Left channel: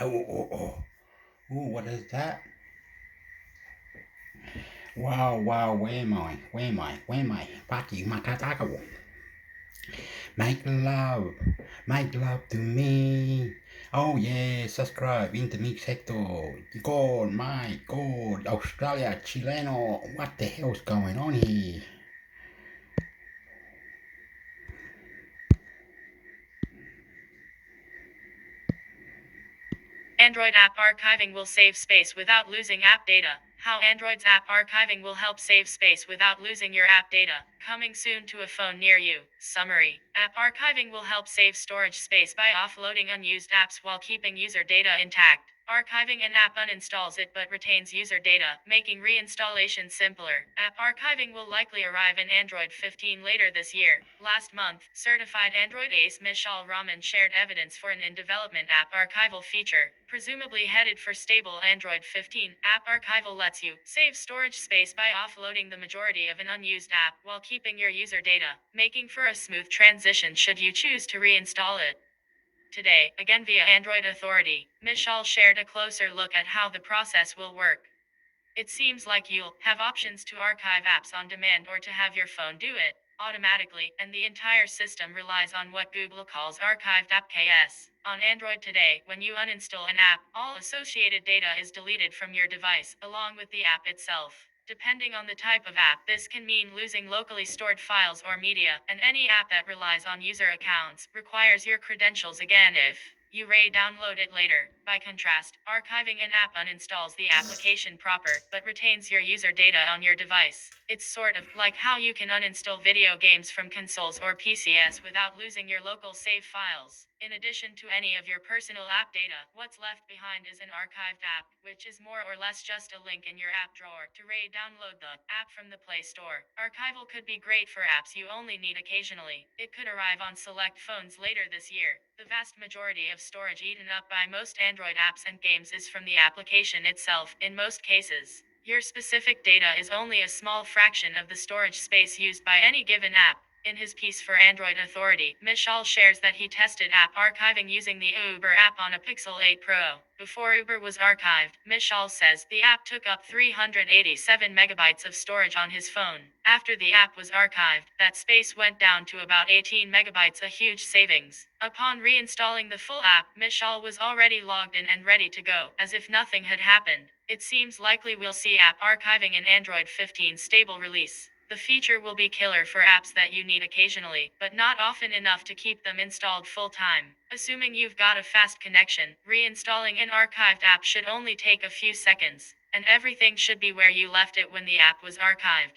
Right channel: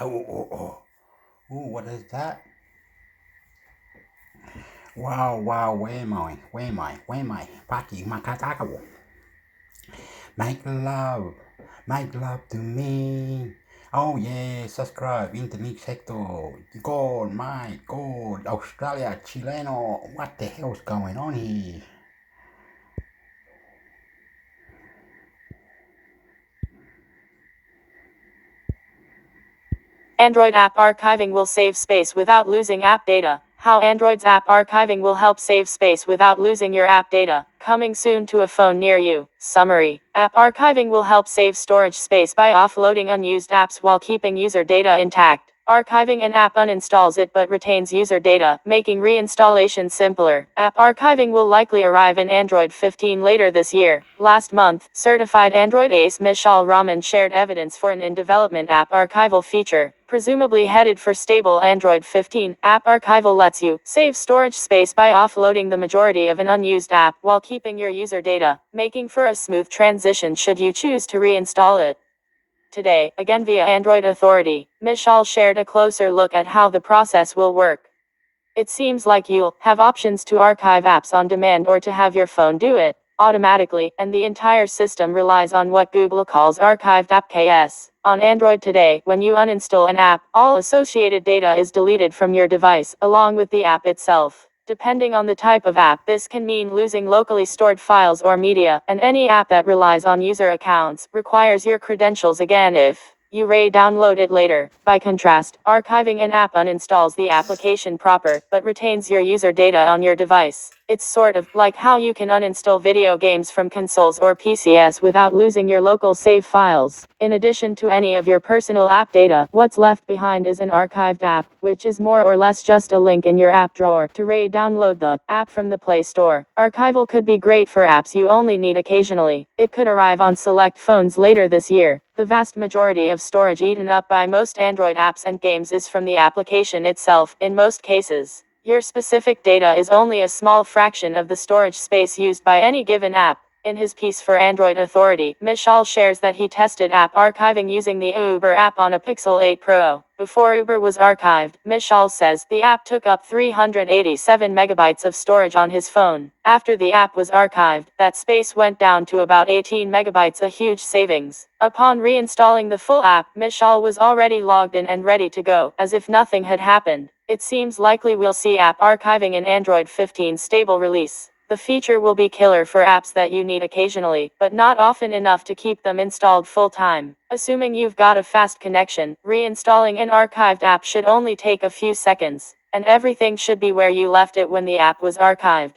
Oh, what is that? Wow, where am I? Where am I? Paki, makatakawo. Make love to me. Oh yeah, subscribe in the mix sector. God, my God, Australia, Chileno, what the hell's going on here? Android app archiving will save space without losing app data. How Android's app archiving will help save space without losing your app data. Coming soon to a phone near you. Summary. App archiving will help save storage space by offloading unused apps while keeping user data intact. Archiving an app uninstalls it but retains user data, making reinstallation simpler. App archiving will likely arrive in Android 15 later this year. Last month, certified Android ace Mishal Rahman shared evidence for an in-development app archival feature, presumably headed for stable Android 15. App archival lets you save storage space by offloading the majority of an unused app while keeping your user data, making for a smooth transition should you choose to reinstall it. Today, again via Android Authority, Mishal shared a closer look at how the process will work. It seems like you'll have options to archive apps on demand or to have your phone do it automatically, and the entire system relies on what Google calls archived app KS. On Android today, when you uninstall an app, all associated data is deleted from your device, along with the app itself. Depending on the type of app, this can mean losing locally stored files or media, and any app that relies on user accounts requires your credentials again if you download it later. By contrast, archiving an app uninstalls the application proper, but retains your user data on your device. It's sort of like how you can uninstall video games from consoles or PCs without losing your local save files. In addition to any of your personal app data, what's left behind is an archived app, which is more or less just a link in your app drawer to download the app from the Play Store. Archival could be great for apps you only need occasionally. It could arrive on select phones later this year. The vast majority of storage eaten up by most Android apps and games is from the application itself, in most cases. Your specific data is only a small fraction of the storage space used by any given app. In his piece for Android Authority, Mishal shares that he tested app archiving using the Uber app on a Pixel 8 Pro. Before Uber was archived, Mishal says the app took up 387 megabytes of storage on his phone. After the app was archived, that space went down to about 18 megabytes, a huge savings. Upon reinstalling the full app, Mishal was already logged in and ready to go, as if nothing had happened. It seems likely we'll see app archiving in Android 15 stable release. The feature will be killer for apps that you need occasionally, but not often enough to keep them installed full time. Assuming you've got a fast connection, reinstalling an archived app should only take a few seconds, and everything should be where you left it when the app was archived.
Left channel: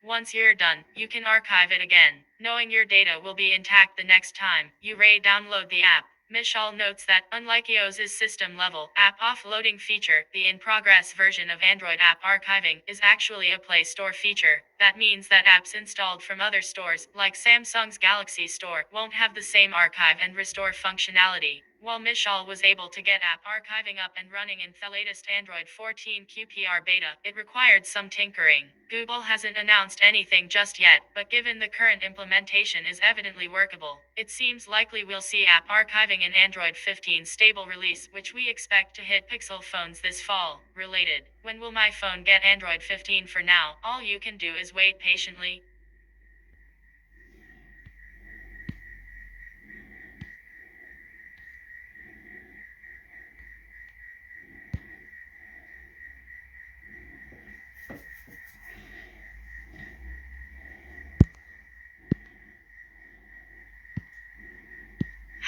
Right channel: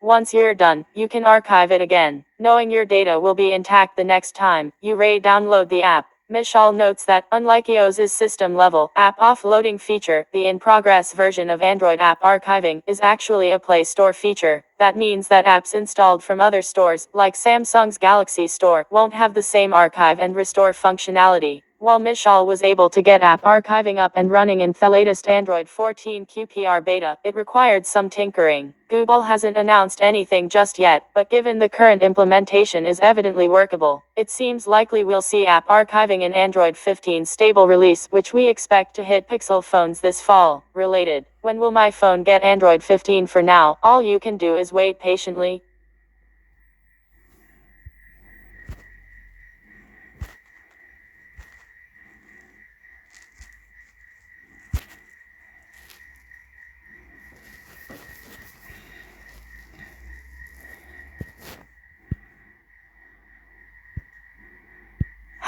Once you're done, you can archive it again, knowing your data will be intact the next time you download the app. Mishal notes that, unlike iOS's system-level app offloading feature, the in-progress version of Android app archiving is actually a Play Store feature. That means that apps installed from other stores, like Samsung's Galaxy Store, won't have the same archive and restore functionality. While Mishal was able to get app archiving up and running in the latest Android 14 QPR beta, it required some tinkering. Google hasn't announced anything just yet, but given the current implementation is evidently workable, it seems likely we'll see app archiving in Android 15 stable release, which we expect to hit Pixel phones this fall. Related, when will my phone get Android 15? For now, all you can do is wait patiently.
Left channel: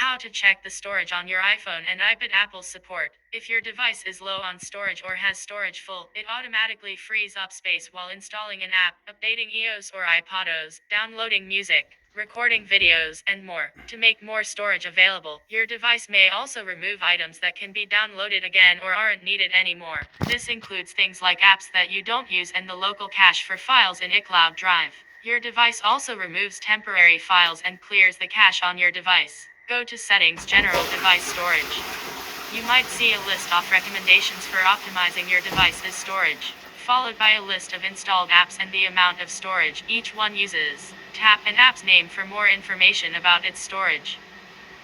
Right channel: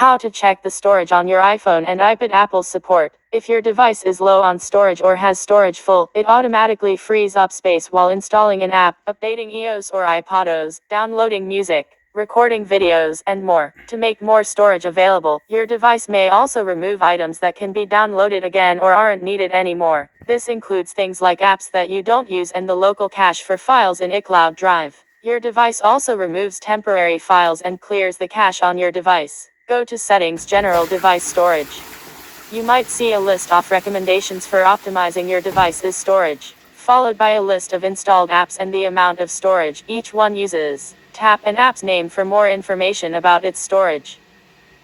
How to check the storage on your iPhone and iPad. Apple support. If your device is low on storage or has storage full, it automatically frees up space while installing an app, updating iOS or iPadOS, downloading music, recording videos, and more. To make more storage available, your device may also remove items that can be downloaded again or aren't needed anymore. This includes things like apps that you don't use and the local cache for files in iCloud Drive. Your device also removes temporary files and clears the cache on your device. Go to Settings, General Device Storage. You might see a list of recommendations for optimizing your device's storage, followed by a list of installed apps and the amount of storage each one uses. Tap an app's name for more information about its storage.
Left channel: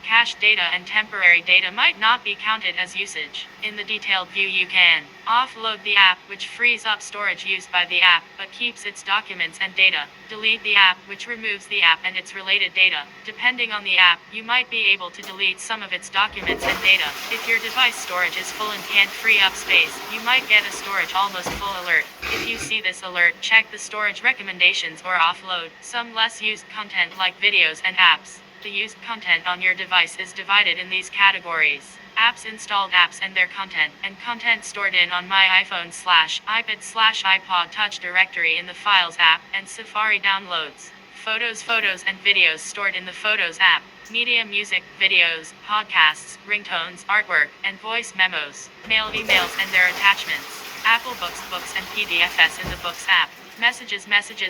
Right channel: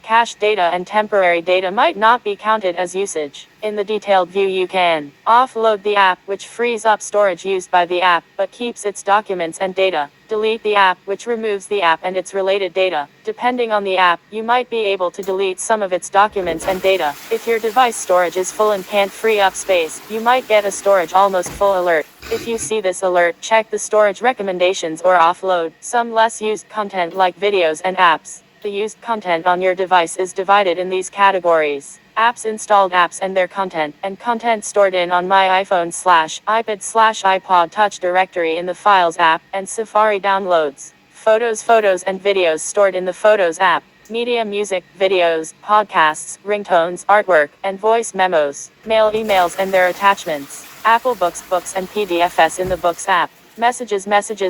Cached data and temporary data might not be counted as usage. In the detailed view, you can offload the app, which frees up storage used by the app, but keeps its documents and data. Delete the app, which removes the app and its related data. Depending on the app, you might be able to delete some of its documents and data. If your device storage is full and can't free up space, you might get a storage almost full alert. If you see this alert, check the storage recommendations or offload some less used content like videos and apps. The used content on your device is divided in these categories: apps installed, apps and their content, and content stored in on my iPhone/iPad/iPod Touch directory in the Files app, and Safari downloads. Photos and videos stored in the Photos app. Media, music, videos, podcasts, ringtones, artwork, and voice memos. Mail, emails and their attachments. Apple books and PDFs in the Books app. Messages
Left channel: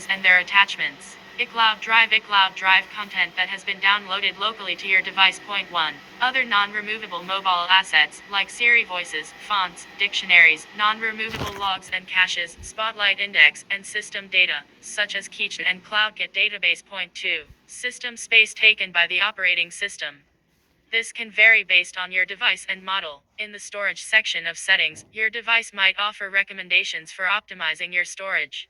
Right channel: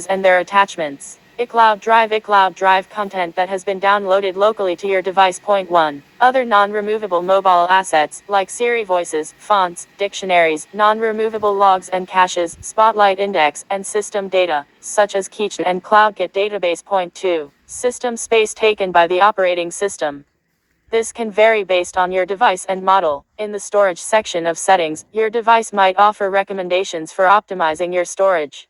and their attachments. iCloud Drive content that has been downloaded locally to your device. Point 1. Other non-removable mobile assets, like Siri voices, fonts, dictionaries, non-removable logs and caches, Spotlight index, and system data, such as Keychain and CloudKit database. Point 2. System space taken by the operating system. This can vary based on your device and model. In the storage section of settings, your device might offer recommendations for optimizing your storage.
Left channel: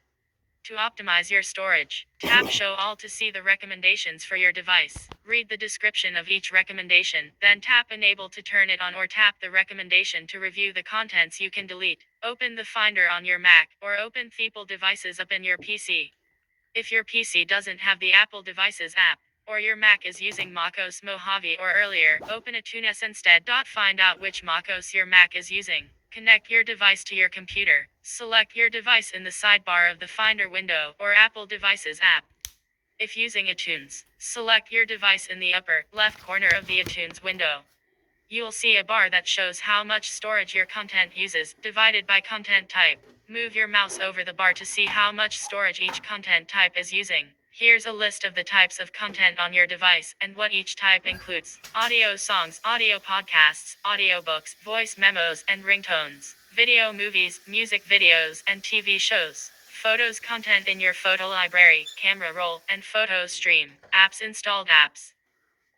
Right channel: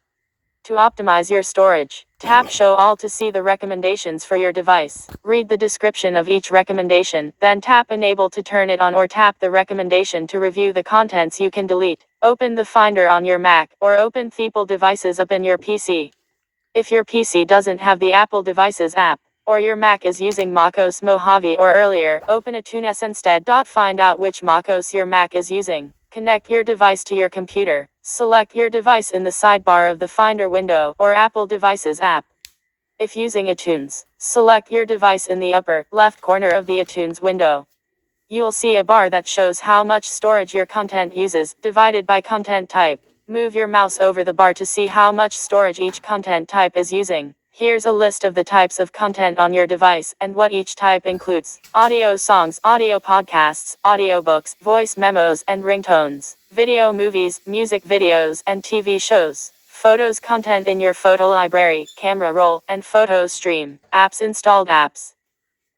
To optimize your storage, tap Show All to see the recommendations for your device. Read the description of each recommendation, then tap Enable to turn it on or tap the recommendation to review the contents you can delete. Open the Finder on your Mac, or open the Apple Devices app in your PC. If your PC doesn't have the Apple Devices app, or your Mac is using macOS Mojave or earlier, open iTunes instead. Find out which macOS your Mac is using. Connect your device to your computer. Select your device in the sidebar of the Finder window or Apple Devices app. If using iTunes, select your device in the upper left corner of the iTunes window. You'll see a bar that shows how much storage your content uses, divided by content type. Move your mouse over the bar to see how much storage each content type is using. Here's a list of the types of content on your device, and what each type includes: audio songs, audio podcasts, audiobooks, voice memos, and ringtones; video, movies, music videos, and TV shows; photos, content in your photo library, camera roll, and photo stream; apps, installed apps.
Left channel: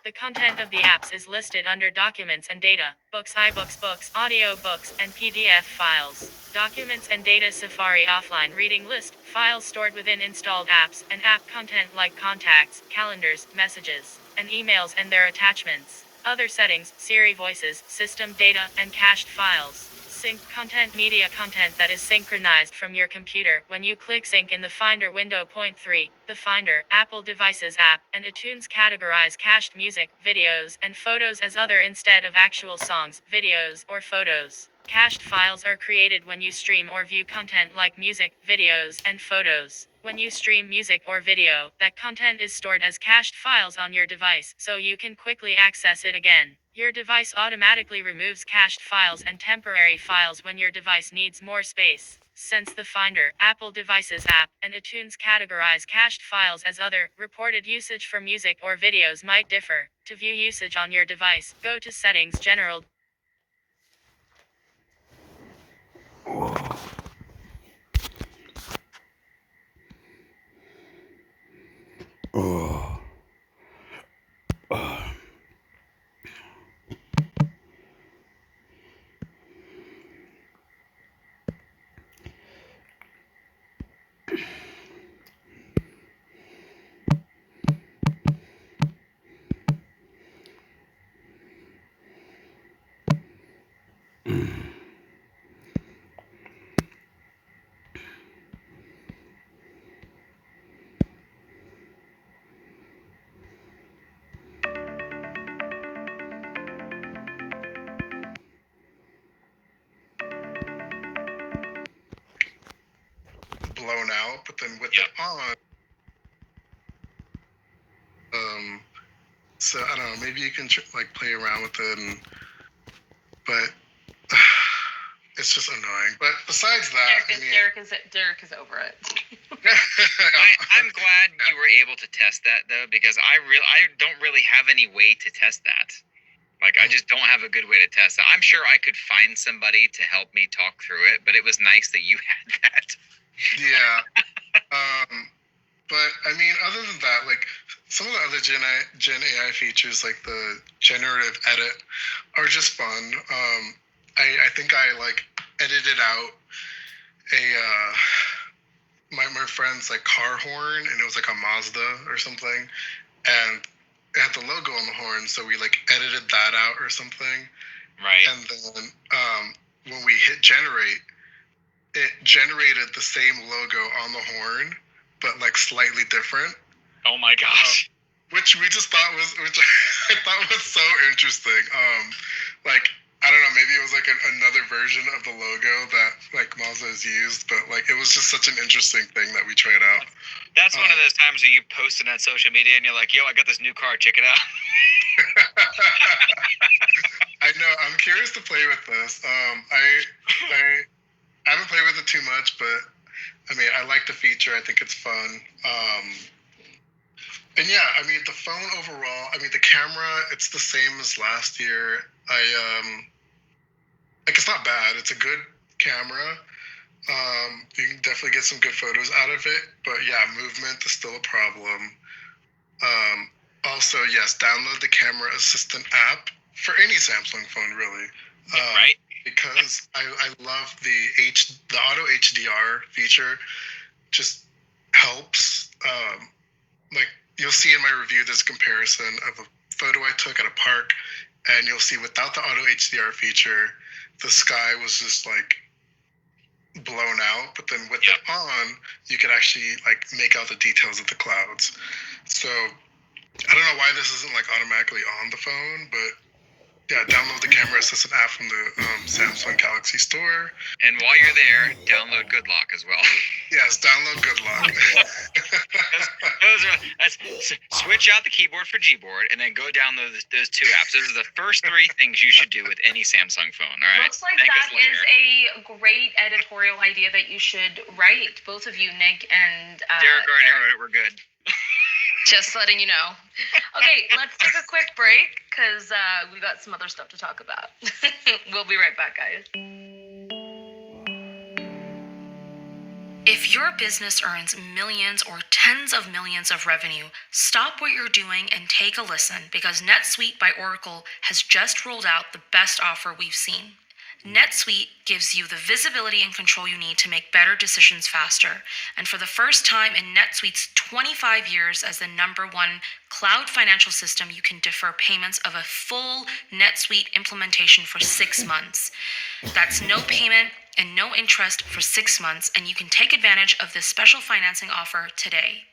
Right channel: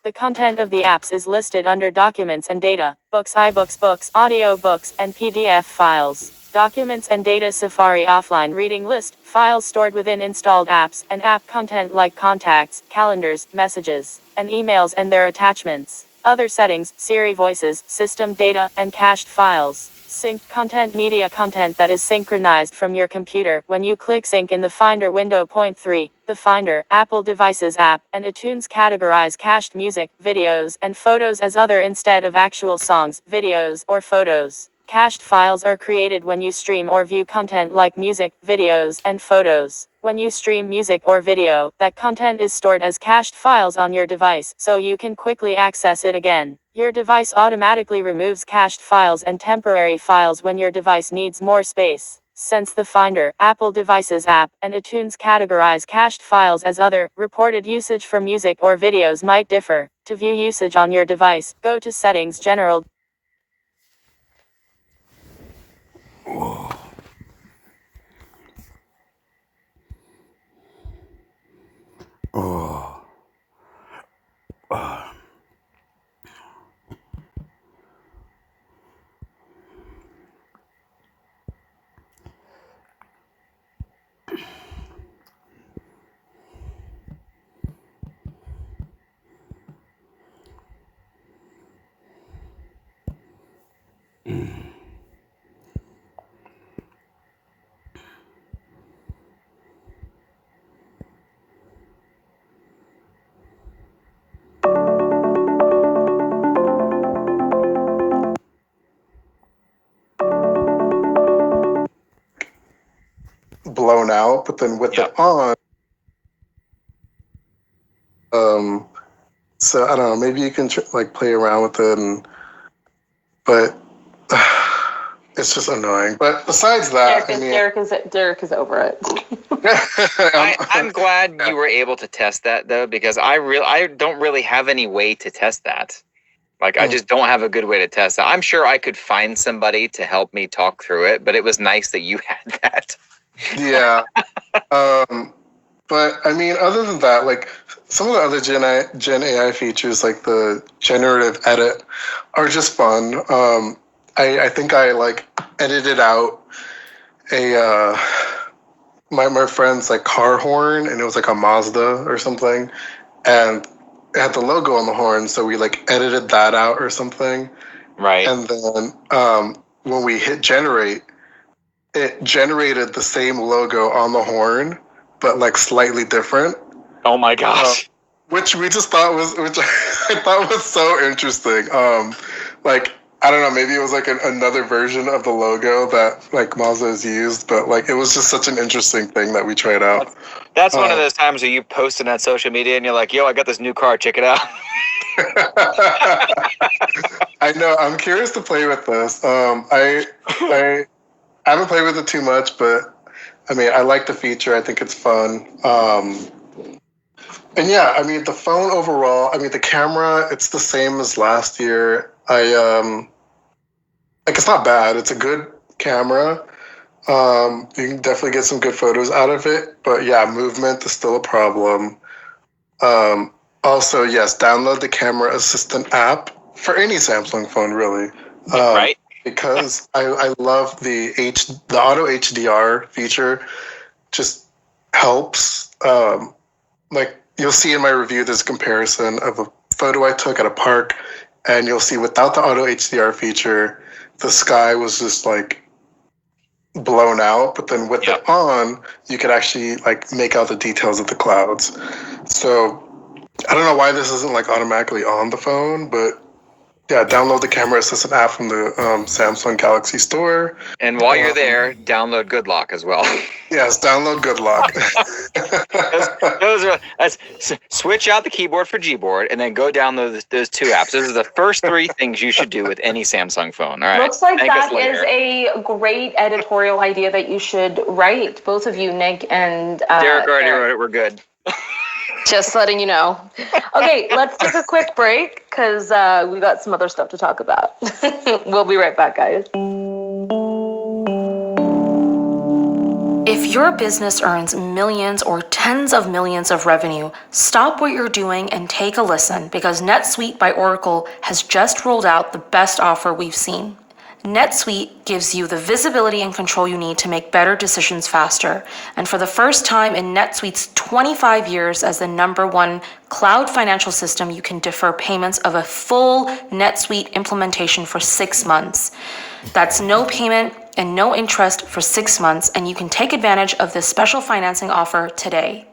The content of the apps is listed under Documents and Data: books, iBooks, audiobooks, and PDF files. Documents and Data: Safari offline reading list, files stored within installed apps, and app content like contacts, calendars, messages, and emails and their attachments. Other settings: Siri voices, system data, and cached files. Sync content: media content that is synchronized from your computer when you click Sync in the Finder window. Point 3. The Finder, Apple Devices app, and iTunes categorize cached music, videos, and photos as other instead of actual songs, videos, or photos. Cached files are created when you stream or view content like music, videos, and photos. When you stream music or video, that content is stored as cached files on your device, so you can quickly access it again. Your device automatically removes cached files and temporary files when your device needs more space. Since the Finder, Apple Devices app, and iTunes categorize cached files as other, reported usage for music or videos might differ. To view usage on your device, go to Settings, General. Oh. Blown out, but then with it on, so I don't know, maybe you can play around with it, but it's just annoying. But besides that, Derek is over it. I'm glad you were able to test that though, because I don't really have any way to test that. I just don't have a good way to test that. I'm sure I could find somebody to help me talk through it, but it was nice that you had that. Yeah. But I mean, other than that, like some of the other Gen AI features, like the generative edit, are just fun. I think I like edited out a my friend's like car horn, and it was like a Mazda or something, and it had the logo on the horn, so we like edited that out or something. Right. And then when we hit generate, it generated the same logo on the horn, but like slightly different. Oh my gosh. Which we just thought was, which I thought was so interesting. Like, I don't know, maybe it was like another version of the logo that like Mazda has used, but like it was just such an interesting thing that we tried out. That's one of those times where you posted on social media and you're like, yo, I got this new car, check it out. I know, I'm curious to play with this. I haven't played with it too much, but I mean, I like the feature. I think it's fun. And yeah, I mean, the phone overall, I mean, the camera, it's the same as last year. Like, it's not bad. It's a good camera. You can definitely get some good photos out of it. But yeah, movement is still a problem. Also, yes, download the Camera Assistant app for any Samsung phone, really. Right. Because I love the auto HDR feature. Just helps. Like you'll see in my review, there's a comparison of a photo I took at a park, and you'll see without the auto HDR feature, the sky was just like blown out. But then with it on, you could actually like make out the details of the clouds. So I don't know why this isn't like automatically on the phone, but yeah, download the Camera Assistant app from the Samsung Galaxy Store. And while you're there, download Good Lock as well. Yes, download Good Lock. Switch out the keyboard for Gboard and then go download those two apps. Those are the first three things you should do with any Samsung phone. All right. Looks like that is a great editorial idea that you should write, both of you, Nick and Derek already wrote it. We're good. Just letting you know. Okay, let's take a quick break because we got some other stuff to talk about. We'll be right back, guys. If your business earns millions or tens of millions of revenue, stop what you're doing and take a listen because NetSuite by Oracle has just rolled out the best offer we've seen. NetSuite gives you the visibility and control you need to make better decisions faster. And for the first time in NetSuite's 25 years as the #1 cloud financial system, you can defer payments of a full NetSuite implementation for 6 months. That's no payment and no interest for 6 months, and you can take advantage of this special financing offer today.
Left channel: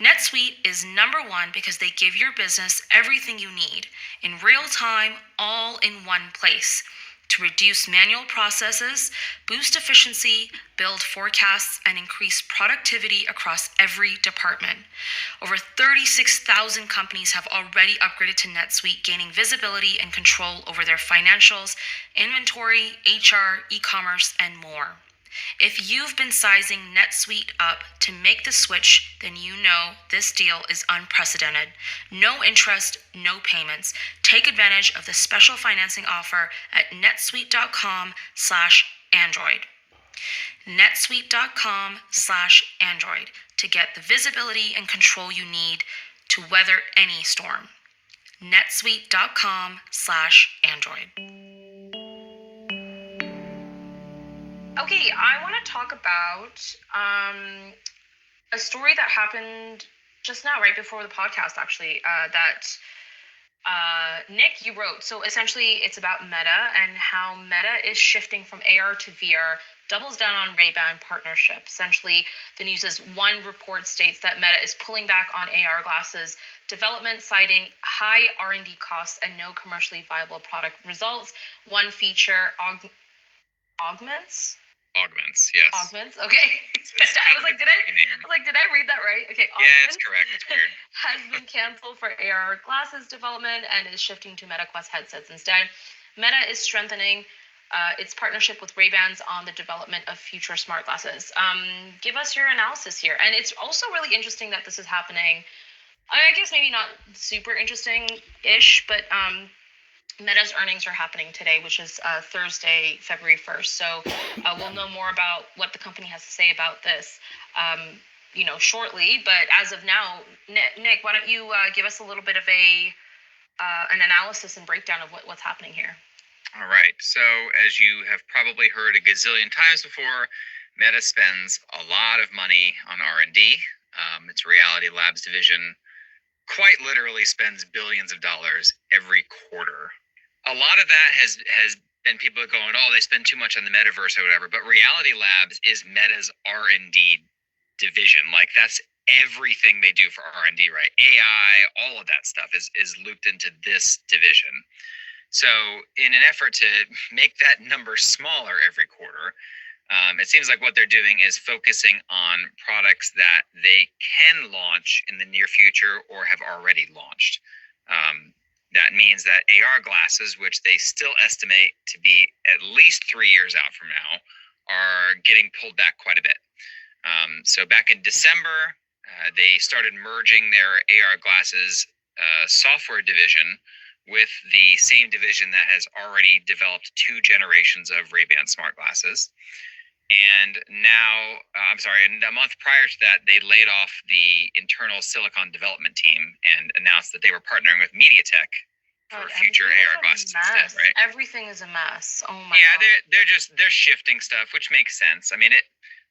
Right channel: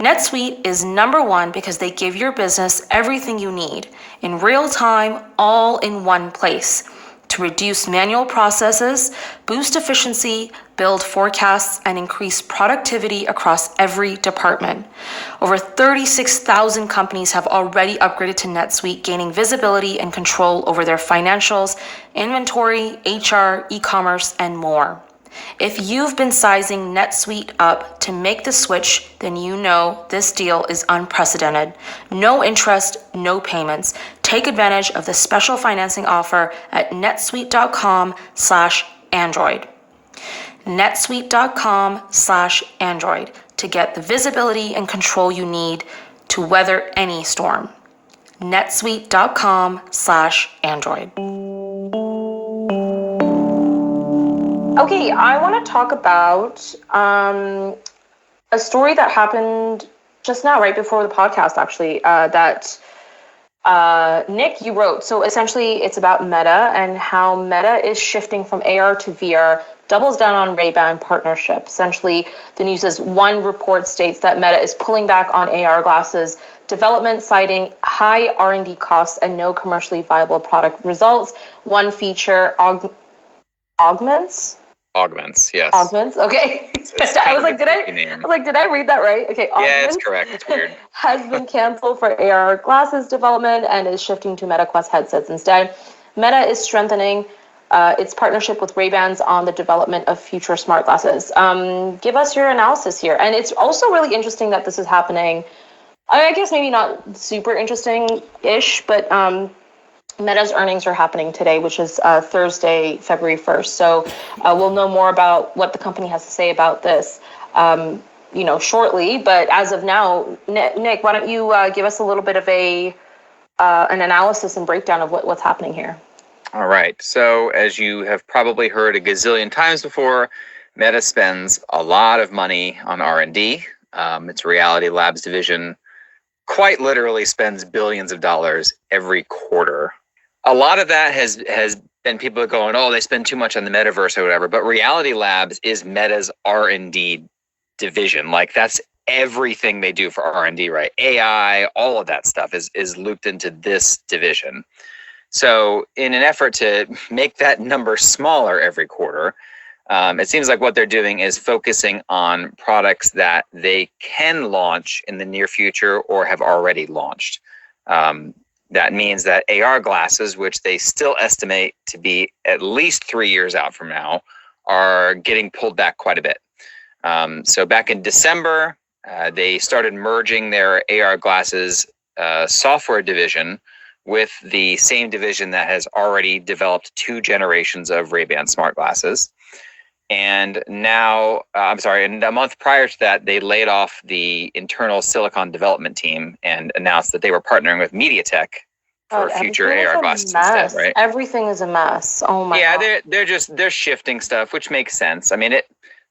NetSuite is #1 because they give your business everything you need in real time, all in one place, to reduce manual processes, boost efficiency, build forecasts, and increase productivity across every department. Over 36,000 companies have already upgraded to NetSuite, gaining visibility and control over their financials, inventory, HR, e-commerce, and more. If you've been sizing NetSuite up to make the switch, then you know this deal is unprecedented. No interest, no payments. Take advantage of the special financing offer at netsuite.com/Android. netsuite.com/Android to get the visibility and control you need to weather any storm. netsuite.com/Android. Okay, I want to talk about a story that happened just now, right before the podcast, actually, that Nick, you wrote. So essentially, it's about Meta and how Meta is shifting from AR to VR, doubles down on Ray-Ban partnership. Essentially, the news is one report states that Meta is pulling back on AR glasses development, citing high R&D costs and no commercially viable product results. One feature augments, yes. Augments, okay. I was like, did I read that right? Okay, Augments, yeah, it's correct. It's weird. Has been canceled for AR glasses development and is shifting to Meta Quest headsets instead. Meta is strengthening its partnership with Ray-Bans on the development of future smart glasses. Give us your analysis here. And it's also really interesting that this is happening. I guess maybe not super interesting-ish, but Meta's earnings are happening today, which is Thursday, February 1st. So we'll know more about what the company has to say about this. shortly. But as of now, Nick, why don't you give us a little bit of an analysis and breakdown of what's happening here? All right. So as you have probably heard a gazillion times before, Meta spends a lot of money on R&D. Its Reality Labs division quite literally spends billions of dollars every quarter. A lot of that has been people going, oh, they spend too much on the metaverse or whatever. But Reality Labs is Meta's R&D division. Like, that's everything they do for R&D, right? AI, all of that stuff is looped into this division. So in an effort to make that number smaller every quarter, it seems like what they're doing is focusing on products that they can launch in the near future or have already launched. That means that AR glasses, which they still estimate to be at least 3 years out from now, are getting pulled back quite a bit. So back in December, they started merging their AR glasses software division with the same division that has already developed 2 generations of Ray-Ban smart glasses. And now, and a month prior to that, they laid off the internal silicon development team and announced that they were partnering with MediaTek for future AR glasses instead, right? Everything is a mess. Oh my God. Yeah, they're shifting stuff, which makes sense. I mean,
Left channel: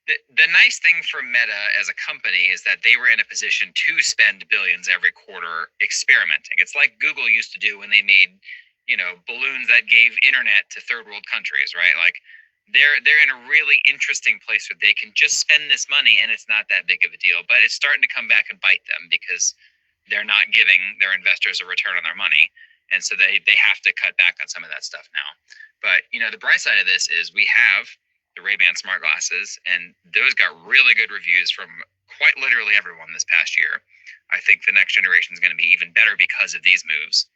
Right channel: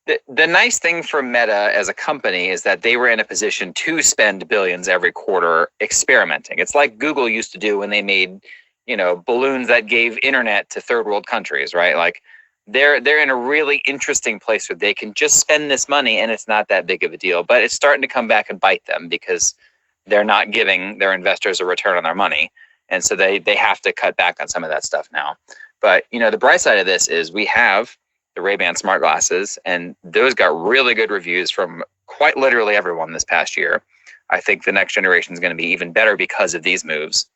the nice thing for Meta as a company is that they were in a position to spend billions every quarter experimenting. It's like Google used to do when they made, balloons that gave internet to third world countries, right? Like, they're in a really interesting place where they can just spend this money and it's not that big of a deal. But it's starting to come back and bite them because they're not giving their investors a return on their money. And so they have to cut back on some of that stuff now. But, the bright side of this is we have the Ray-Ban smart glasses, and those got really good reviews from quite literally everyone this past year. I think the next generation is going to be even better because of these moves.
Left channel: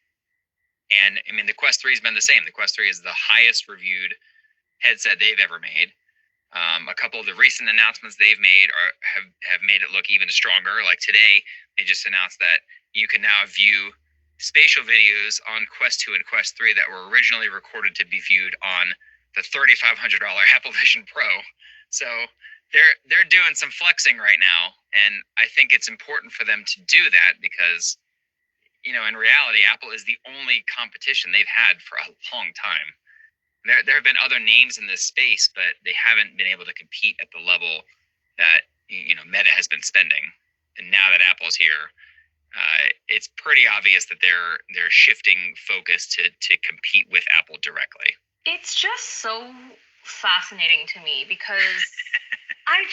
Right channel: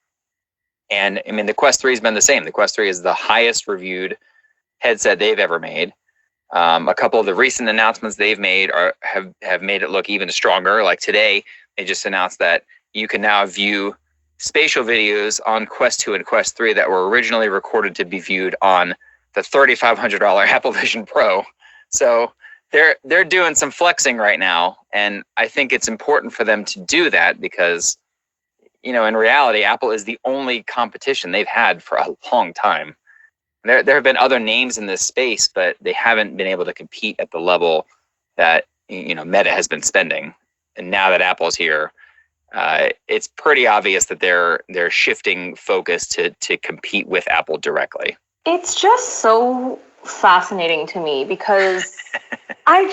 And I mean, the Quest 3 has been the same. The Quest 3 is the highest reviewed headset they've ever made. A couple of the recent announcements they've made have made it look even stronger. Like today, they just announced that you can now view spatial videos on Quest 2 and Quest 3 that were originally recorded to be viewed on the $3,500 Apple Vision Pro. So they're doing some flexing right now, and I think it's important for them to do that because, in reality, Apple is the only competition they've had for a long time. There have been other names in this space, but they haven't been able to compete at the level that Meta has been spending. And now that Apple's here, it's pretty obvious that they're shifting focus to compete with Apple directly. It's just so fascinating to me because I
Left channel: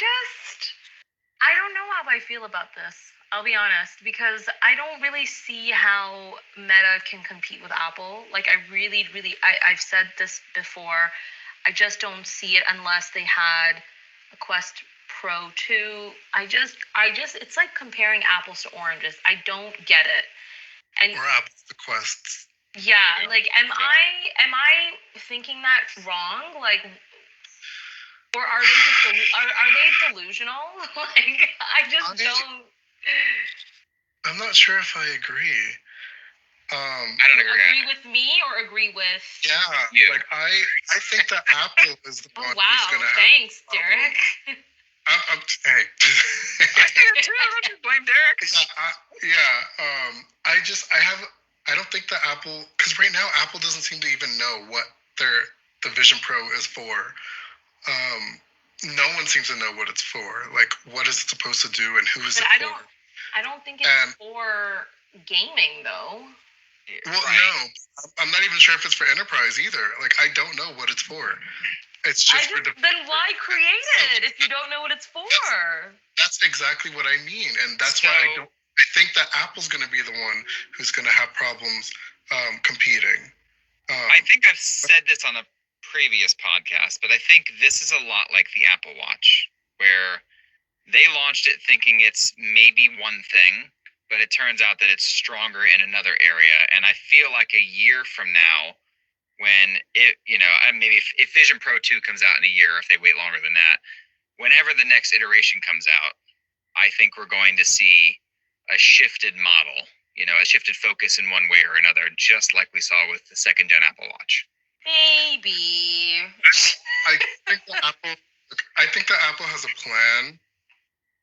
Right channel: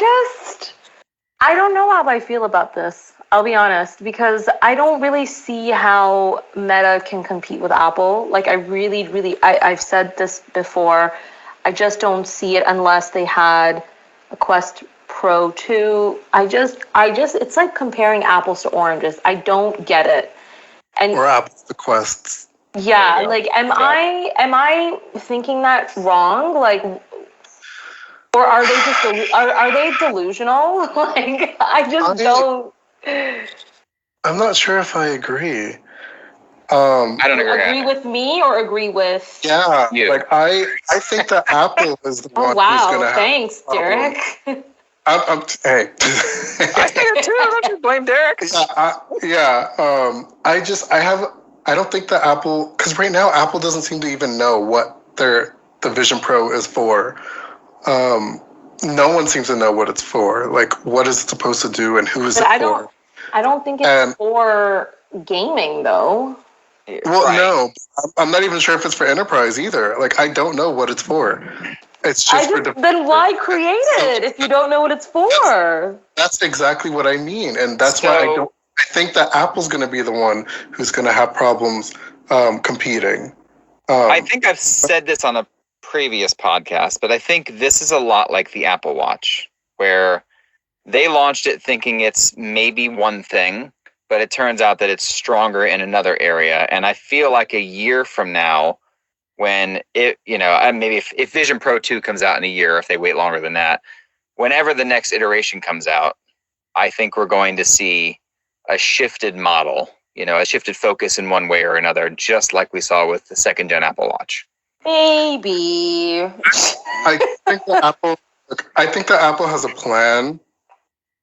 don't know how I feel about this. I'll be honest, because I don't really see how Meta can compete with Apple. Like, I've said this before. I just don't see it unless they had a Quest Pro 2. It's like comparing apples to oranges. I don't get it. Or apples to Quests. Yeah, like, am I thinking that wrong? Like, or are they just are they delusional? Like, I just don't. I'm not sure if I agree. I don't agree with me or agree with you. Like I think that Apple is the one who's going to have. Thanks, Derek. Hey. I think too. Let me blame Derek. I don't think that Apple, because right now Apple doesn't seem to even know what the Vision Pro is for. No one seems to know what it's for. Like, what is it supposed to do and who is it for? I don't think it's for gaming, though. Well, right. No, I'm not even sure if it's for enterprise either. Like, I don't know what it's for. It's just then why create it if you don't know what it's for? That's exactly what I mean, and that's why I think that Apple's going to be the one who's going to have problems competing. I think I've said this on a previous podcast, but I think this is a lot like the Apple Watch, where they launched it thinking it's maybe one thing, but it turns out that it's stronger in another area. And I feel like a year from now, when it, maybe if Vision Pro 2 comes out in a year, if they wait longer than that, whenever the next iteration comes out, I think we're going to see a shifted model, a shifted focus in one way or another, just like we saw with the second gen Apple Watch. Maybe. I think that Apple has a plan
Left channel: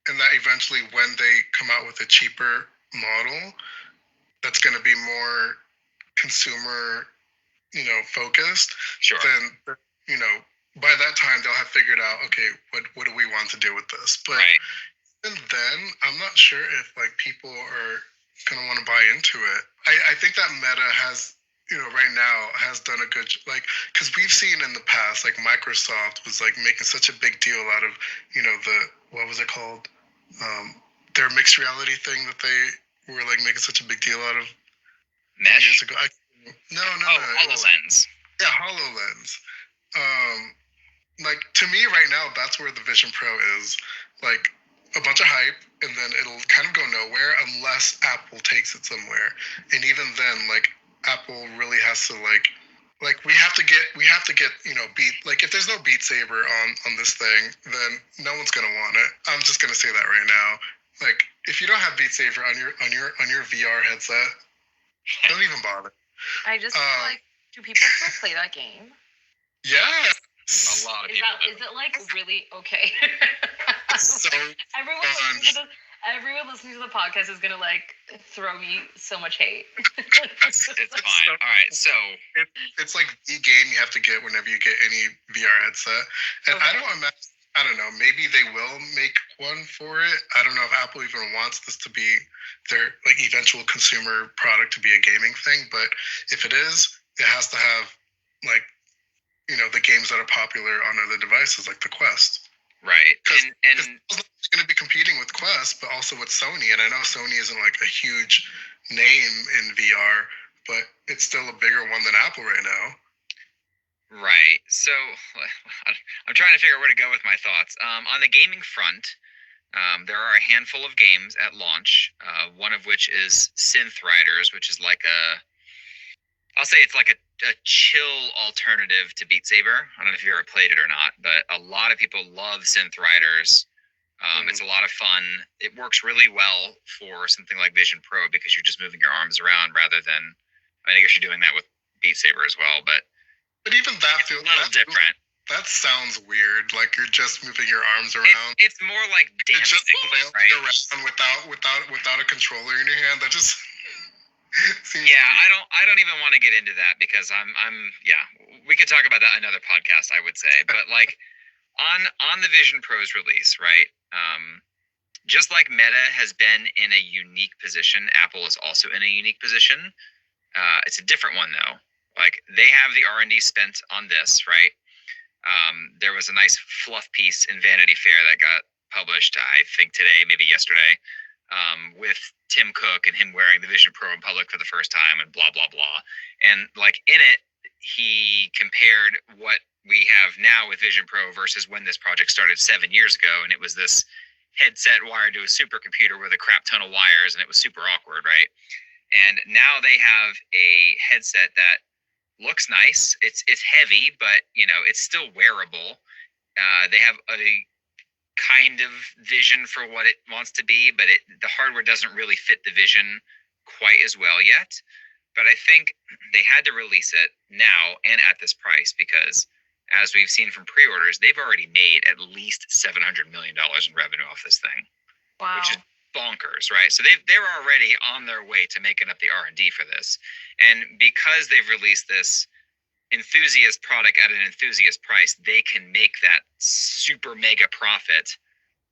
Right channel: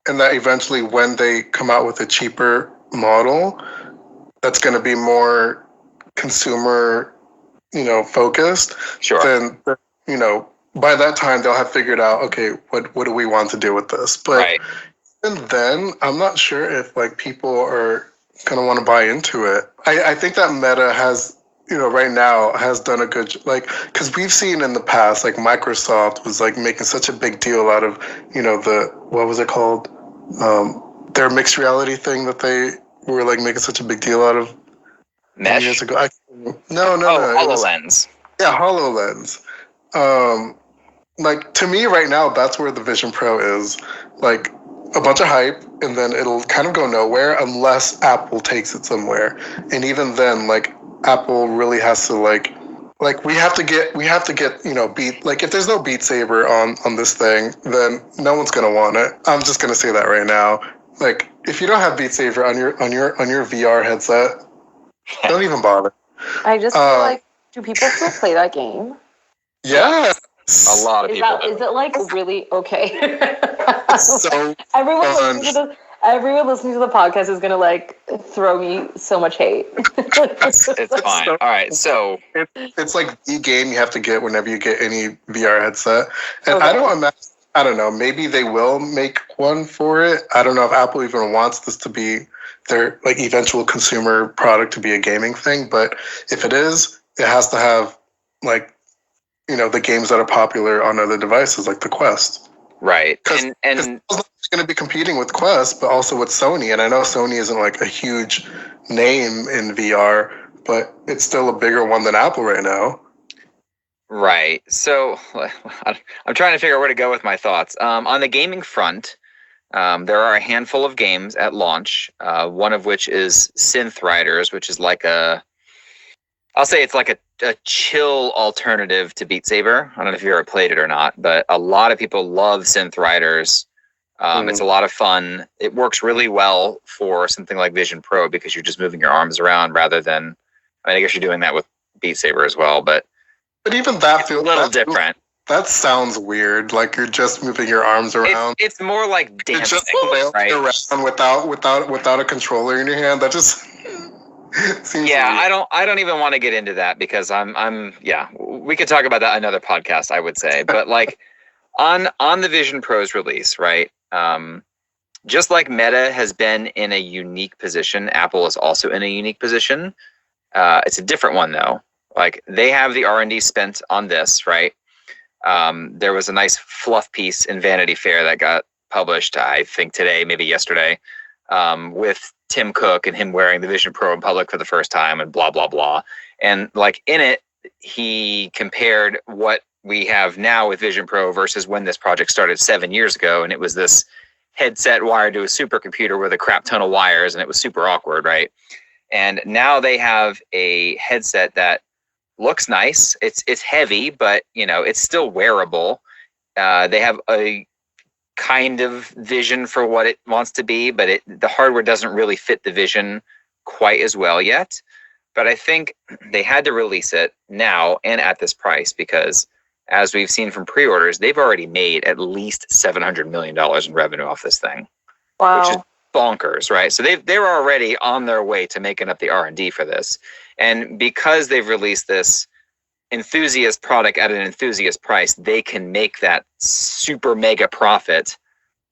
and that eventually when they come out with a cheaper model that's going to be more consumer, focused, Sure. then, by that time they'll have figured out, okay, what do we want to do with this? But Right. even then, I'm not sure if like people are going to want to buy into it. I think that Meta has, right now has done a good, because we've seen in the past, like Microsoft was like making such a big deal out of, what was it called? Their mixed reality thing that they were like making such a big deal out of Mesh? years ago. No. HoloLens. HoloLens. Like to me right now, that's where the Vision Pro is. Like a bunch of hype, and then it'll kind of go nowhere unless Apple takes it somewhere. And even then, like Apple really has to like we have to get Beat, like if there's no Beat Saber on this thing, then no one's gonna want it. I'm just gonna say that right now. Like if you don't have Beat Saber on your VR headset, don't even bother. I just feel like, do people still play that game? Yeah. A lot of people. Is it like really okay? So everyone listening to the podcast is gonna like throw me so much hate. It's fine. All right, so it's like the game you have to get whenever you get any VR headset, and Okay. I don't know. Maybe they will make one for it. I don't know if Apple even wants this to be their like eventual consumer product to be a gaming thing. But if it is, it has to have like the games that are popular on other devices like the Quest. right. And it's going to be competing with Quest, but also with Sony. And I know Sony isn't like a huge name in VR, but it's still a bigger one than Apple right now. Right. So I'm trying to figure out where to go with my thoughts. On the gaming front, there are a handful of games at launch, one of which is Synth Riders, which is like I'll say it's like a chill alternative to Beat Saber. I don't know if you ever played it or not, but a lot of people love Synth Riders. It's a lot of fun. It works really well for something like Vision Pro because you're just moving your arms around rather than, I guess you're doing that with Beat Saber as well, but even that feels a little different. That sounds weird. Like you're just moving your arms around. It's more like dancing, right? Around without a controller in your hand. That just seems yeah. weird. I don't even want to get into that because we could talk about that another podcast, I would say. But like on the Vision Pro's release, right? Just like Meta has been in a unique position, Apple is also in a unique position. It's a different one though. Like they have the R&D spent on this, right? There was a nice fluff piece in Vanity Fair that got published, I think today, maybe yesterday, with Tim Cook and him wearing the Vision Pro in public for the first time and blah, blah, blah. And like in it, he compared what we have now with Vision Pro versus when this project started 7 years ago. And it was this headset wired to a supercomputer with a crap ton of wires, and it was super awkward, right? And now they have a headset that looks nice. It's heavy, but it's still wearable. They have a kind of vision for what it wants to be, but the hardware doesn't really fit the vision quite as well yet. But I think they had to release it now and at this price because, as we've seen from pre-orders, they've already made at least $700 million in revenue off this thing. Wow. Which is bonkers, right? So they're already on their way to making up the R&D for this. And because they've released this enthusiast product at an enthusiast price, they can make that super mega profit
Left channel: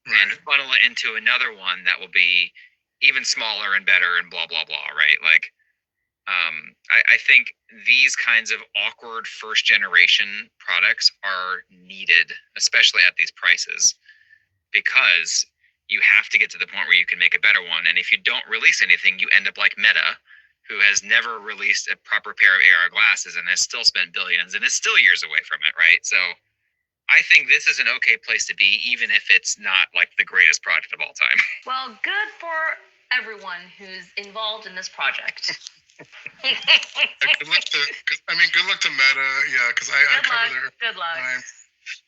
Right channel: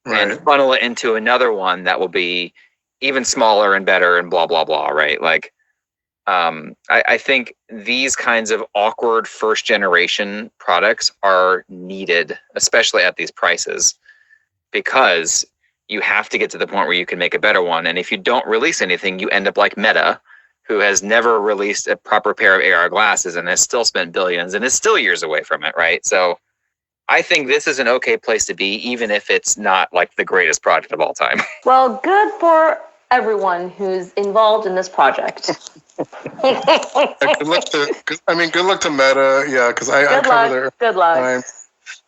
and funnel it into another one that will be even smaller and better and blah, blah, blah, right? Like, I think these kinds of awkward first generation products are needed, especially at these prices, because you have to get to the point where you can make a better one. And if you don't release anything, you end up like Meta, who has never released a proper pair of AR glasses and has still spent billions and is still years away from it, right? So I think this is an okay place to be, even if it's not like the greatest project of all time. Well, good for everyone who's involved in this project. Good luck to Meta. Yeah, because I cover Good luck. Time.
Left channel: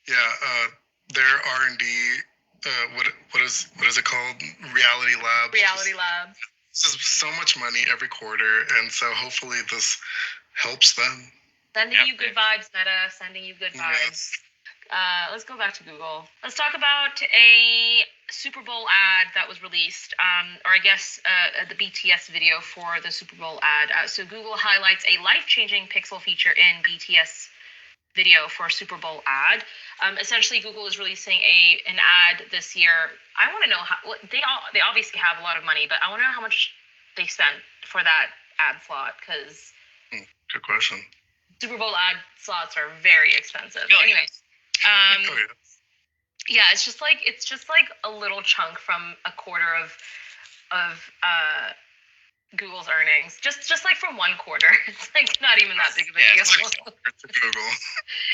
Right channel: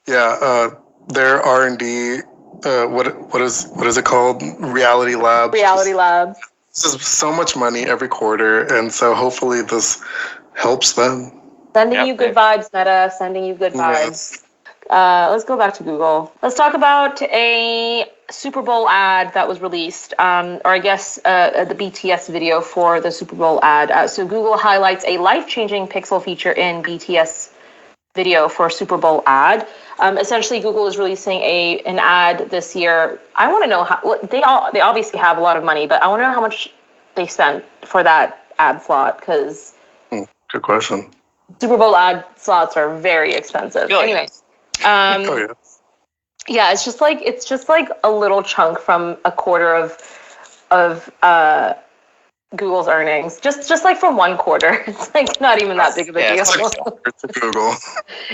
Yeah, their R&D. What is it called? Reality Labs. Reality Labs. This is so much money every quarter, and so hopefully this helps them. Sending you good vibes, Meta. Sending you good vibes. Let's go back to Google. Let's talk about a Super Bowl ad that was released, or I guess the BTS video for the Super Bowl ad. So Google highlights a life-changing pixel feature in BTS video for Super Bowl ad. Essentially, Google is releasing an ad this year. I want to know how they obviously have a lot of money, but I want to know how much they spent for that ad slot, because good question. Super Bowl ad slots are very expensive. Anyway, yeah, it's just like a little chunk from a quarter of Google's earnings, just like from one quarter. It's like not even that big of a deal. It's like to Google.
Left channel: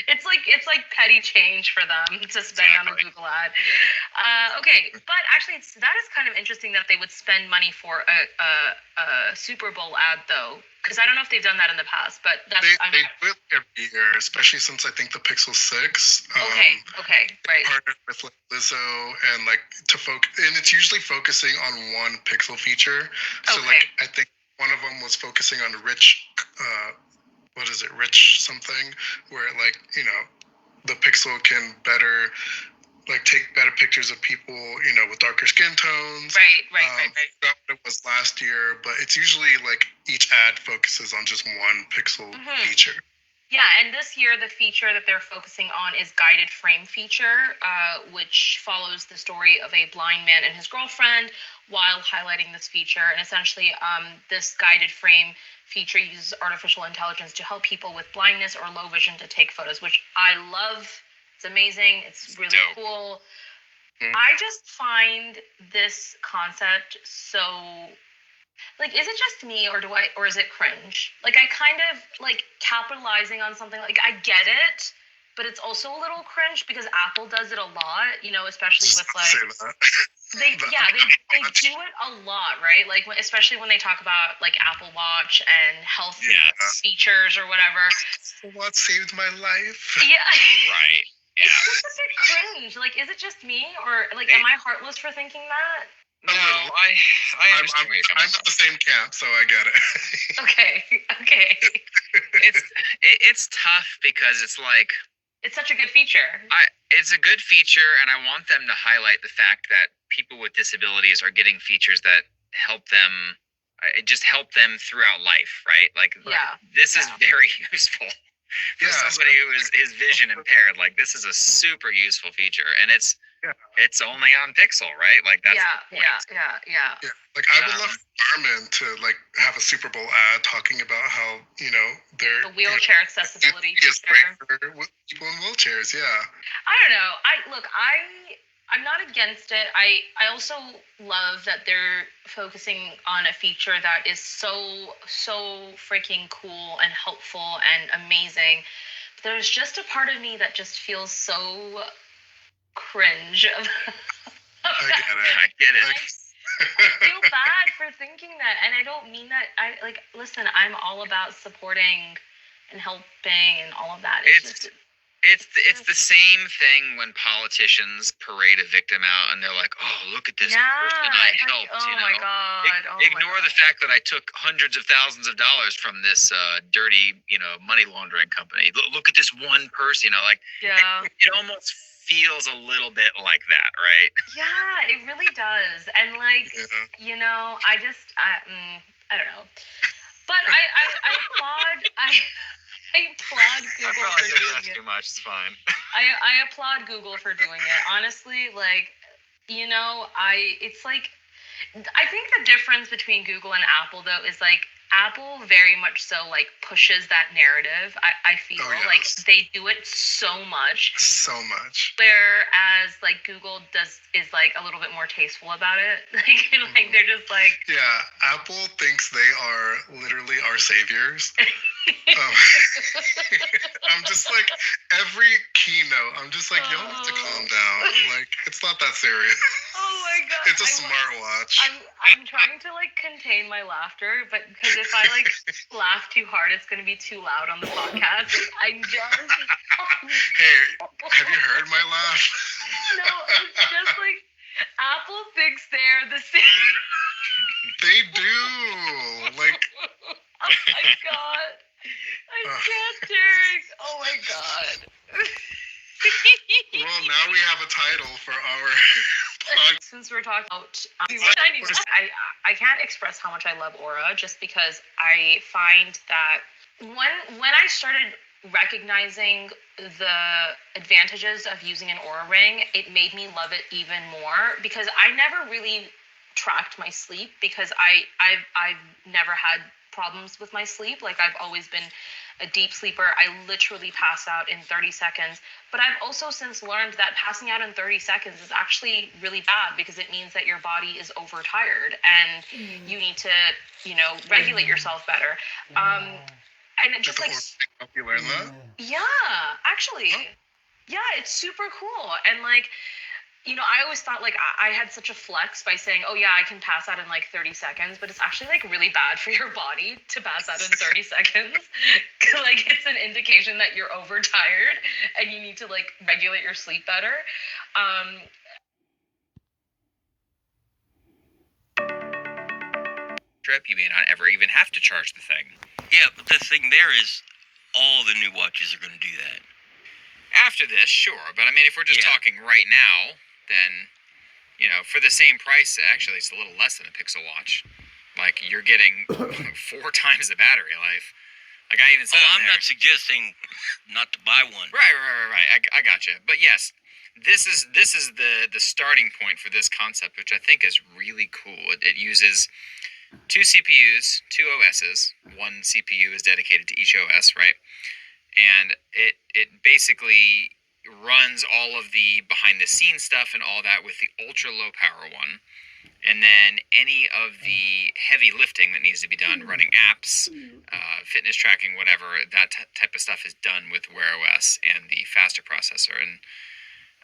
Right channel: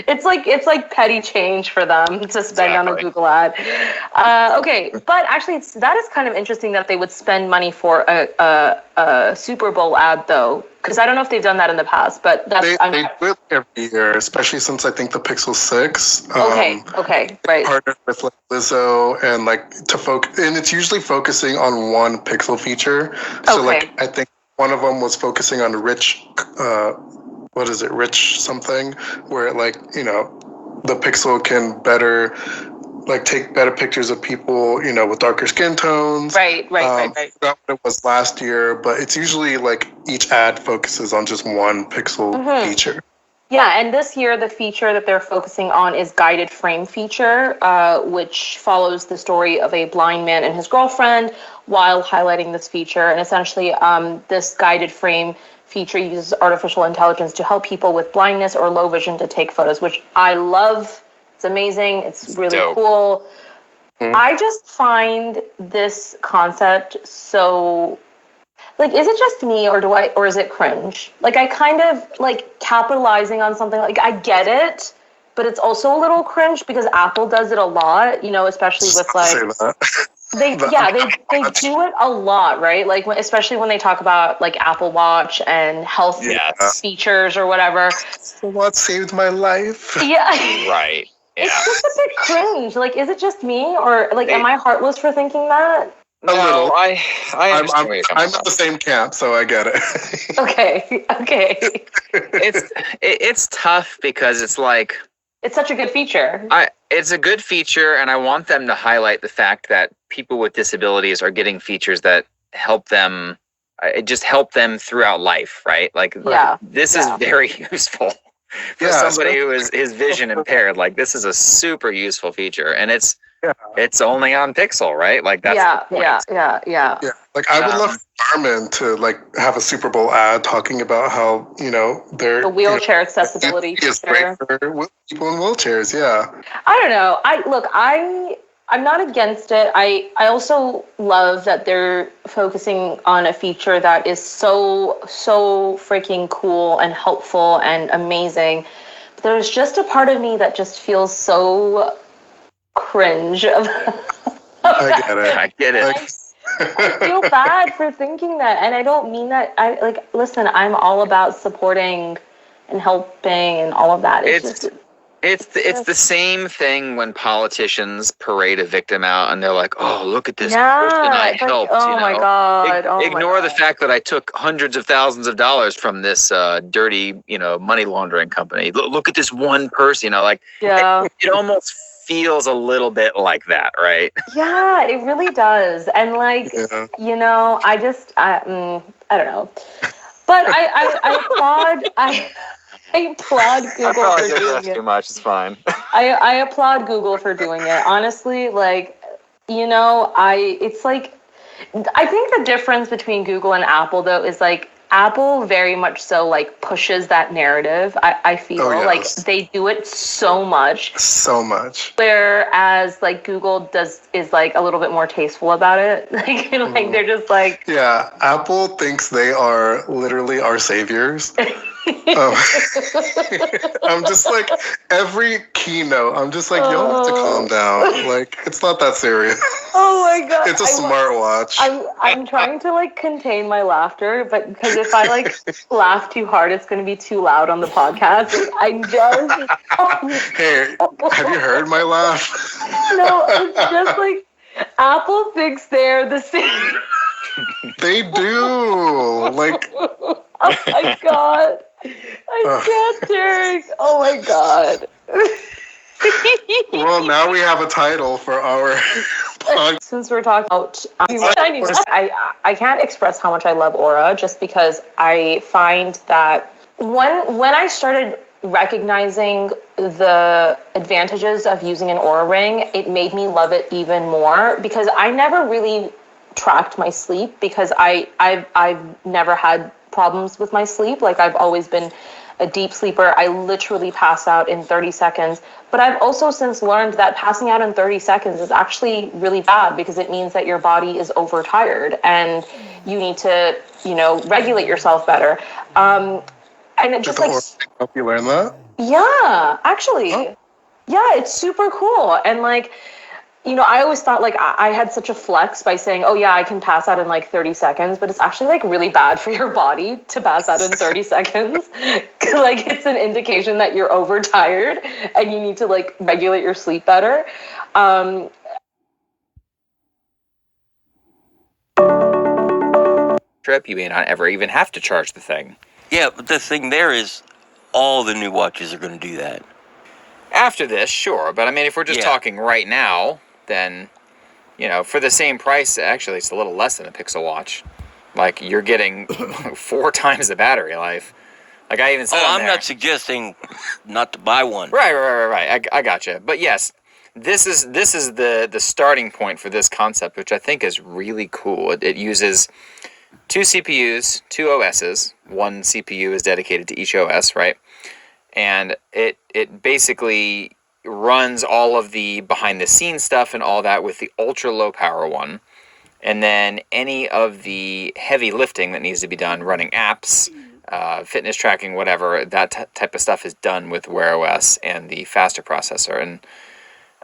It's like petty change for them to spend on a Google ad. Okay, but actually, that is kind of interesting that they would spend money for a Super Bowl ad, though, because I don't know if they've done that in the past. But they do it every year, especially since I think the Pixel 6. Okay, right. Partnered with like Lizzo and like to focus, and it's usually focusing on one Pixel feature. So like I think one of them was focusing on rich something, where like, you know, the Pixel can better like take better pictures of people, you know, with darker skin tones. Right. I forgot what it was last year, but it's usually like each ad focuses on just one Pixel feature. Yeah, and this year the feature that they're focusing on is guided frame feature, which follows the story of a blind man and his girlfriend while highlighting this feature. And essentially, this guided frame feature uses artificial intelligence to help people with blindness or low vision to take photos, which I love. It's amazing. It's really cool. I just find this concept so, like, is it just me or is it cringe? Like, I kind of like capitalizing on something, like, I get it, but it's also a little cringe because Apple does it a lot, you know, especially with like they do it a lot, right? Like, especially when they talk about like Apple Watch and health features or whatever. What saved my life? Yeah. Right. Yeah. It's just a bit cringe. Like, is it just me, or like, am I heartless for thinking that? A little. I'm at the same camp, so I get it. Okay. It's tough because it's like, it's such a good feature. It's a good feature, and I want them to highlight the fact that people with disabilities are getting features that help them. It just help them throughout life, right? Like this is very useful. For somebody who is vision impaired, like this is a super useful feature, and it's only on Pixel, right? Like that's the point. Yeah. Like I would love Garmin to like have a Super Bowl ad talking about how, you know, the wheelchair accessibility is great for people in wheelchairs. Yeah. I don't know. I'm not against it. I also love that they're focusing on a feature that is so freaking cool and helpful and amazing. But there's just a part of me that just feels so cringe. I get it. I feel bad for thinking that, and I don't mean that. Listen, I'm all about supporting and helping and all of that. It's the same thing when politicians parade a victim out and they're like, "Oh, look at this person I helped." Oh my God! Ignore the fact that I took hundreds of thousands of dollars from this dirty, you know, money laundering company. Look at this one person, you know, like it almost feels a little bit like that, right? Yeah, it really does. And like, you know, I don't know, but I applaud. I applaud Google for doing it. Too much, it's fine. I applaud Google for doing it. Honestly, like, you know, it's like, I think the difference between Google and Apple, though, is like Apple very much so like pushes that narrative. I feel like they do it so much. Whereas like Google is like a little bit more tasteful about it. Like they're just like, Apple thinks they are literally our saviors. I'm just like, every keynote, I'm just like, y'all have to calm down. Like, it's not that serious. Oh my God. It's a smartwatch. I'm trying to like contain my laughter, but because if I like laugh too hard, it's going to be too loud on the podcast. I just. Hey, have you heard my laugh? No, it's just like Apple thinks they're the same. They do. Like. Oh my God. I can't, Derek. Oh my God. Well, now we have a title for our Since we're talking about I can't express how much I love Aura, just because I find that when I started recognizing the advantages of using an Aura ring, it made me love it even more, because I never really tracked my sleep, because I've never had problems with my sleep. Like, I've always been a deep sleeper. I literally pass out in 30 seconds. But I've also since learned that passing out in 30 seconds is actually really bad, because it means that your body is overtired and you need to, regulate yourself better. And it just like help you learn that. Yeah, actually. Yeah, it's super cool. And like, I always thought like I had such a flex by saying, oh yeah, I can pass out in like 30 seconds, but it's actually like really bad for your body to pass out in 30 seconds. Like, it's an indication that you're overtired and you need to like regulate your sleep better. Trip, you may not ever even have to charge the thing. Yeah, but the thing there is all the new watches are going to do that. After this, sure. But I mean, if we're just talking right now, then, for the same price, actually, it's a little less than a Pixel Watch. Like, you're getting 4 times the battery life. Like, I even said I'm not suggesting not to buy one. Right. I gotcha. But yes, this is the starting point for this concept, which I think is really cool. It uses 2 CPUs, 2 OSs. 1 CPU is dedicated to each OS, right? And it basically runs all of the behind-the-scenes stuff and all that with the ultra-low-power one. And then any of the heavy lifting that needs to be done, running apps, fitness tracking, whatever, that type of stuff is done with Wear OS and the faster processor.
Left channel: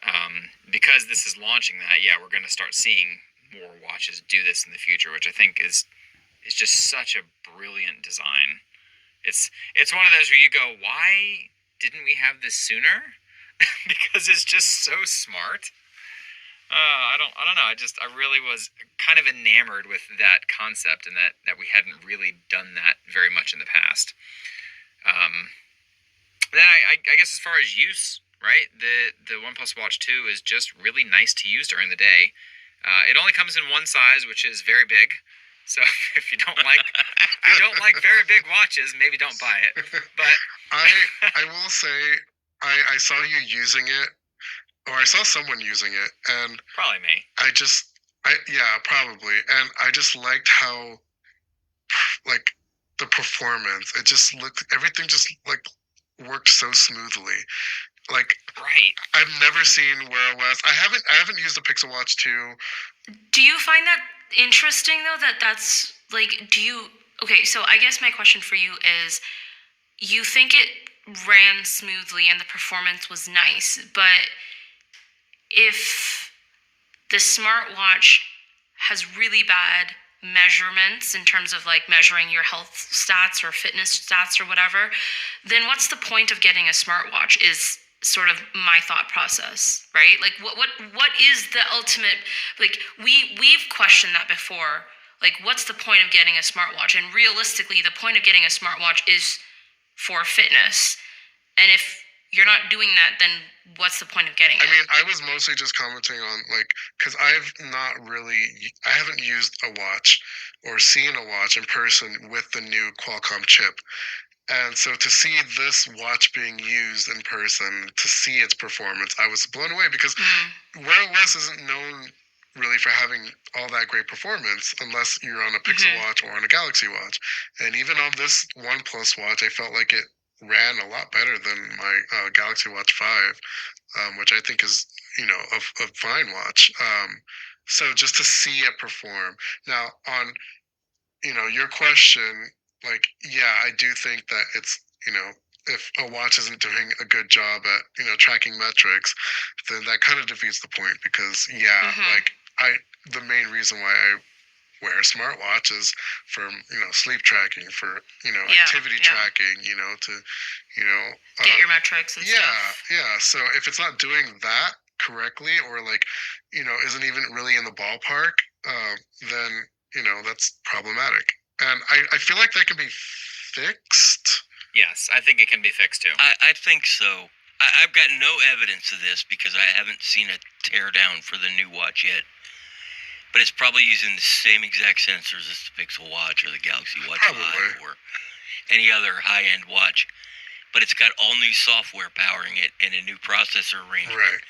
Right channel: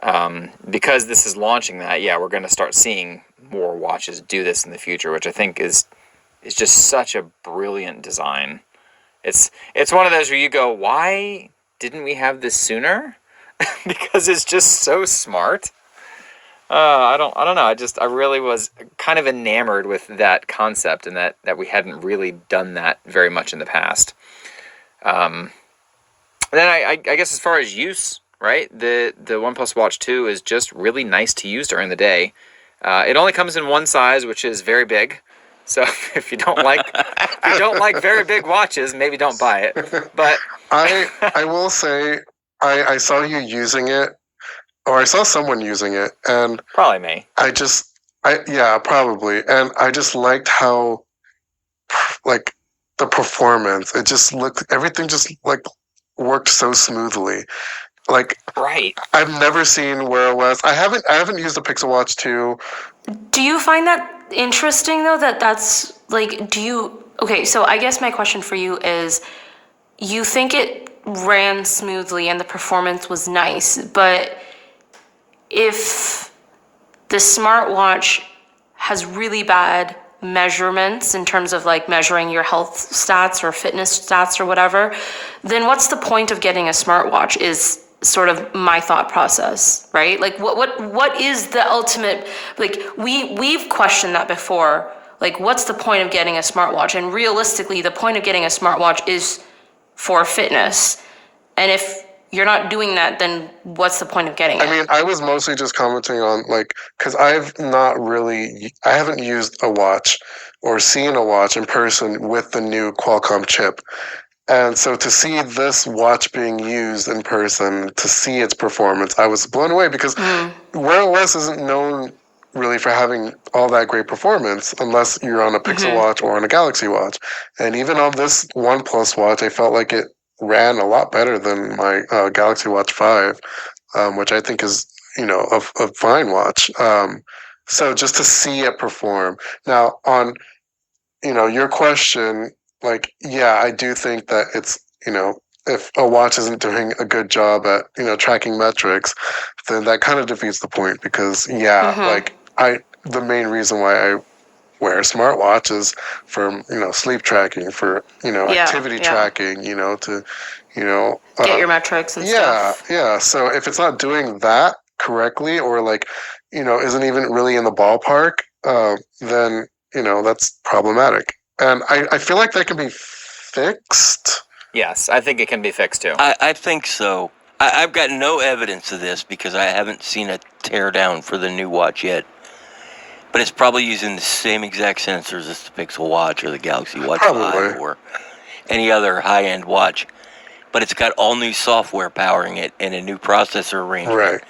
And because this is launching that, we're going to start seeing more watches do this in the future, which I think is just such a brilliant design. It's one of those where you go, why didn't we have this sooner? Because it's just so smart. I don't know. I really was kind of enamored with that concept, and that we hadn't really done that very much in the past. Then I guess as far as use, right? The OnePlus Watch 2 is just really nice to use during the day. It only comes in one size, which is very big. So if you don't like very big watches, maybe don't buy it. But I will say I saw you using it, or I saw someone using it, and probably me. Probably, and I just liked how like the performance. It just everything just like worked so smoothly. Like, right. I've never seen Wear OS. I haven't used a Pixel Watch 2. Do you find that interesting though, that's like, okay, so I guess my question for you is, you think it ran smoothly and the performance was nice, but if the smartwatch has really bad measurements in terms of like measuring your health stats or fitness stats or whatever, then what's the point of getting a smartwatch is sort of my thought process, right? Like what is the ultimate, like we've questioned that before, like what's the point of getting a smartwatch? And realistically, the point of getting a smartwatch is for fitness. And if you're not doing that, then what's the point of getting it? I mean, I was mostly just commenting on like, because I haven't used a watch or seen a watch in person with the new Qualcomm chip. And so to see this watch being used in person, to see its performance, I was blown away, because Wear OS isn't known really for having all that great performance unless you're on a Pixel Watch or on a Galaxy Watch. And even on this OnePlus watch, I felt like it ran a lot better than my Galaxy Watch 5, which I think is, a fine watch. So just to see it perform. Now, on, your question, like, yeah, I do think that it's, if a watch isn't doing a good job at, tracking metrics, then that kind of defeats the point, because, the main reason why I wear a smartwatch is for, sleep tracking, for, activity tracking, to, get your metrics and stuff. Yeah. So if it's not doing that correctly, or like, isn't even really in the ballpark, then, that's problematic. And I feel like that can be fixed. Yes, I think it can be fixed too. I think so. I've got no evidence of this because I haven't seen a teardown for the new watch yet. But it's probably using the same exact sensors as the Pixel Watch or the Galaxy Watch Probably. 5 or any other high-end watch. But it's got all new software powering it and a new processor arrangement. Right.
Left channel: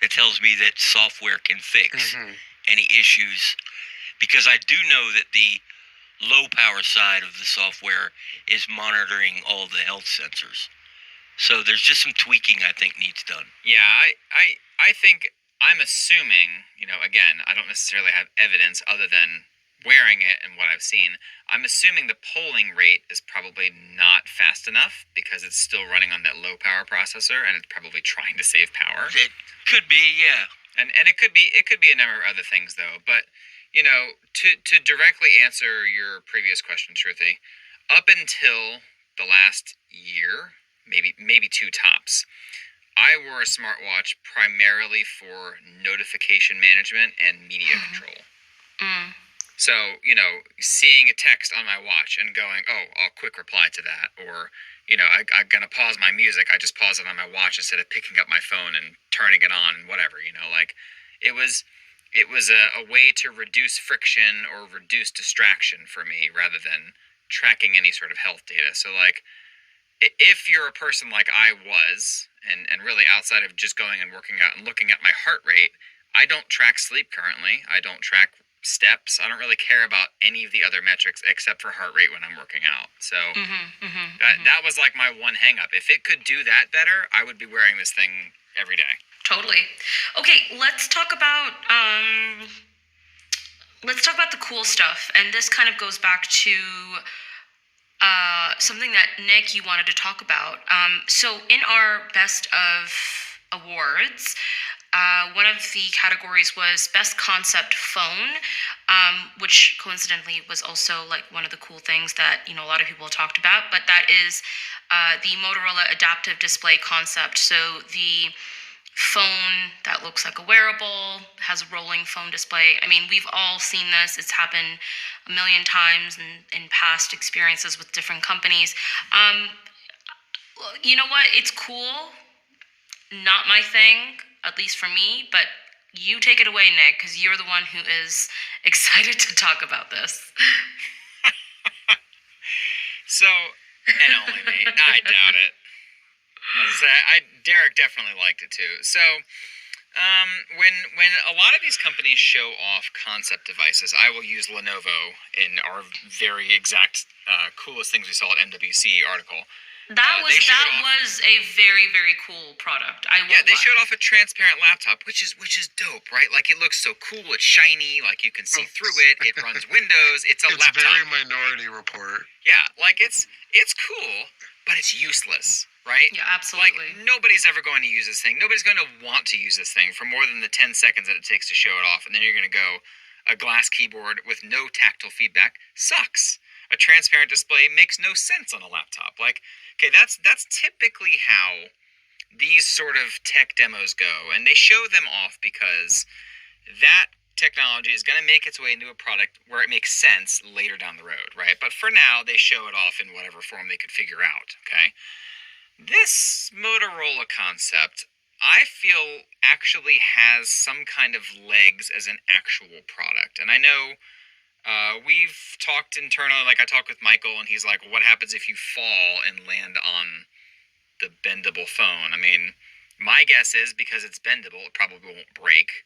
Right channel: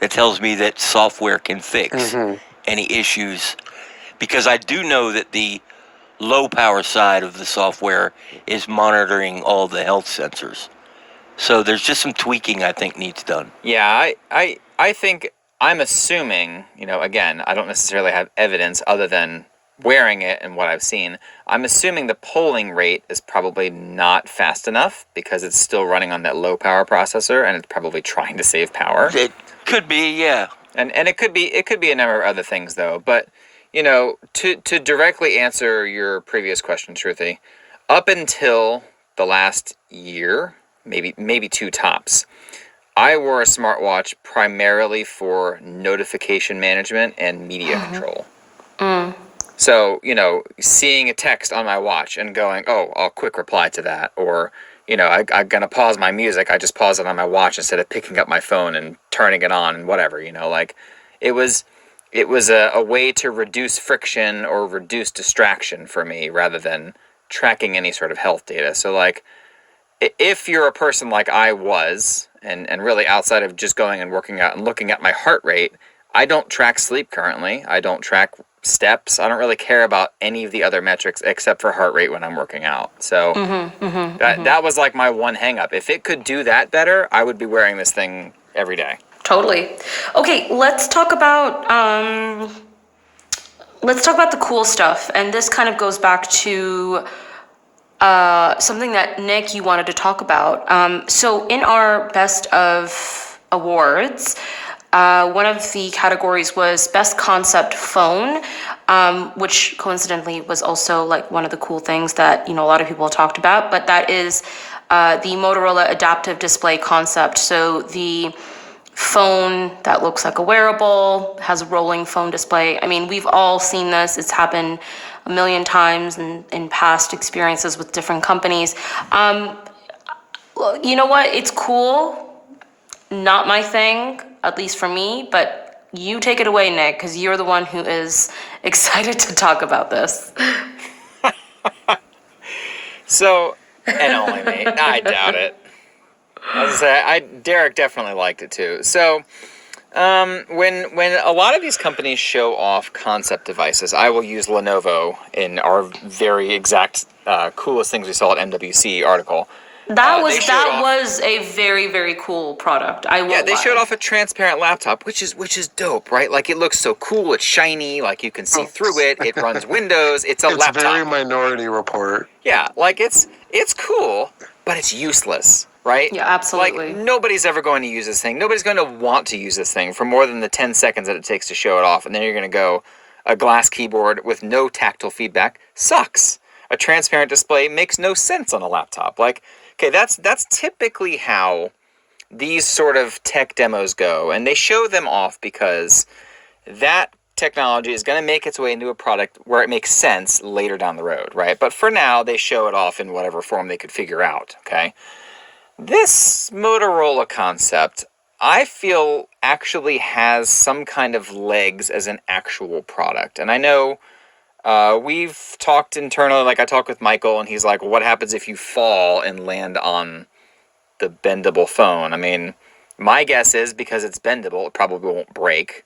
That tells me that software can fix any issues. Because I do know that the low power side of the software is monitoring all the health sensors. So there's just some tweaking I think needs done. Yeah, I think I'm assuming, again, I don't necessarily have evidence other than wearing it and what I've seen. I'm assuming the polling rate is probably not fast enough because it's still running on that low power processor and it's probably trying to save power. It could be, yeah. And it could be a number of other things though. But to directly answer your previous question, Shruti, up until the last year, maybe two tops, I wore a smartwatch primarily for notification management and media control. So, seeing a text on my watch and going, oh, I'll quick reply to that. Or, I'm going to pause my music. I just pause it on my watch instead of picking up my phone and turning it on and whatever, it was a way to reduce friction or reduce distraction for me rather than tracking any sort of health data. So, if you're a person like I was, and really outside of just going and working out and looking at my heart rate, I don't track sleep currently. I don't track steps. I don't really care about any of the other metrics except for heart rate when I'm working out. So that was like my one hang up. If it could do that better, I would be wearing this thing every day. Totally. Okay, let's talk about the cool stuff. And this kind of goes back to something that, Nick, you wanted to talk about. So in our Best of Awards, one of the categories was Best Concept Phone, which coincidentally was also like one of the cool things that, a lot of people talked about. But that is the Motorola Adaptive Display Concept. So the phone that looks like a wearable, has a rolling phone display. I mean, we've all seen this. It's happened a million times in past experiences with different companies. You know what? It's cool. Not my thing, at least for me, but you take it away, Nick, because you're the one who is excited to talk about this. So, and only me. I doubt it. As I say, Derek definitely liked it too. So, when a lot of these companies show off concept devices, I will use Lenovo in our very exact coolest things we saw at MWC article. That was a very, very cool product. They showed off a transparent laptop, which is dope, right? Like, it looks so cool. It's shiny. Like, you can see through it. It runs Windows. It's laptop. It's very Minority Report. Yeah, like it's cool, but it's useless, right? Yeah, absolutely. Like, nobody's ever going to use this thing. Nobody's going to want to use this thing for more than the 10 seconds that it takes to show it off. And then you're going to go, a glass keyboard with no tactile feedback sucks. A transparent display makes no sense on a laptop. Like, okay, that's typically how these sort of tech demos go. And they show them off because that technology is going to make its way into a product where it makes sense later down the road, right? But for now, they show it off in whatever form they could figure out, okay? This Motorola concept, I feel, actually has some kind of legs as an actual product. And I know we've talked internally, like I talked with Michael, and he's like, well, what happens if you fall and land on the bendable phone? I mean, my guess is because it's bendable, it probably won't break.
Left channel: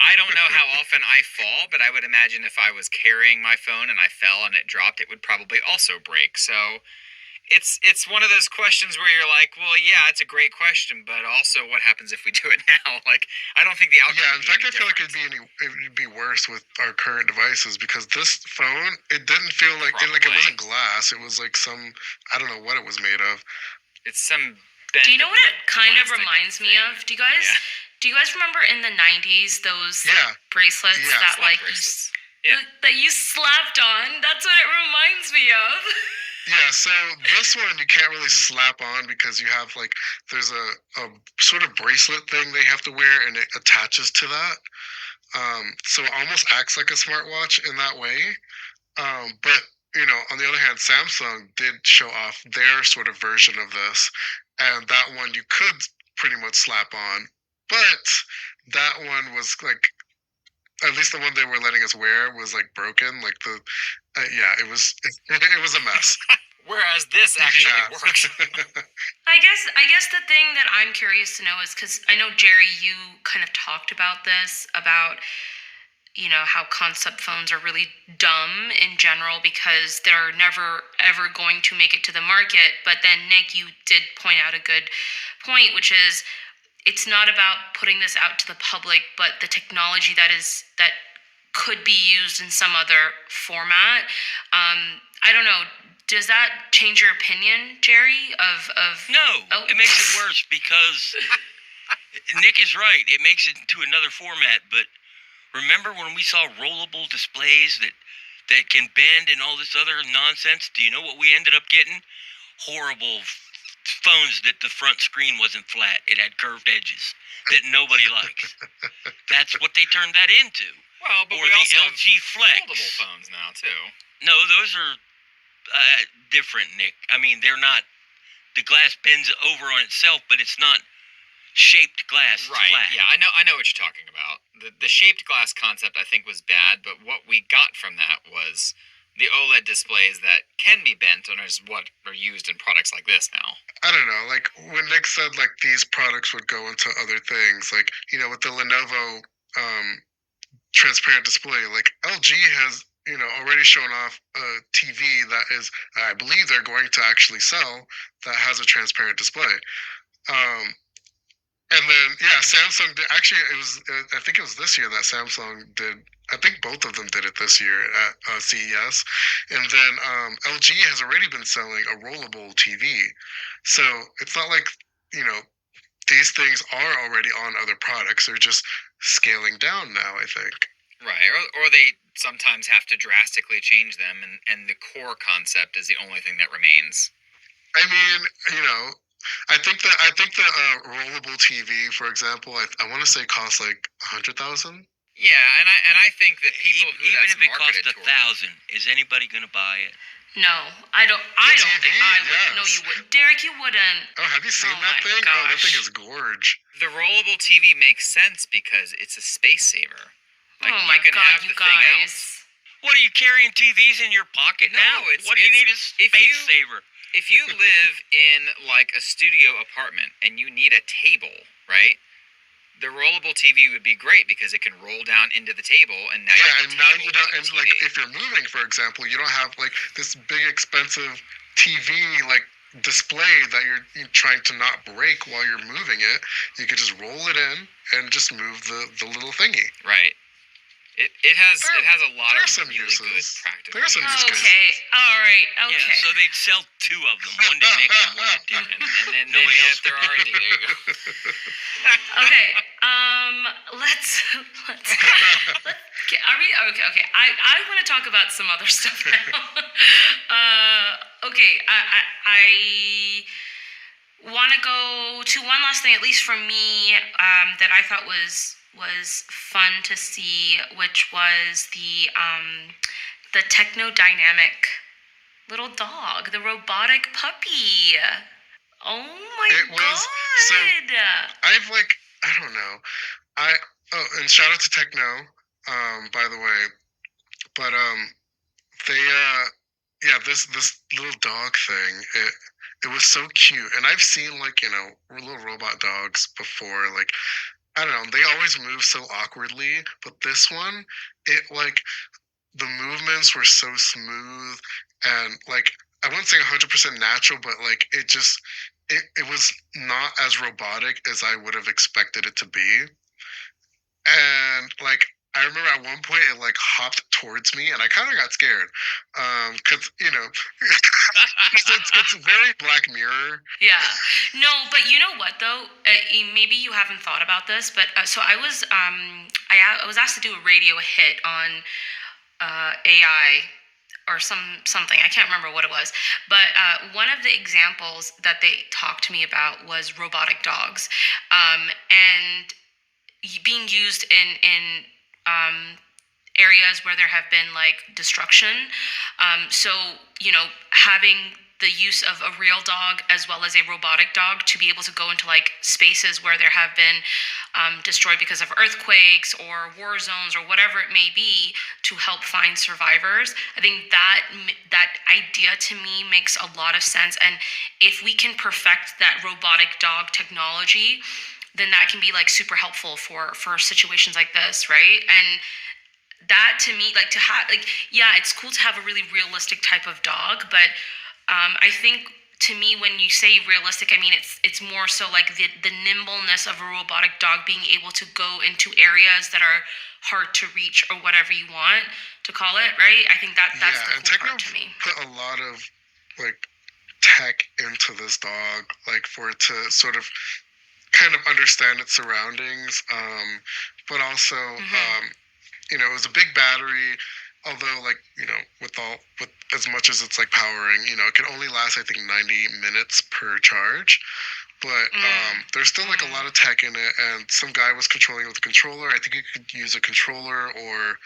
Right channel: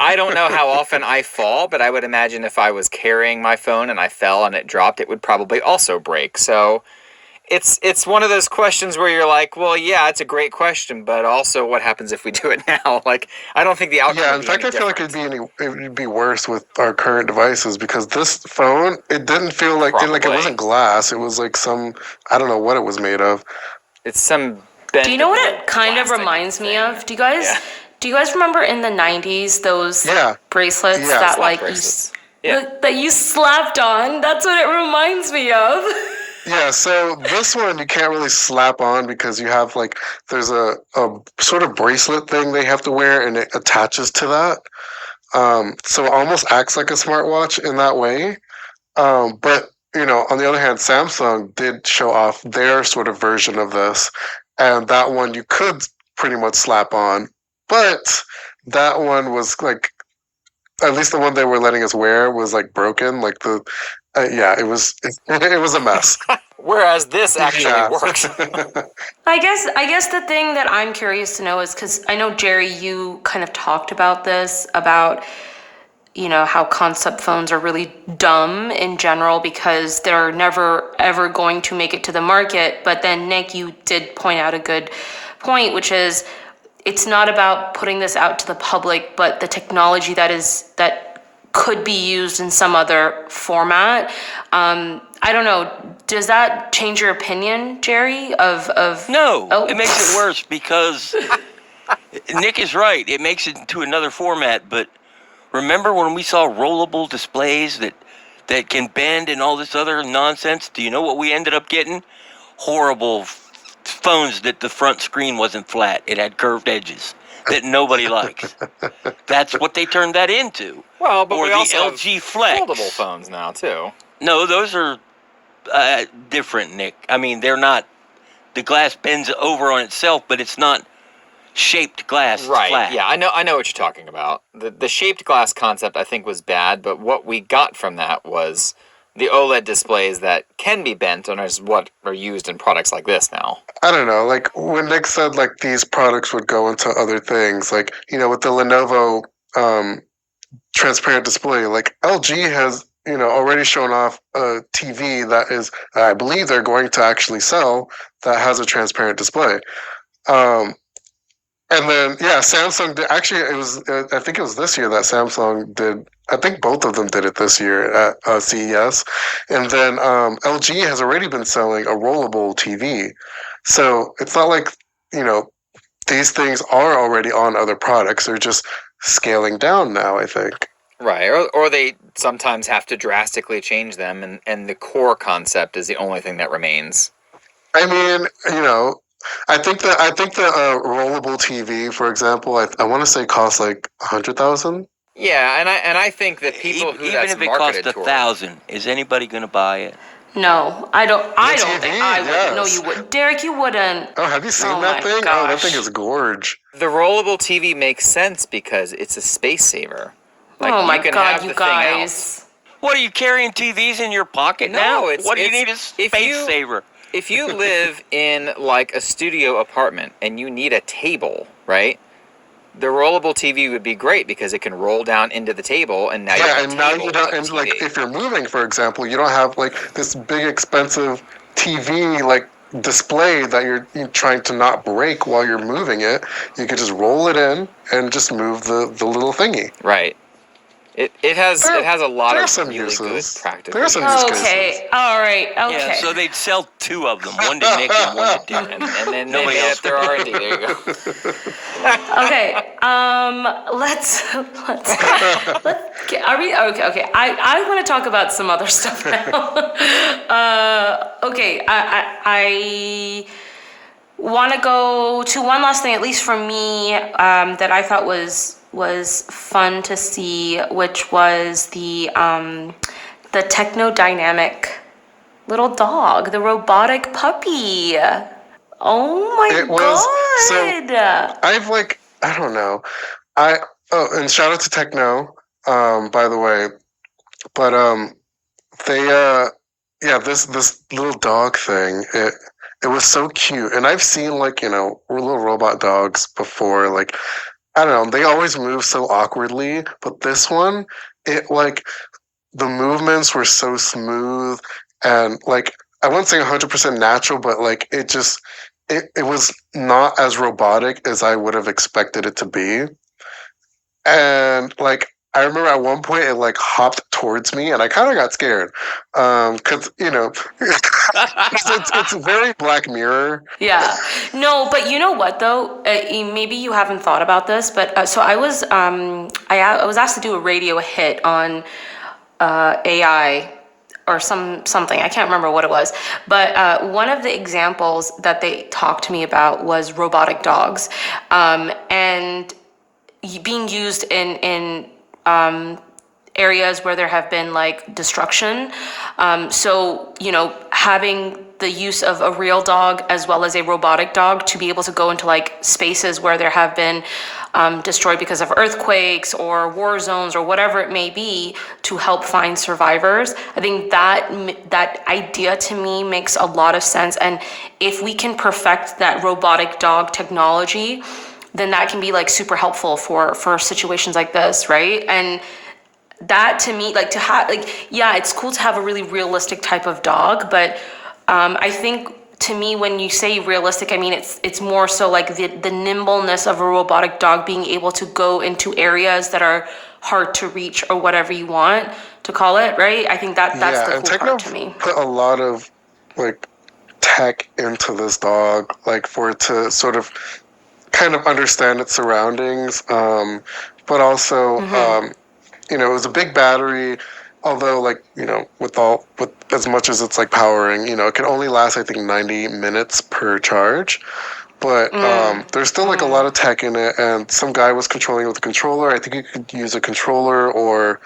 I don't know how often I fall, but I would imagine if I was carrying my phone and I fell and it dropped, it would probably also break. So it's one of those questions where you're like, well, yeah, it's a great question, but also what happens if we do it now? Like, I don't think the outcome Yeah, would in be fact, any I feel like different. it'd be worse with our current devices because this phone, it didn't feel like it Probably. wasn't glass. It was like I don't know what it was made of. It's some Do you know what bendable it kind of plastic reminds me thing. of? Do you guys remember in the 90s those bracelets Yeah, that slap like bracelets. Yeah. that you slapped on? That's what it reminds me of. Yeah, so this one you can't really slap on because you have there's a sort of bracelet thing they have to wear and it attaches to that. So it almost acts like a smartwatch in that way. But on the other hand, Samsung did show off their sort of version of this, and that one you could pretty much slap on, but that one was at least the one they were letting us wear was like broken. Like it was a mess. Whereas this actually works. I guess the thing that I'm curious to know is, because I know, Jerry, you kind of talked about this, about, how concept phones are really dumb in general because they're never ever going to make it to the market. But then, Nick, you did point out a good point, which is it's not about putting this out to the public, but the technology that could be used in some other format. I don't know. Does that change your opinion, Jerry? No, it makes it worse because Nick is right. It makes it into another format. But remember when we saw rollable displays that can bend and all this other nonsense? Do you know what we ended up getting? Horrible phones that the front screen wasn't flat. It had curved edges that nobody likes. That's what they turned that into. Well, but or we the also LG have Flex. foldable phones now, too. No, those are different, Nick. I mean, they're not. The glass bends over on itself, but it's not shaped glass. Right. Flat. Yeah, I know what you're talking about. The shaped glass concept I think was bad, but what we got from that was the OLED displays that can be bent and is what are used in products like this now. I don't know. Like when Nick said like these products would go into other things, like with the Lenovo transparent display, like LG has already shown off a TV that is, I believe they're going to actually sell, that has a transparent display. And then, Samsung did, actually, it was, I think it was this year that Samsung did, I think both of them did it this year at CES. And then LG has already been selling a rollable TV. So it's not like, these things are already on other products. They're just scaling down now, I think. Right, or they sometimes have to drastically change them, and the core concept is the only thing that remains. I mean, I think the rollable TV, for example, I want to say costs like $100,000. Yeah, and I think that people who even that's if it costs $1,000, is anybody going to buy it? No, I don't. I don't think I would. Yes. No, you wouldn't. Derek, you wouldn't. Oh, have you seen Oh that my thing? Oh, that thing gosh. is gorge. The rollable TV makes sense because it's a space saver. Like, Oh my you can God, have you the thing out. guys. What, are you carrying TVs in your pocket No, now? it's- What do you it's- need a if space you- saver? If you live in like a studio apartment and you need a table, right? The rollable TV would be great because it can roll down into the table, and now you have a and now table you don't, with a and TV. like if you're moving, for example, you don't have like this big expensive TV like display that you're trying to not break while you're moving it. You could just roll it in and just move the little thingy. Right. It has a lot there are of some really uses. good practical There are some uses. use Okay. All right. Okay. Yeah, so they'd sell two of them, one to Nick and one to Dick. And then they Nobody made else up their R&D. There you go. Okay. Let's get, are we okay. I want to talk about some other stuff now. Okay. I want to go to one last thing, at least for me, that I thought was fun to see, which was the technodynamic little dog, the robotic puppy. Oh my It was- God. I've like, I don't know. And shout out to Techno, by the way. But they this little dog thing, it was so cute. And I've seen like, little robot dogs before, like, I don't know, they always move so awkwardly, but this one, it like the movements were so smooth and like I wouldn't say 100% natural, but like it just it was not as robotic as I would have expected it to be. And like I remember at one point it like hopped towards me and I kind of got scared. Cuz it's very Black Mirror. Yeah. No, but you know what though? Maybe you haven't thought about this, but so I was I was asked to do a radio hit on AI or something. I can't remember what it was. But one of the examples that they talked to me about was robotic dogs, and being used in areas where there have been like destruction. So, having the use of a real dog as well as a robotic dog to be able to go into like spaces where there have been destroyed because of earthquakes or war zones or whatever it may be, to help find survivors. I think that idea to me makes a lot of sense. And if we can perfect that robotic dog technology, then that can be like super helpful for situations like this, right? And that to me, like to have, like, yeah, it's cool to have a really realistic type of dog, but I think to me, when you say realistic, I mean it's more so like the nimbleness of a robotic dog being able to go into areas that are hard to reach or whatever you want to call it, right? I think that's the cool part to me. Put a lot of like tech into this dog, like for it to sort of kind of understand its surroundings, but also it was a big battery. Although, like, with as much as it's like powering, it can only last, I think, 90 minutes per charge. But there's still like a lot of tech in it, and some guy was controlling it with a controller. I think you could use a controller or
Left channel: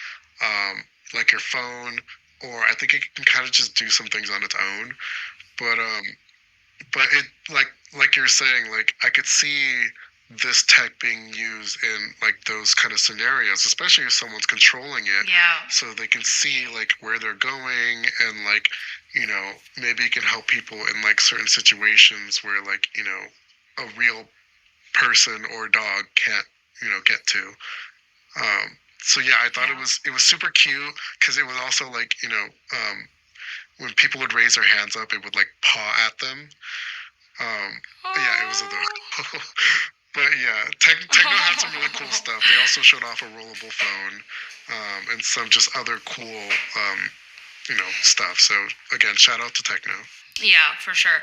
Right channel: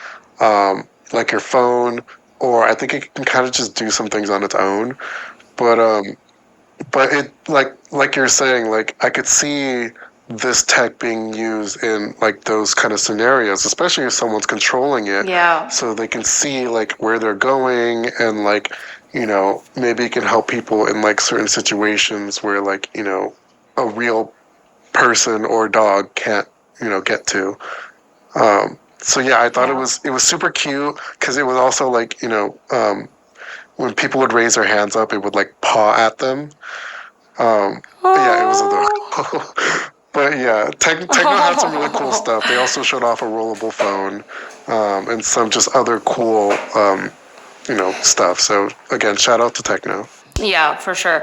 like your phone, or I think it can kind of just do some things on its own. But it like you're saying, like I could see this tech being used in like those kind of scenarios, especially if someone's controlling it. Yeah. So they can see like where they're going, and like, maybe it can help people in like certain situations where like, a real person or dog can't, get to. So yeah, I thought it was super cute, because it was also like, when people would raise their hands up, it would like paw at them. Yeah, it was adorable. But yeah, Tecno had some really cool stuff. They also showed off a rollable phone, and some just other cool, stuff. So again, shout out to Tecno. Yeah, for sure.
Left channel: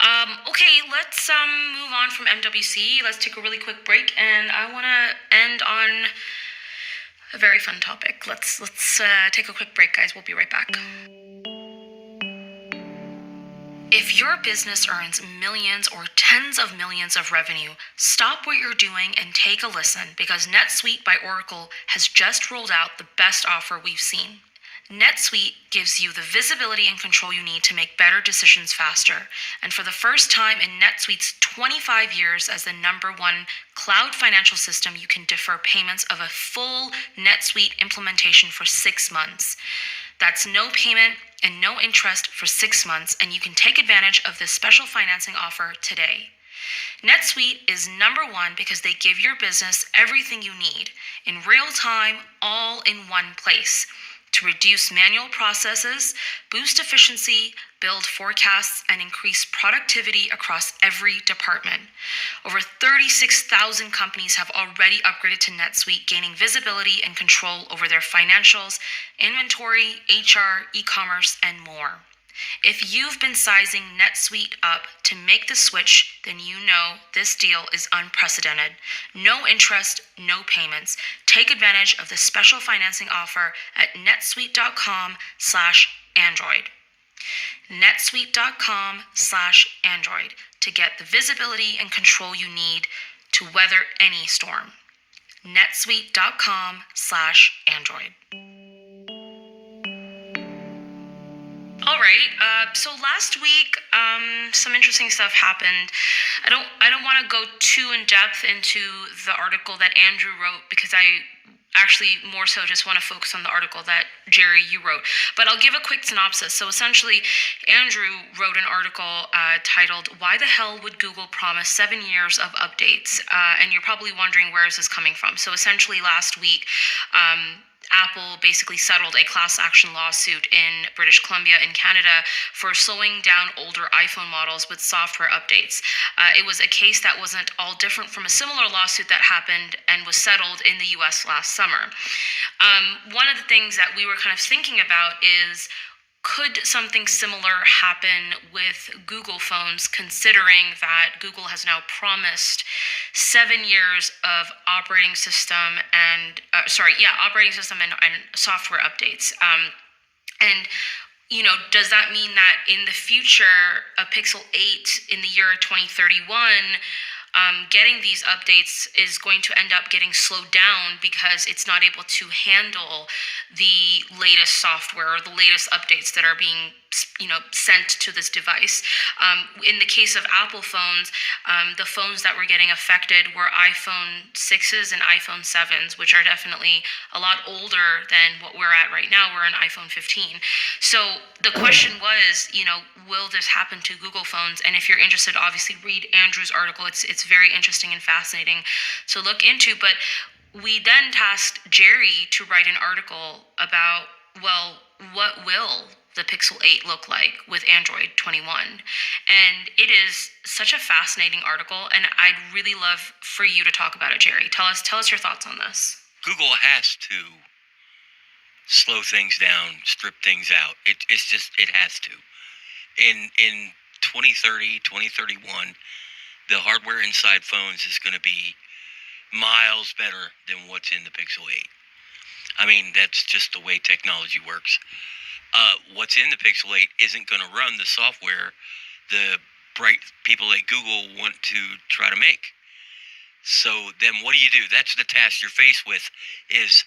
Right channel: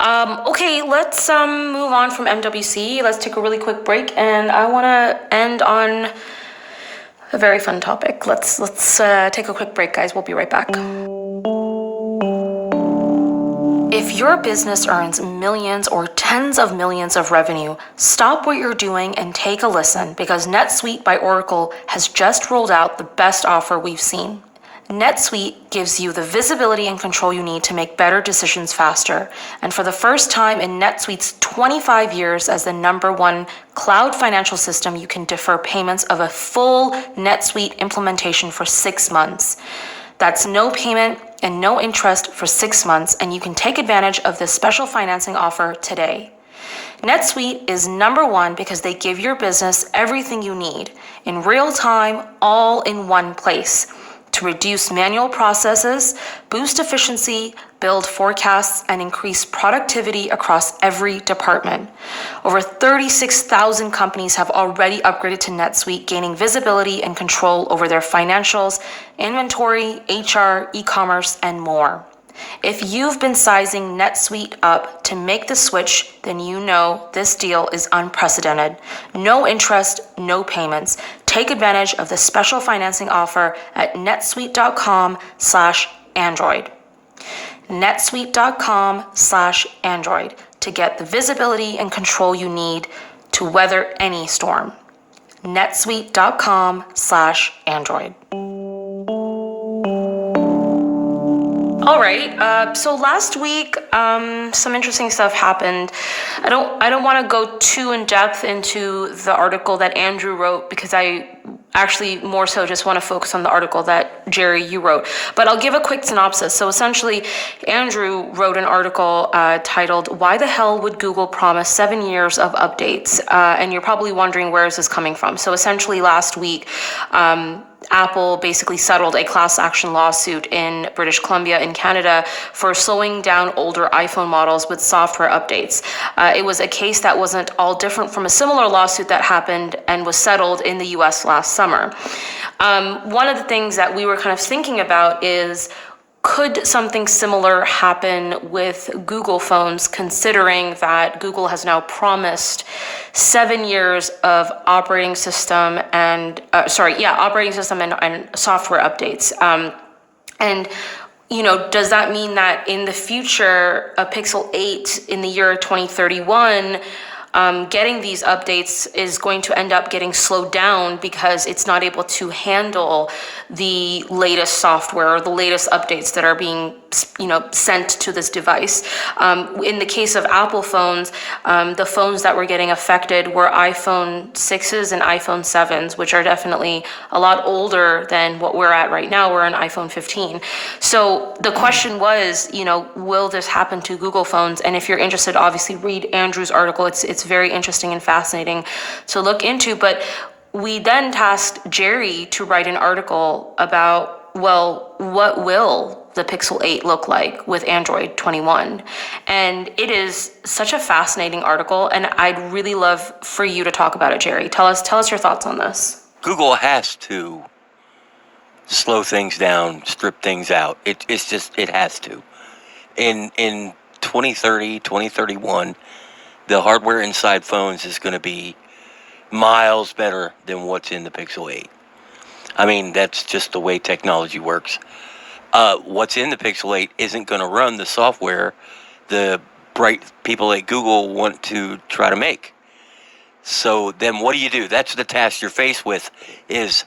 Okay, let's move on from MWC. Let's take a really quick break, and I want to end on a very fun topic. Let's take a quick break, guys. We'll be right back. If your business earns millions or tens of millions of revenue, stop what you're doing and take a listen, because NetSuite by Oracle has just rolled out the best offer we've seen. NetSuite gives you the visibility and control you need to make better decisions faster. And for the first time in NetSuite's 25 years as the #1 cloud financial system, you can defer payments of a full NetSuite implementation for 6 months. That's no payment and no interest for 6 months, and you can take advantage of this special financing offer today. NetSuite is #1 because they give your business everything you need in real time, all in one place, to reduce manual processes, boost efficiency, build forecasts, and increase productivity across every department. Over 36,000 companies have already upgraded to NetSuite, gaining visibility and control over their financials, inventory, HR, e-commerce, and more. If you've been sizing NetSuite up to make the switch, then you know this deal is unprecedented. No interest, no payments. Take advantage of the special financing offer at netsuite.com/Android. netsuite.com/Android to get the visibility and control you need to weather any storm. netsuite.com/Android. All right. So last week, some interesting stuff happened. I don't want to go too in depth into the article that Andrew wrote, because I actually more so just want to focus on the article that Jerry, you wrote. But I'll give a quick synopsis. So essentially, Andrew wrote an article titled "Why the Hell Would Google Promise 7 Years of Updates?" And you're probably wondering, where is this coming from? So essentially, last week, Apple basically settled a class action lawsuit in British Columbia in Canada for slowing down older iPhone models with software updates. It was a case that wasn't all different from a similar lawsuit that happened and was settled in the US last summer. One of the things that we were kind of thinking about is, could something similar happen with Google phones, considering that Google has now promised 7 years of operating system and software updates? And does that mean that in the future, a Pixel 8 in the year 2031 getting these updates is going to end up getting slowed down because it's not able to handle the latest software or the latest updates that are being, sent to this device. In the case of Apple phones, the phones that were getting affected were iPhone 6s and iPhone 7s, which are definitely a lot older than what we're at right now. We're on iPhone 15. So the question was, will this happen to Google phones? And if you're interested, obviously read Andrew's article. It's very interesting and fascinating to look into. But we then tasked Jerry to write an article about, well, what will the Pixel 8 look like with Android 21? And it is such a fascinating article, and I'd really love for you to talk about it, Jerry. Tell us your thoughts on this. Google has to slow things down, strip things out. It has to. In 2030, 2031, the hardware inside phones is going to be miles better than what's in the Pixel 8. I mean, that's just the way technology works. What's in the Pixel 8 isn't going to run the software the bright people at Google want to try to make. So then what do? That's the task you're faced with is,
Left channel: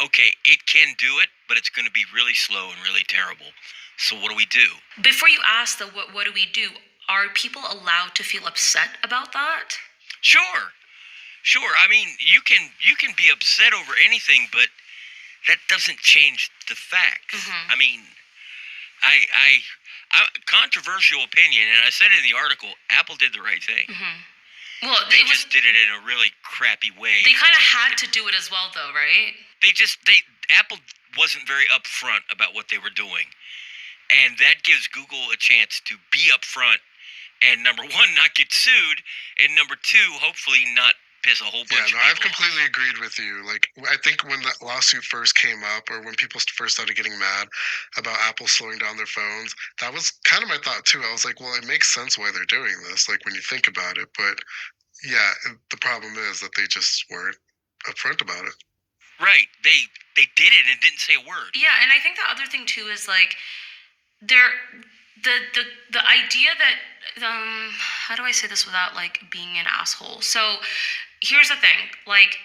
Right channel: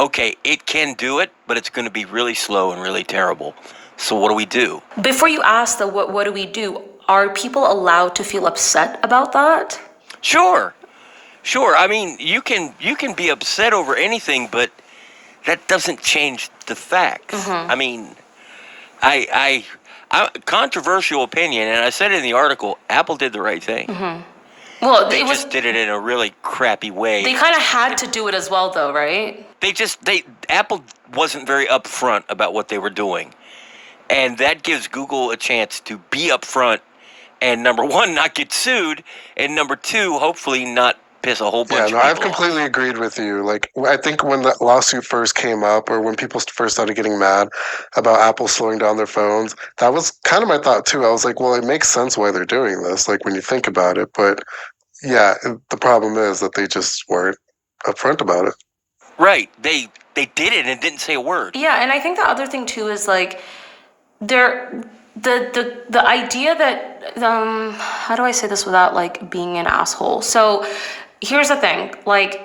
okay, it can do it, but it's going to be really slow and really terrible. So what do we do? Before you ask, though, what do we do? Are people allowed to feel upset about that? Sure. I mean, you can be upset over anything, but that doesn't change the facts. Mm-hmm. I mean, I controversial opinion, and I said in the article, Apple did the right thing. Mm-hmm. Well, they just did it in a really crappy way. They kind of had to do it as well, though, right? Apple wasn't very upfront about what they were doing. And that gives Google a chance to be upfront and, number one, not get sued, and number two, hopefully not piss a whole bunch of people I've completely agreed with you. Like, I think when that lawsuit first came up, or when people first started getting mad about Apple slowing down their phones, that was kind of my thought too. I was like, well, it makes sense why they're doing this, like when you think about it. But yeah, the problem is that they just weren't upfront about it. Right. They did it and didn't say a word. Yeah, and I think the other thing too is like the idea that how do I say this without like being an asshole? So here's the thing, like,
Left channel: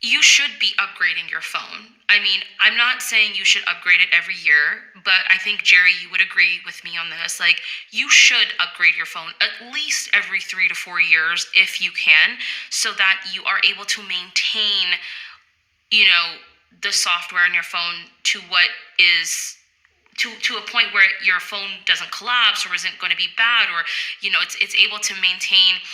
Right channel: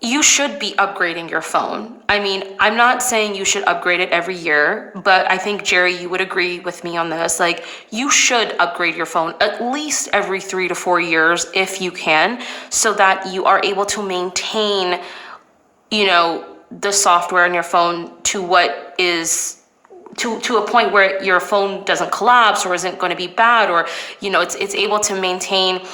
you should be upgrading your phone. I mean, I'm not saying you should upgrade it every year, but I think, Jerry, you would agree with me on this. Like, you should upgrade your phone at least every 3 to 4 years if you can, so that you are able to maintain, the software on your phone to what is to a point where your phone doesn't collapse or isn't going to be bad, or it's able to maintain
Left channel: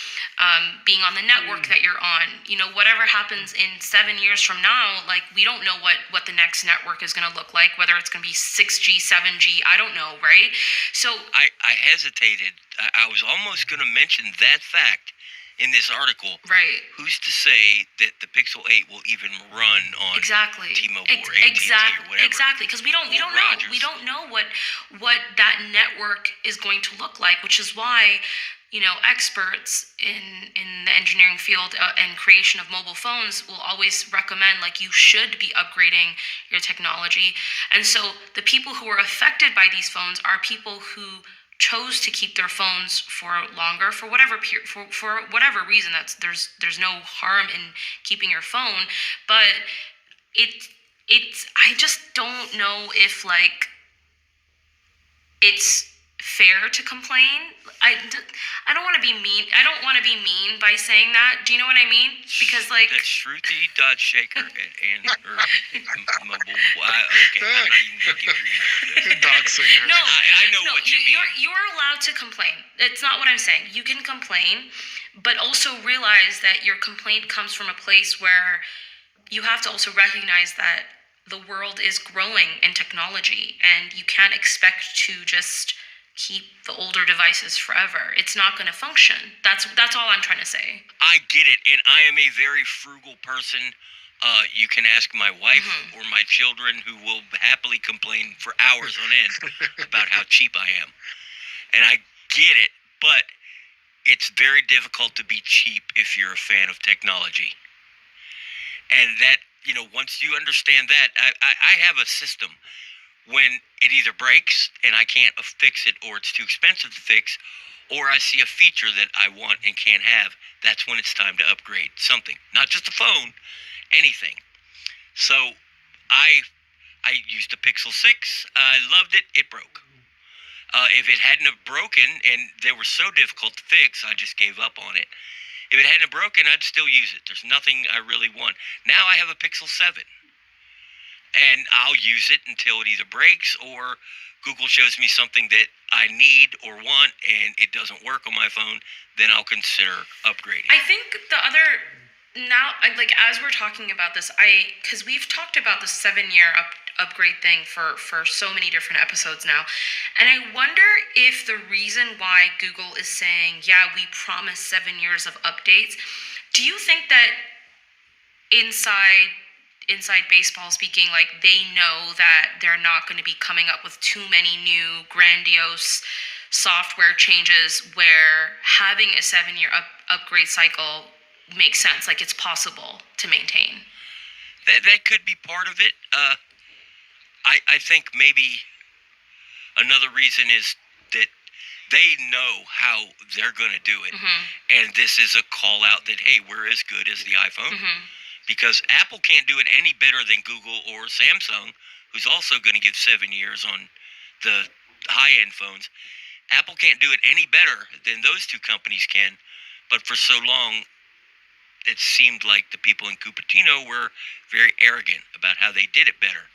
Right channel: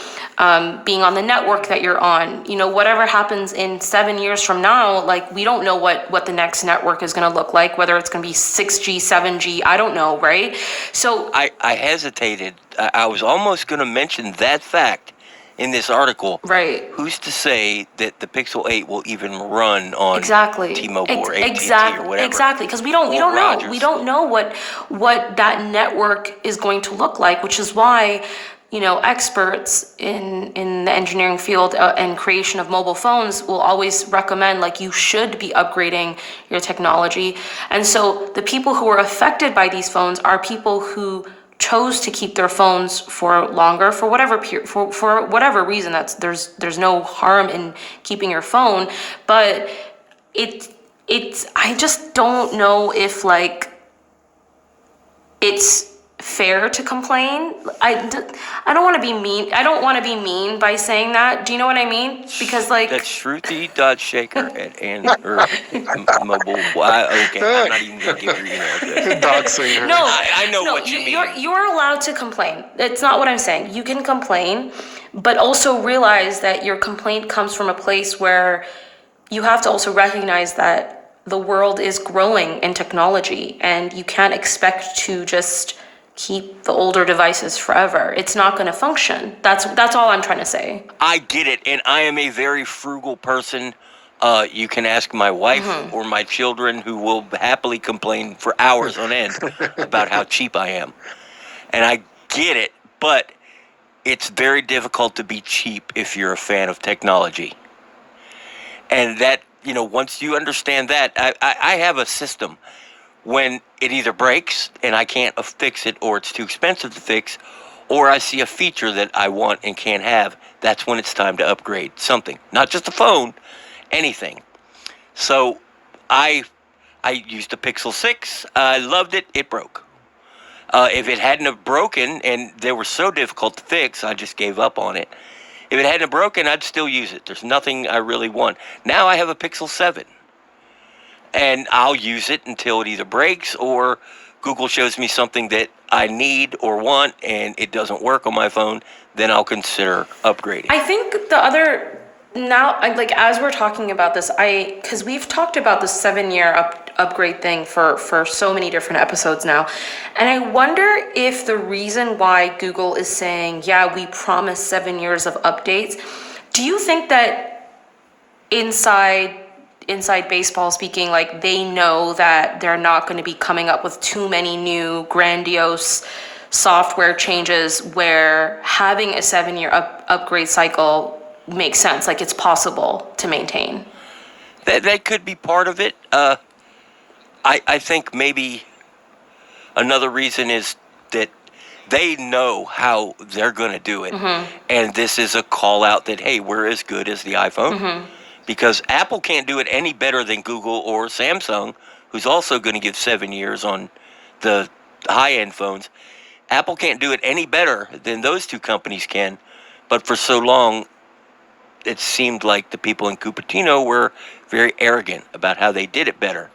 being on the network that you're on. Whatever happens in 7 years from now, like, we don't know what the next network is going to look like, whether it's going to be 6G, 7G, I don't know, right? So I hesitated. I was almost going to mention that fact in this article. Right. Who's to say that the Pixel 8 will even run on T-Mobile or AT&T or whatever? Exactly, because we don't know. Rogers. We don't know what that network is going to look like, which is why experts in the engineering field and creation of mobile phones will always recommend, like, you should be upgrading your technology. And so the people who are affected by these phones are people who chose to keep their phones for longer for whatever reason. There's no harm in keeping your phone, but it's I just don't know if, like, it's fair to complain. I don't want to be mean. I don't want to be mean by saying that. Do you know what I mean? Because, like, that's Shruti.Shaker at mobile. Okay, I'm not even going to give you that. No, I know what you mean. You're allowed to complain. That's not what I'm saying. You can complain, but also realize that your complaint comes from a place where you have to also recognize that the world is growing in technology, and you can't expect to just keep the older devices forever. It's not going to function. That's all I'm trying to say. I get it, and I am a very frugal person. You can ask my wife or my children, who will happily complain for hours on end about how cheap I am. And I get it, but it's very difficult to be cheap if you're a fan of technology. And that, once you understand that, I have a system. When it either breaks and I can't fix it, or it's too expensive to fix, or I see a feature that I want and can't have, that's when it's time to upgrade something. Not just a phone, anything. So I used the Pixel 6. I loved it. It broke. If it hadn't have broken, and they were so difficult to fix, I just gave up on it. If it hadn't have broken, I'd still use it. There's nothing I really want. Now I have a Pixel 7. And I'll use it until it either breaks or Google shows me something that I need or want and it doesn't work on my phone, then I'll consider upgrading. I think the other, now, like, as we're talking about this, because we've talked about the 7-year upgrade thing for so many different episodes now, and I wonder if the reason why Google is saying, yeah, we promise 7 years of updates, do you think that inside baseball speaking, like, they know that they're not going to be coming up with too many new grandiose software changes where having a 7-year upgrade cycle makes sense, like it's possible to maintain? That could be part of it. I think maybe another reason is that they know how they're going to do it. And this is a call out that, hey, we're as good as the iPhone. Because Apple can't do it any better than Google or Samsung, who's also going to give 7 years on the high-end phones. Apple can't do it any better than those two companies can. But for so long, it seemed like the people in Cupertino were very arrogant about how they did it better.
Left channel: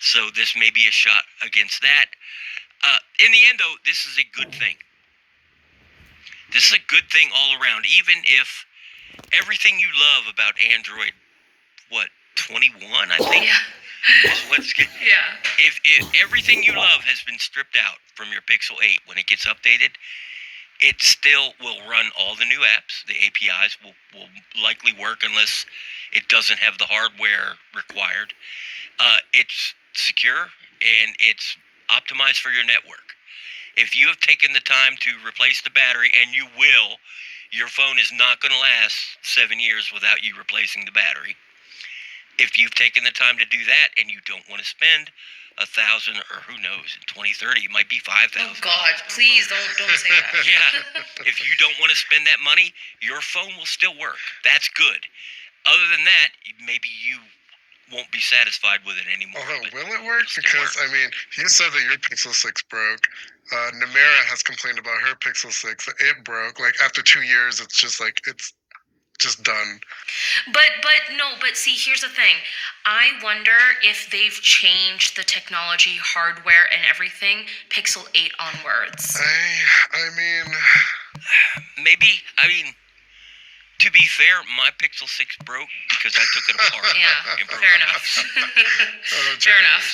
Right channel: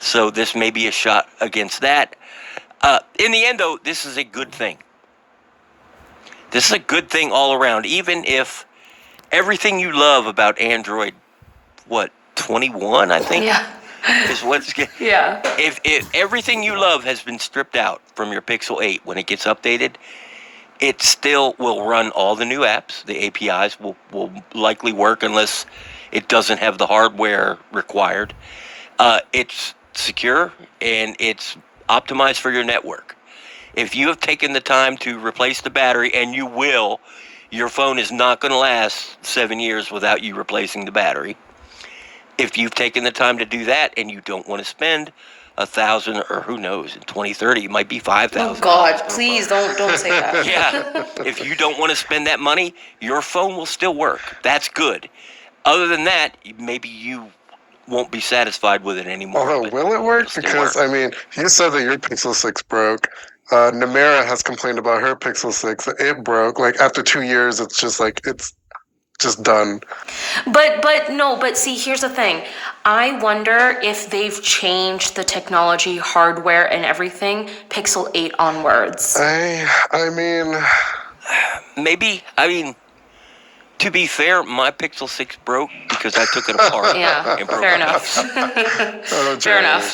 So this may be a shot against that. In the end, though, this is a good thing. This is a good thing all around, even if everything you love about Android, 21, I think? Yeah. Is what's good. Yeah. If everything you love has been stripped out from your Pixel 8 when it gets updated, it still will run all the new apps. The APIs will likely work unless it doesn't have the hardware required. It's secure and it's optimized for your network. If you have taken the time to replace the battery, and you will, your phone is not going to last 7 years without you replacing the battery. If you've taken the time to do that and you don't want to spend $1,000, or who knows, in 2030 it might be $5,000. Oh God, please don't say that. Yeah, if you don't want to spend that money, your phone will still work. That's good. Other than that, maybe you won't be satisfied with it anymore. Although, will it work? Because, I mean, you said that your Pixel 6 broke. Namera has complained about her Pixel 6. It broke. Like, after 2 years, it's just like, it's just done. But see, here's the thing. I wonder if they've changed the technology, hardware, and everything Pixel 8 onwards. I mean... Maybe, to be fair, my Pixel 6 broke because I took it apart. Yeah, fair enough. Fair enough.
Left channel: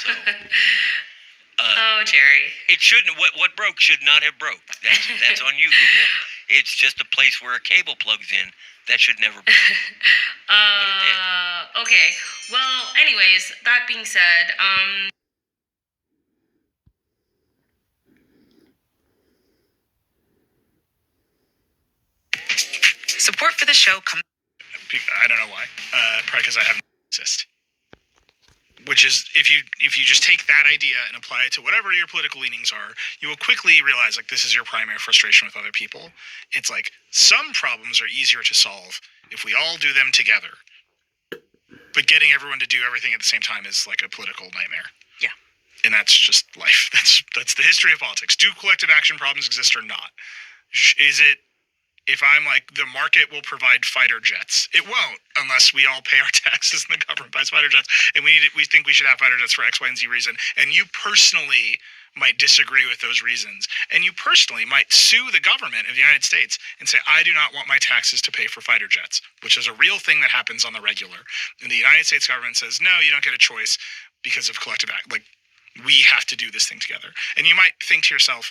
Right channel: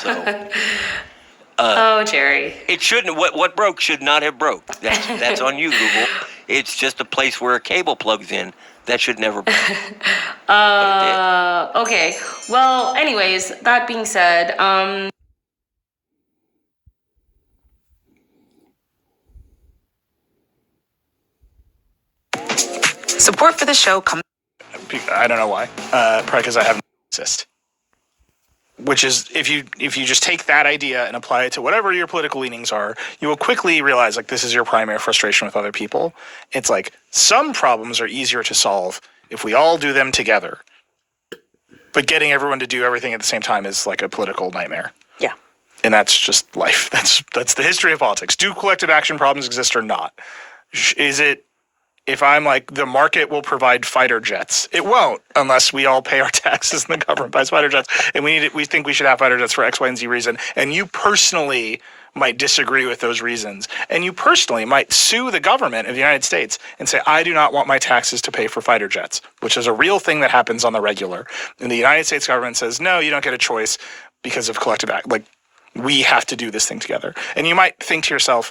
So, Jerry. It shouldn't. What broke should not have broke. That's on you, Google. It's just a place where a cable plugs in. That should never be. Okay. Well, anyways, that being said, support for the show comes. I don't know why. Probably because I have cyst. Which is, if you just take that idea and apply it to whatever your political leanings are, you will quickly realize, like, this is your primary frustration with other people. It's like, some problems are easier to solve if we all do them together. But getting everyone to do everything at the same time is like a political nightmare. Yeah. And that's just life. That's the history of politics. Do collective action problems exist or not? Is it, if I'm like, the market will provide fighter jets? It won't, unless we all pay our taxes and the government buys fighter jets. And we think we should have fighter jets for X, Y, and Z reason. And you personally might disagree with those reasons. And you personally might sue the government of the United States and say, I do not want my taxes to pay for fighter jets, which is a real thing that happens on the regular. And the United States government says, no, you don't get a choice because of collective act. Like, we have to do this thing together. And you might think to yourself,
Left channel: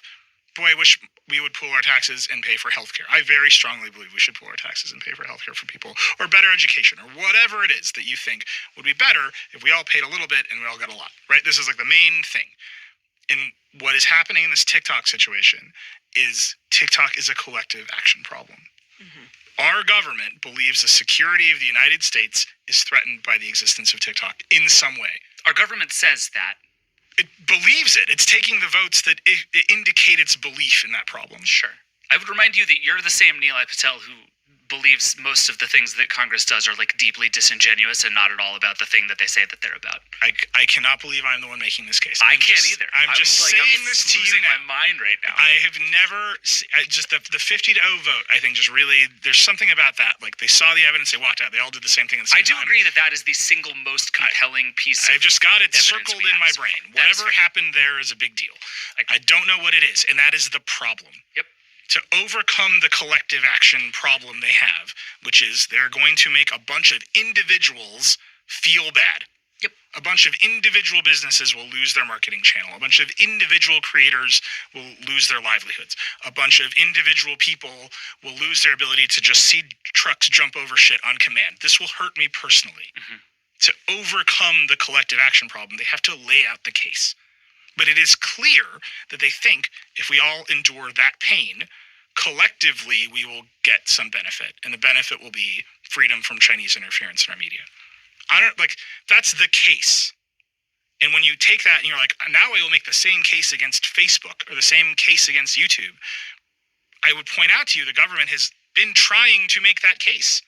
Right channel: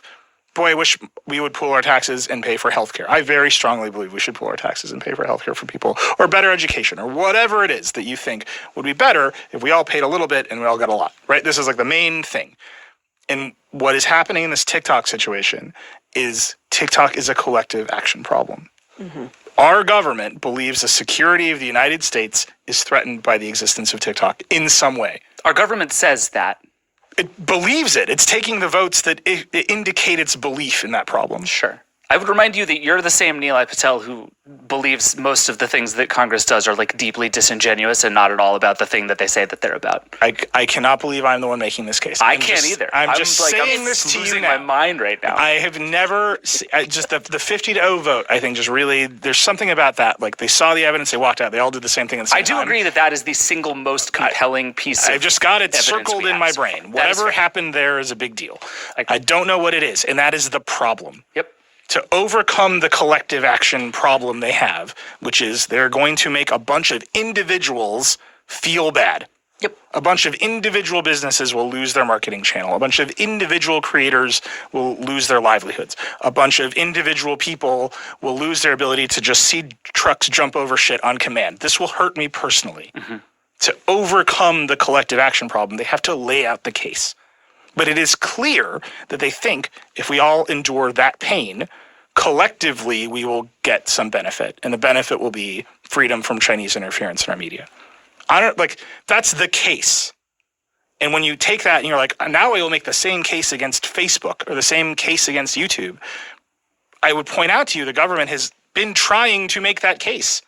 boy, I wish we would pool our taxes and pay for healthcare. I very strongly believe we should pool our taxes and pay for healthcare for people, or better education, or whatever it is that you think would be better if we all paid a little bit and we all got a lot, right? This is like the main thing. And what is happening in this TikTok situation is TikTok is a collective action problem. Mm-hmm. Our government believes the security of the United States is threatened by the existence of TikTok in some way. Our government says that. It believes it. It's taking the votes that indicate its belief in that problem. Sure. I would remind you that you're the same Nilay Patel who believes most of the things that Congress does are like deeply disingenuous and not at all about the thing that they say that they're about. I cannot believe I'm the one making this case. I can't either. I'm just like, saying I'm this to you losing now. my mind right now. I have never just the 50-0 vote. I think just really there's something about that. Like they saw the evidence, they walked out. They all did the same thing at the same time. I do agree that is the single most compelling piece. I've just got it evidence circled we in my have. brain. That is Whatever fair. happened there is a big deal. I don't know what it is, and that is the problem. Yep. To overcome the collective action problem they have, which is they're going to make a bunch of individuals feel bad. Yep. A bunch of individual businesses will lose their marketing channel. A bunch of individual creators will lose their livelihoods. A bunch of individual people will lose their ability to just see trucks jump over shit on command. This will hurt me personally. Mm-hmm. To overcome the collective action problem, they have to lay out the case. But it is clear that they think if we all endure that pain, collectively we will get some benefit. And the benefit will be freedom from Chinese interference in our media. That's the case. And when you take that and you're like, now I will make the same case against Facebook or the same case against YouTube, I would point out to you the government has been trying to make that case.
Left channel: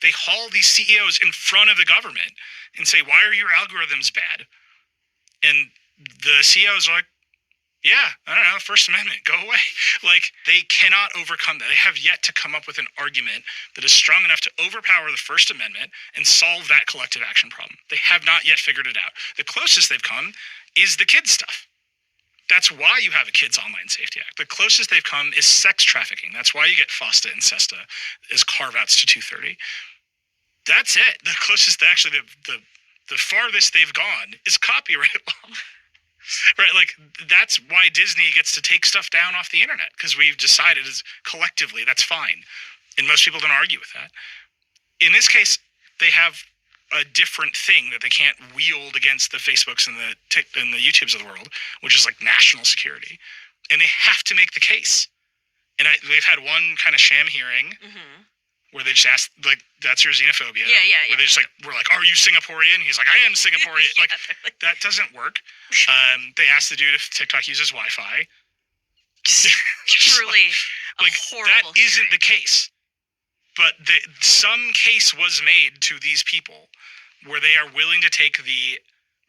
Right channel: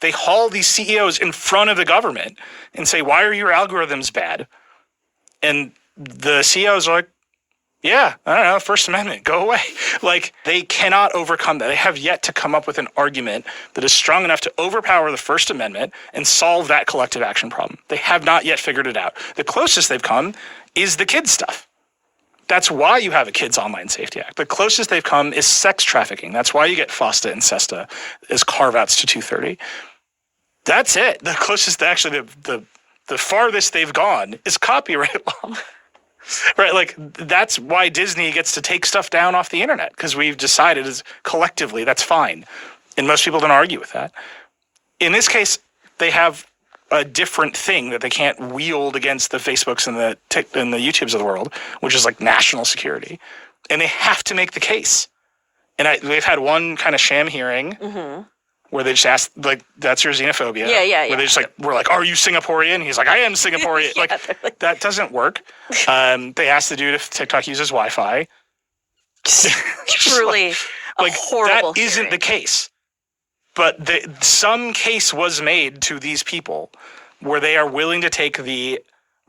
They haul these CEOs in front of the government and say, why are your algorithms bad? And the CEOs are like, yeah, I don't know, First Amendment, go away. Like, they cannot overcome that. They have yet to come up with an argument that is strong enough to overpower the First Amendment and solve that collective action problem. They have not yet figured it out. The closest they've come is the kids stuff. That's why you have a Kids Online Safety Act. The closest they've come is sex trafficking. That's why you get FOSTA and SESTA as carve-outs to 230. That's it. The closest, actually, the farthest they've gone is copyright law. Right, like that's why Disney gets to take stuff down off the internet, because we've decided as collectively that's fine, and most people don't argue with that. In this case, they have a different thing that they can't wield against the Facebooks and the YouTubes of the world, which is like national security, and they have to make the case. And they've had one kind of sham hearing. Mm-hmm. Where they just asked, like, that's your xenophobia. Yeah. Where they just we're like, are you Singaporean? And he's like, I am Singaporean. That doesn't work. They asked the dude if TikTok uses Wi-Fi. Truly a horrible that isn't hearing. the case. But some case was made to these people where they are willing to take the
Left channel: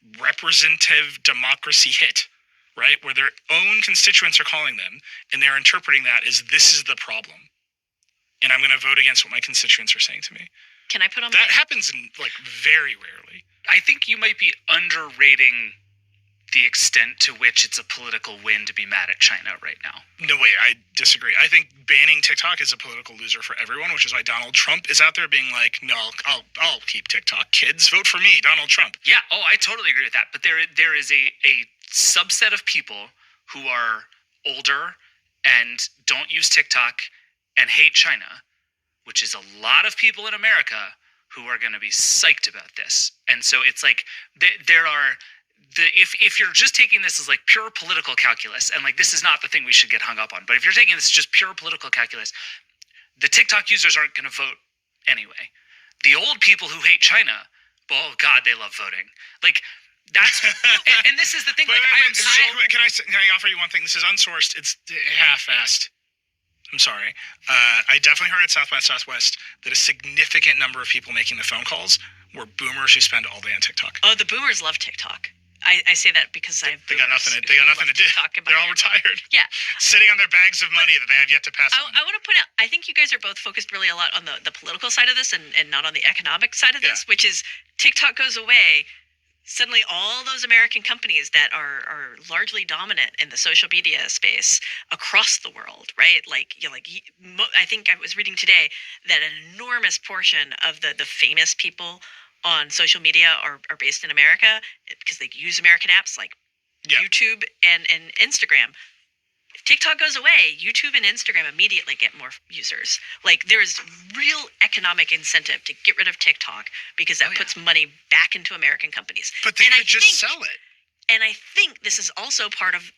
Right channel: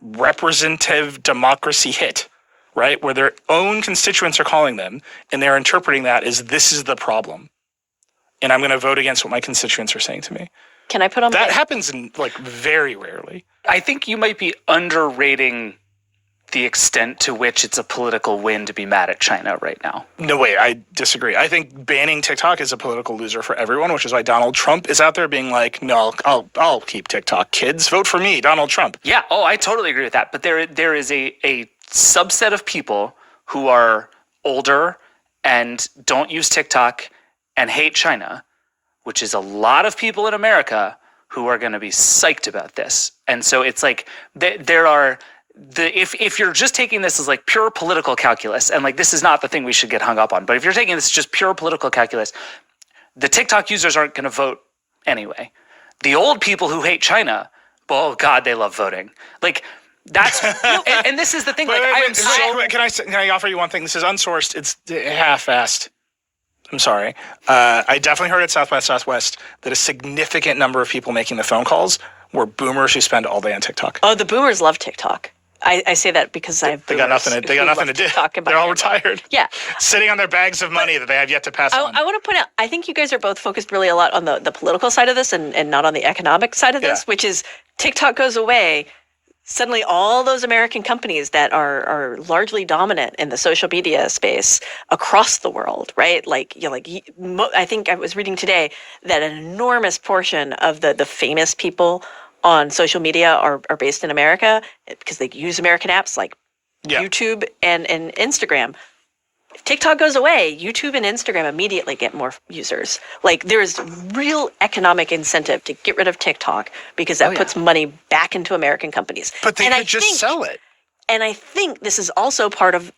representative democracy hit, right? Where their own constituents are calling them, and they're interpreting that as this is the problem. And I'm going to vote against what my constituents are saying to me. Can I put on that happens in very rarely. I think you might be underrating the extent to which it's a political win to be mad at China right now. No way, I disagree. I think banning TikTok is a political loser for everyone, which is why Donald Trump is out there being like, no, I'll keep TikTok. Kids, vote for me, Donald Trump. Yeah, I totally agree with that. But there is a subset of people who are older and don't use TikTok and hate China, which is a lot of people in America who are going to be psyched about this. And so it's like there are if you're just taking this as like pure political calculus, and like this is not the thing we should get hung up on, but if you're taking this just pure political calculus, the TikTok users aren't going to vote anyway. The old people who hate China, oh God, they love voting. Like that's and this is the thing. Can I offer you one thing? This is unsourced. It's half-assed. I'm sorry. I definitely heard at South by Southwest that a significant number of people making the phone calls were boomers who spend all day on TikTok. Oh, the boomers love TikTok. I say that because I have they got nothing to do. They're all retired. Yeah. Sitting on their bags of money that they have yet to pass on. I want to point out, I think you guys are both focused really a lot on the political side of this and not on the economic side of this, which is TikTok goes away. Suddenly all those American companies that are largely dominant in the social media space across the world, right? I think I was reading today that an enormous portion of the famous people on social media are based in America because they use American apps like YouTube and Instagram. If TikTok goes away, YouTube and Instagram immediately get more users. Like there's real economic incentive to get rid of TikTok because that puts money back into American companies. But they could just sell it. And I think this is also part of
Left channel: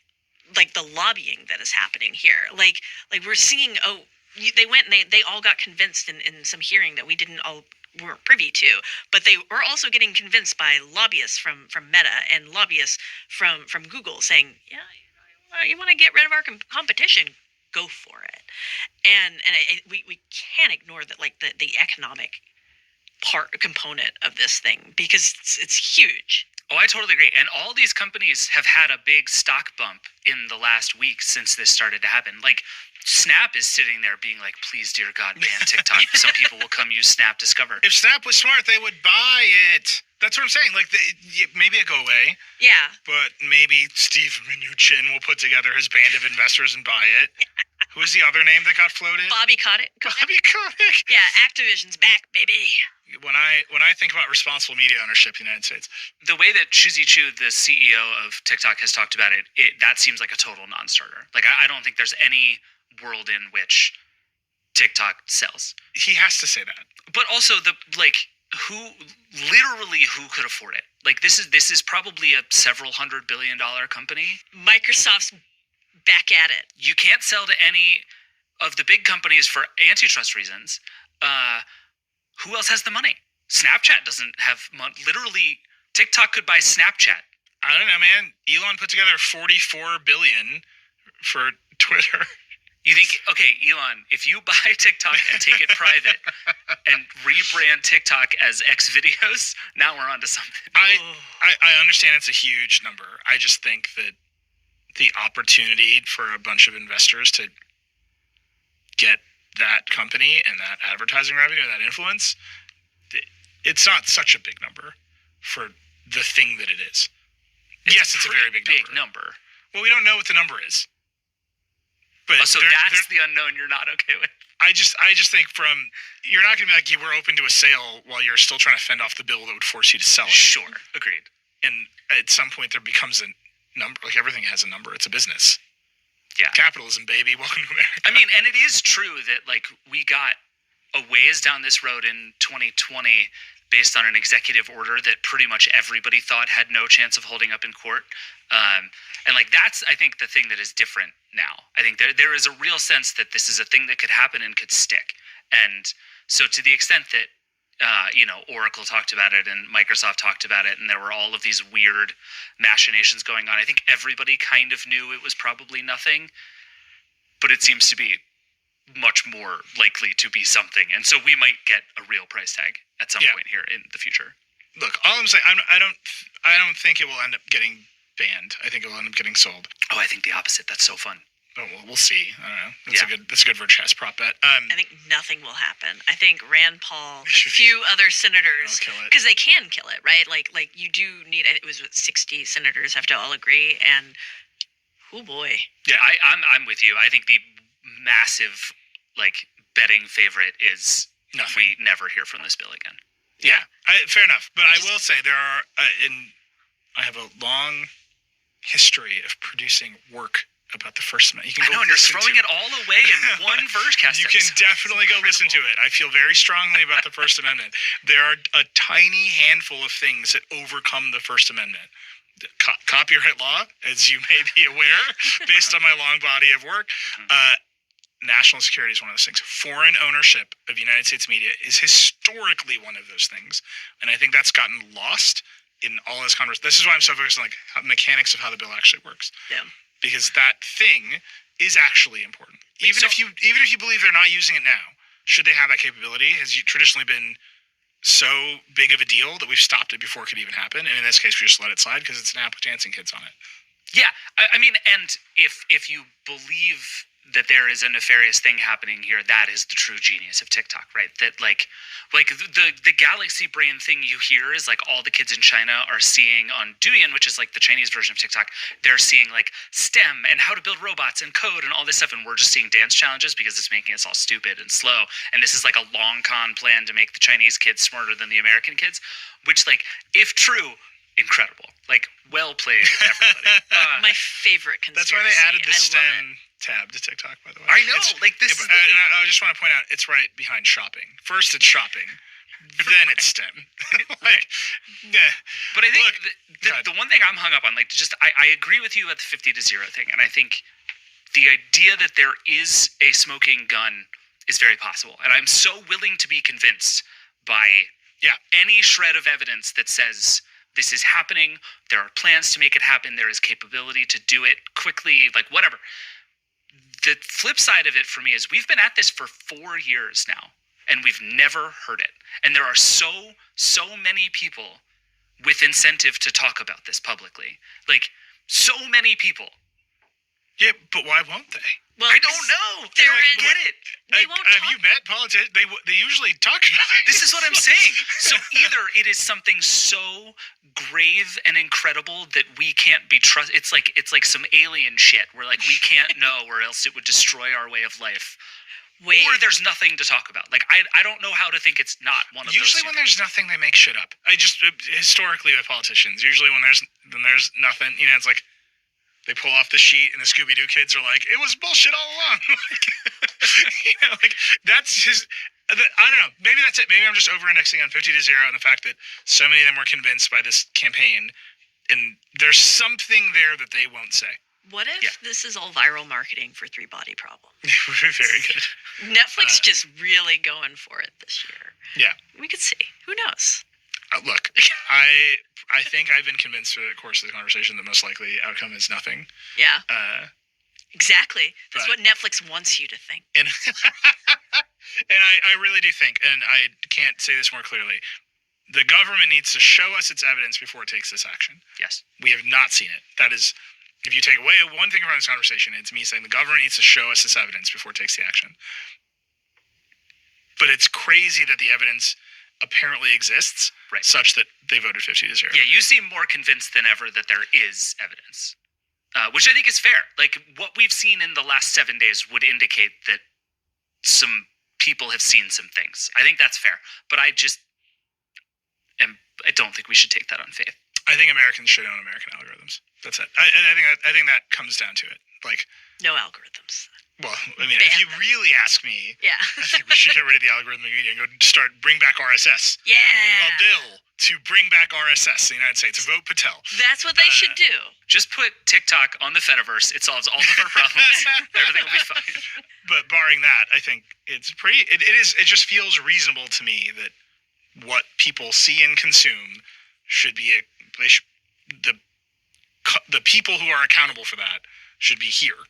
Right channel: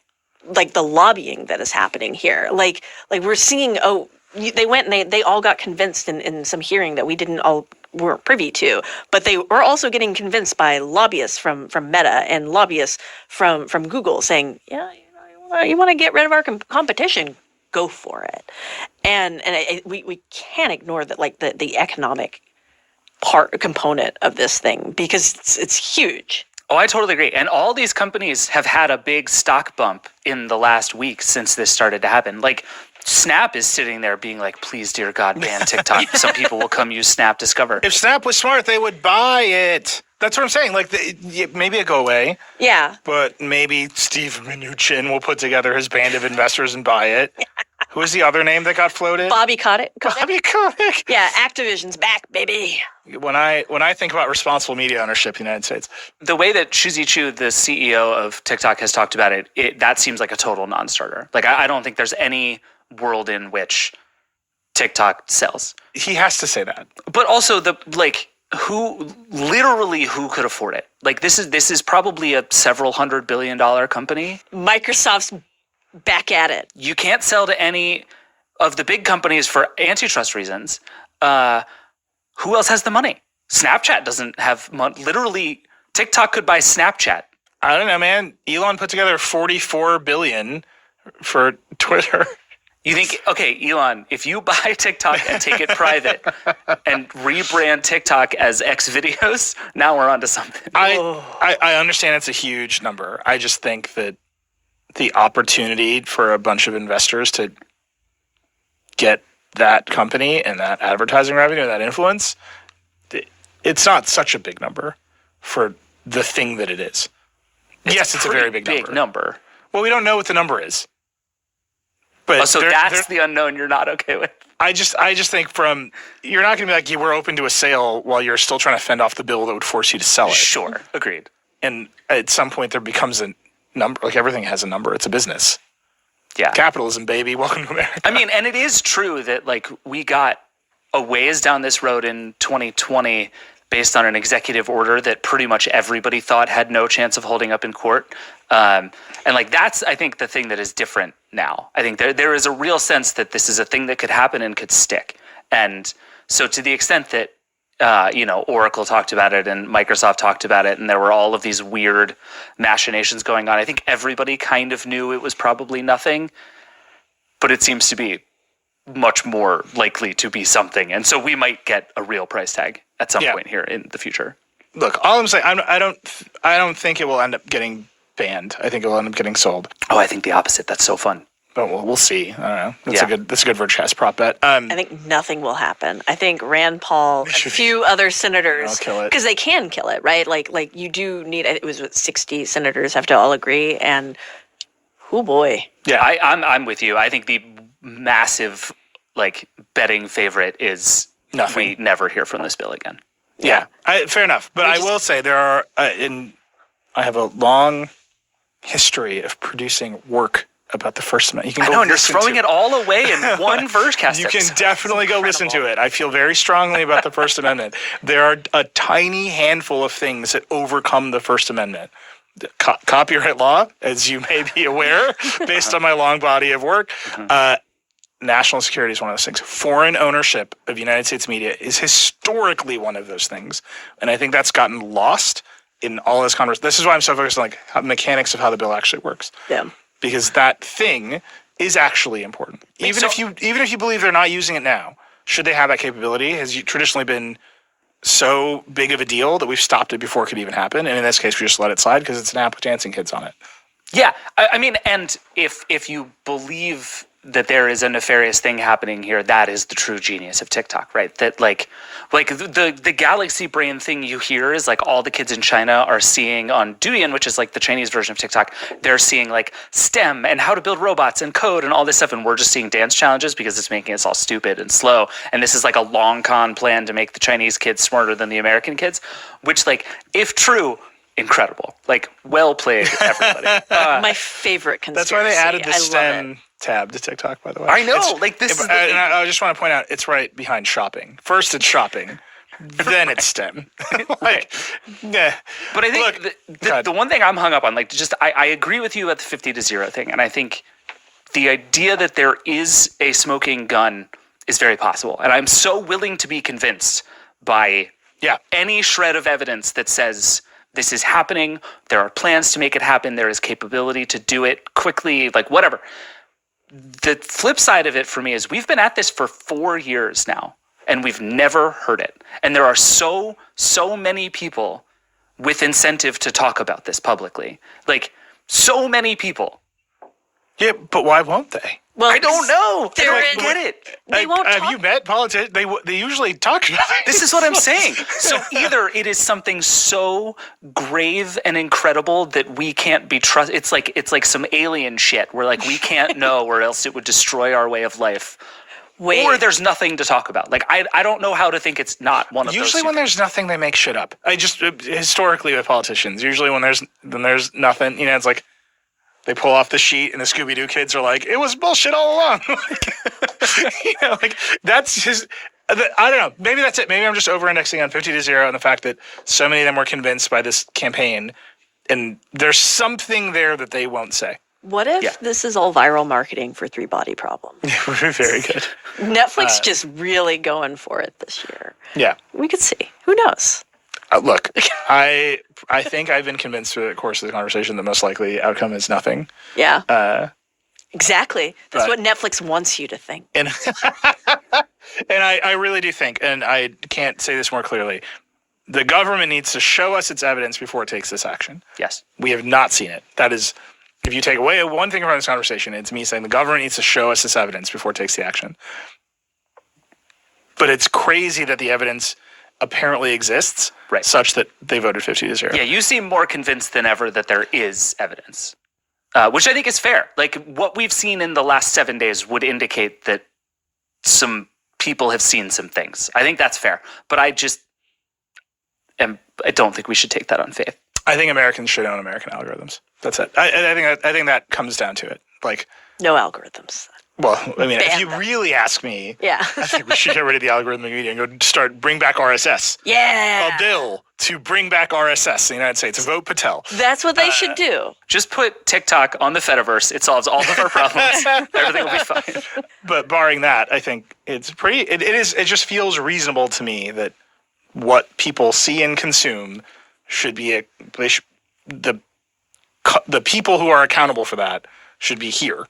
like the lobbying that is happening here. Like we're seeing, they went and they all got convinced in some hearing that we weren't privy to, but they were also getting convinced by lobbyists from Meta and lobbyists from Google saying, you want to get rid of our competition, go for it. And we can't ignore that, like the economic component of this thing, because it's huge. Oh, I totally agree. And all these companies have had a big stock bump in the last week since this started to happen. Like Snap is sitting there being like, please, dear God, ban TikTok. Some people will come use Snap Discover. If Snap was smart, they would buy it. That's what I'm saying. Like, maybe it go away. Yeah. But maybe Steve Mnuchin will put together his band of investors and buy it. Who was the other name that got floated? Bobby Kotick. Bobby Kotick. Yeah, Activision's back, baby. When I think about responsible media ownership in the United States, the way that Shuzi Chu, the CEO of TikTok, has talked about it, that seems like a total non-starter. Like, I don't think there's any world in which TikTok sells. He has to say that. But also who could afford it? Like, this is probably a several $100 billion company. Microsoft's back at it. You can't sell to any of the big companies for antitrust reasons. Who else has the money? Snapchat doesn't have money. Literally, TikTok could buy Snapchat. I don't know, man. Elon put together $44 billion for Twitter. You think, okay, Elon, if you buy TikTok and take it private and rebrand TikTok as X videos, now we're onto something. I understand it's a huge number. I just think that the opportunity for a bunch of investors to get that company and that advertising revenue and that influence, it's not such a big number for the thing that it is. Yes, it's a very big number. Well, we don't know what the number is. But so that's the unknown you're not okay with. I just think you're not going to be like, we're open to a sale while you're still trying to fend off the bill that would force you to sell it. Sure, agreed. And at some point there becomes a number, like everything has a number. It's a business. Yeah. Capitalism, baby. Welcome to America. I mean, and it is true that we got a ways down this road in 2020 based on an executive order that pretty much everybody thought had no chance of holding up in court. And that's, I think, the thing that is different now. I think there is a real sense that this is a thing that could happen and could stick. And so to the extent that, Oracle talked about it and Microsoft talked about it, and there were all of these weird machinations going on, I think everybody kind of knew it was probably nothing, but it seems to be much more likely to be something. And so we might get a real price tag at some point here in the future. Look, all I'm saying, I don't think it will end up getting banned. I think it will end up getting sold. Oh, I think the opposite. That's so fun. But we'll see. I don't know. That's a good Verchest prop bet. I think nothing will happen. I think Rand Paul, a few other senators, because they can kill it, right? Like you do need. It was 60 senators have to all agree, and oh boy. Yeah, I'm with you. I think the massive betting favorite is nothing. We never hear from this bill again. Yeah, fair enough. But I will say there are I have a long history of producing work about the First Amendment. You can and you're throwing it all away in one Vergecast. You can definitely go listen to it. I feel very strongly about the First Amendment. There are a tiny handful of things that overcome the First Amendment. Copyright law, as you may be aware, based on my long body of work. National security is one of those things. Foreign ownership of United States media is historically one of those things. And I think that's gotten lost in all this conversation. This is why I'm so focused on mechanics of how the bill actually works. Yeah. Because that thing is actually important. Even if you believe they're not using it now, should they have that capability? Has traditionally been so big of a deal that we've stopped it before it could even happen. And in this case, we just let it slide because it's an app with dancing kids on it. Yeah. I mean, and if you believe that there is a nefarious thing happening here, that is the true genius of TikTok, right? That the galaxy brain thing you hear is all the kids in China are seeing on Douyin, which is the Chinese version of TikTok. They're seeing STEM and how to build robots and code and all this stuff, and we're just seeing dance challenges because it's making us all stupid and slow. And this is a long con plan to make the Chinese kids smarter than the American kids, which if true, incredible. Well played, everybody. My favorite conspiracy. That's why they added the STEM tab to TikTok, by the way. I know. This is I just want to point out, it's right behind shopping. First it's shopping, then it's STEM. Nah. But I think the one thing I'm hung up on, I agree with you about the 50-0 thing. And I think the idea that there is a smoking gun is very possible. And I'm so willing to be convinced by any shred of evidence that says this is happening. There are plans to make it happen. There is capability to do it quickly, whatever. the flip side of it for me is we've been at this for 4 years now, and we've never heard it. And there are so many people with incentive to talk about this publicly. Like, so many people. Yeah, but why won't they? Well, I don't know. They don't get it. They won't Have you met politicians? They usually talk about it. This is what I'm saying. So either it is something so grave and incredible that we can't be trusted. It's like some alien shit where like we can't know, or else it would destroy our way of life. Or there's nothing to talk about. Like I don't know how to think it's not one of those. Usually when there's nothing, they make shit up. I just historically with politicians, usually when there's nothing, it's like. They pull off the sheet, and the Scooby-Doo kids are like, "It was bullshit all along." That's his. I don't know. Maybe that's it. Maybe I'm just over-indexing on 50-0 and the fact that so many of them were convinced by this campaign, and there's something there that they won't say. What if this is all viral marketing for Three Body Problem? Very good. Netflix just really going for it this year. Yeah. We could see. Who knows? Look, I think I've been convinced through the course of the conversation the most likely outcome is nothing. Yeah. Exactly. That's what Netflix wants you to think. And I really do think, and I can't say this more clearly, the government needs to show us its evidence before it takes this action. Yes. We have not seen it. That is, if you take away one thing from this conversation, it's me saying the government needs to show us this evidence before it takes the action. But it's crazy that the evidence apparently exists, such that they voted 50-0. Yeah, you seem more convinced than ever that there is evidence, which I think is fair. Like, what we've seen in the last 7 days would indicate that some people have seen some things. I think that's fair. But I don't think we should take that on faith. I think Americans should own American algorithms. That's it. I think that comes down to it. Like, no algorithms. Well, I mean, if you really ask me, I think we should get rid of the algorithmic media and go bring back RSS. Yeah. A bill to bring back RSS in the United States. Vote Patel. That's what they should do. Just put TikTok on the Fediverse. It solves all of our problems. Everything will be fine. But barring that, I think it's pretty. It just feels reasonable to me that what people see and consume should be the people who are accountable for that should be here.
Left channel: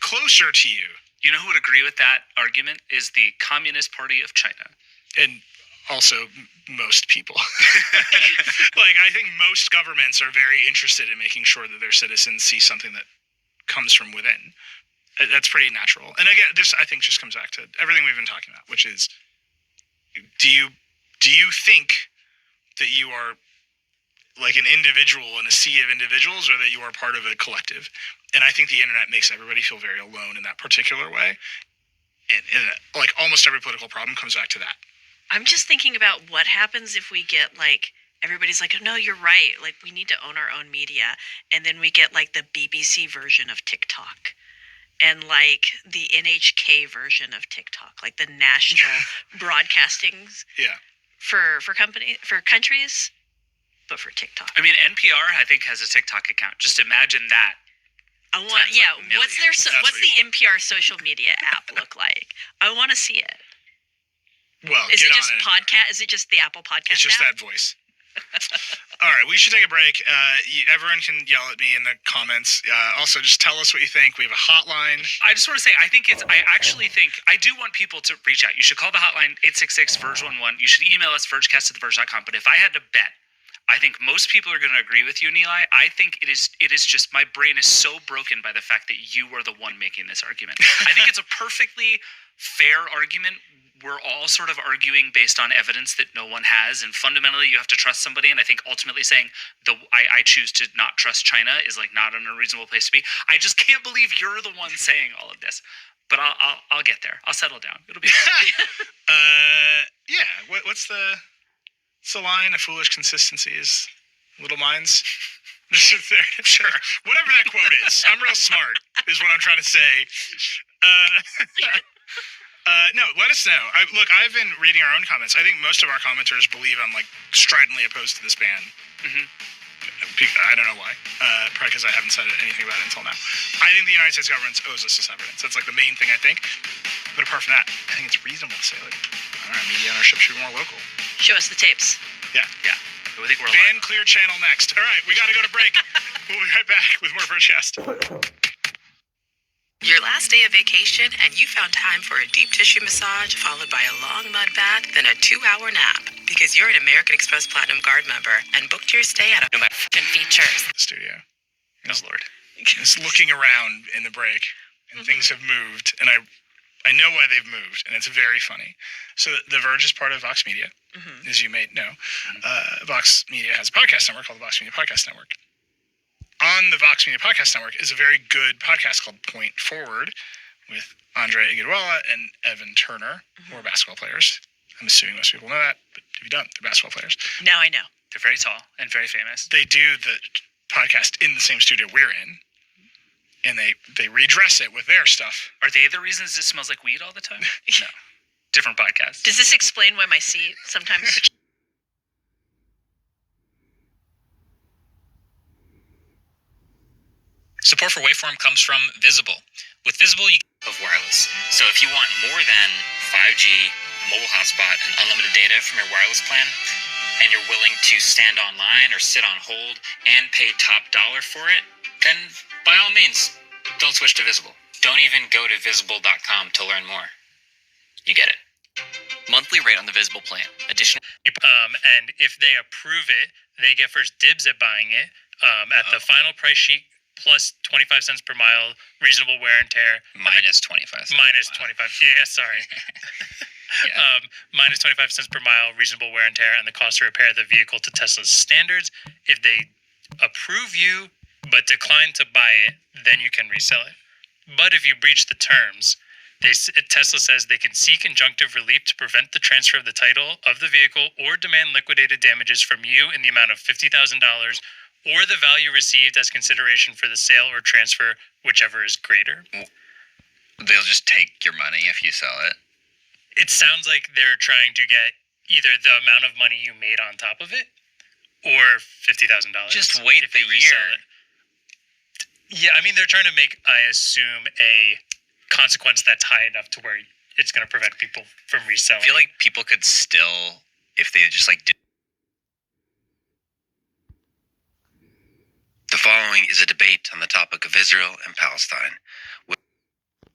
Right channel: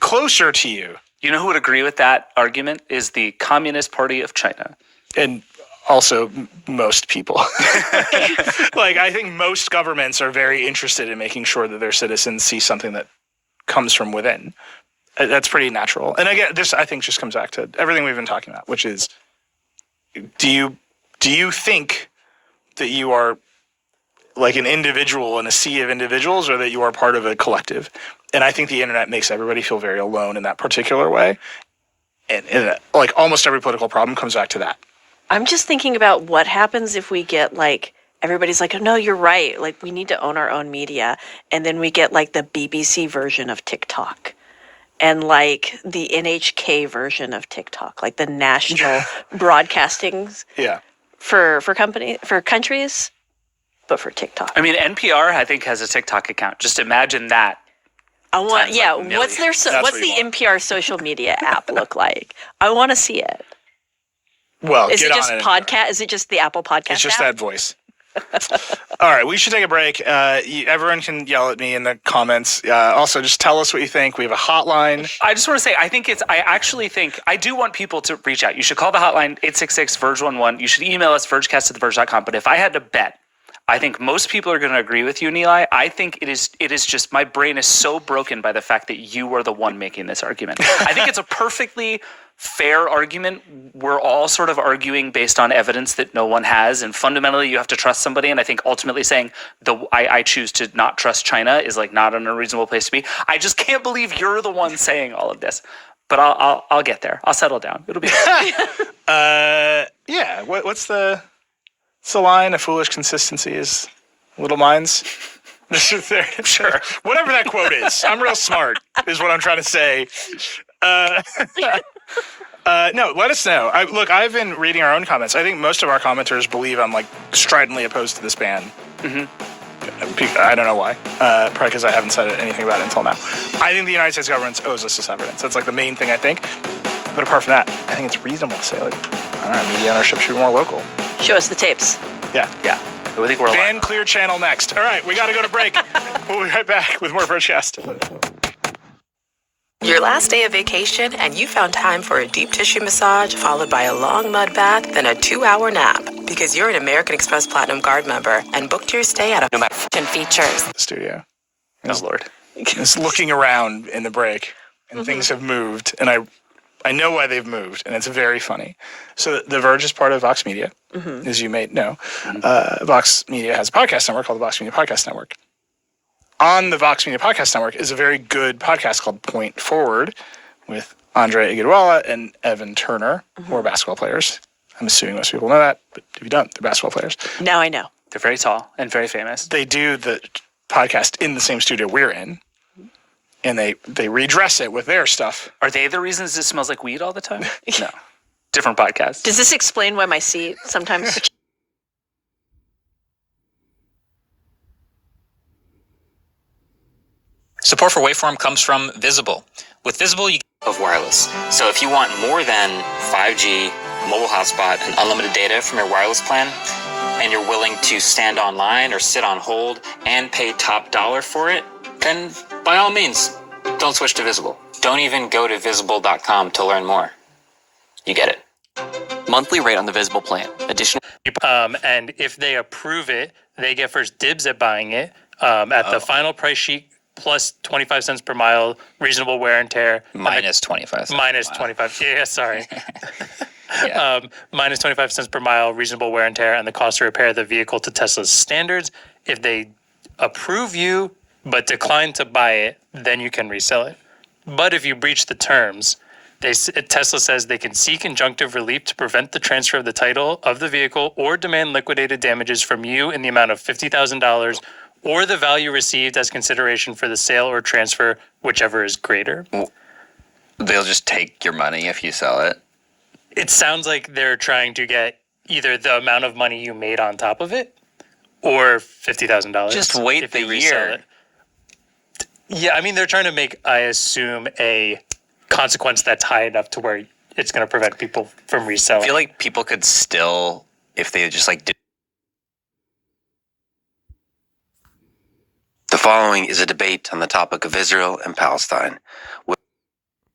Closer to you. You know who would agree with that argument is the Communist Party of China. And also most people. Like, I think most governments are very interested in making sure that their citizens see something that comes from within. That's pretty natural. And again, this, I think, just comes back to everything we've been talking about, which is, do you think that you are like an individual in a sea of individuals, or that you are part of a collective? And I think the internet makes everybody feel very alone in that particular way. And like almost every political problem comes back to that. I'm just thinking about what happens if we get like, everybody's like, oh, no, you're right. Like, we need to own our own media. And then we get like the BBC version of TikTok and like the NHK version of TikTok, like the national broadcasting for countries, but for TikTok. I mean, NPR, I think, has a TikTok account. Just imagine that. What's the NPR social media app look like? I want to see it. Well, is it just podcast? Is it just the Apple Podcast? It's just app? that voice. All right, we should take a break. Everyone can yell at me in the comments. Also, just tell us what you think. We have a hotline. I just want to say, I do want people to reach out. You should call the hotline 866-VERGE11. You should email us vergecast@theverge.com. But if I had to bet, I think most people are going to agree with you, Nilay. I think it is just, my brain is so broken by the fact that you are the one making this argument. I think it's a perfectly fair argument. We're all sort of arguing based on evidence that no one has, and fundamentally you have to trust somebody. And I think ultimately saying I choose to not trust China is like not an unreasonable place to be. I just can't believe you're the one saying all of this. But I'll get there. I'll settle down. It'll be fine. Yeah. What's the line? A foolish consistency is little minds. Sure. Whatever that quote is. I'm real smart, is what I'm trying to say. No, let us know. I've been reading our own comments. I think most of our commenters believe I'm like stridently opposed to this ban. Mm-hmm. I don't know why. Probably because I haven't said anything about it until now. I think the United States government owes us this evidence. That's like the main thing I think. But apart from that, I think it's reasonable to say, like, I don't know, media ownership should be more local. Show us the tapes. Yeah. I think we're Ban Clear Channel next. All right, we got to go to break. We'll be right back with more Vergecast. Your last day of vacation and you found time for a deep tissue massage followed by a long mud bath, then a 2-hour nap. Because you're an American Express Platinum Card member and booked your stay at a features. Studio. Oh, Lord. Just looking around in the break, and things have moved, and I know why they've moved, and it's very funny. So The Verge is part of Vox Media, as you may know. Vox Media has a podcast network called the Vox Media Podcast Network. On the Vox Media Podcast Network is a very good podcast called Point Forward with Andre Iguodala and Evan Turner, who are basketball players. I'm assuming most people know that, but if you don't, they're basketball players. Now I know. They're very tall and very famous. They do the podcast in the same studio we're in, and they redress it with their stuff. Are they the reasons it smells like weed all the time? No. Different podcast. Does this explain why my seat sometimes... Support for Waveform comes from Visible. With Visible, you get of wireless. So if you want more than 5G, mobile hotspot, and unlimited data from your wireless plan, and you're willing to stand online or sit on hold and pay top dollar for it, then by all means, don't switch to Visible. Don't even go to visible.com to learn more. You get it. Monthly rate on the Visible plan. Additional. And if they approve it, they get first dibs at buying it at the final price sheet. Plus 25 cents per mile, reasonable wear and tear. Minus 25 cents. Minus 25. Yeah, sorry. Minus 25 cents per mile, reasonable wear and tear, and the cost to repair the vehicle to Tesla's standards. If they approve you but decline to buy it, then you can resell it. But if you breach the terms, Tesla says they can seek injunctive relief to prevent the transfer of the title of the vehicle or demand liquidated damages from you in the amount of $50,000 or the value received as consideration for the sale or transfer, whichever is greater. They'll just take your money if you sell it. It sounds like they're trying to get either the amount of money you made on top of it or $50,000. Just wait the year. Yeah, I mean, they're trying to make, I assume, a consequence that's high enough to where it's going to prevent people from reselling. I feel like people could still, if they just like did. The following is a debate on the topic of Israel and Palestine.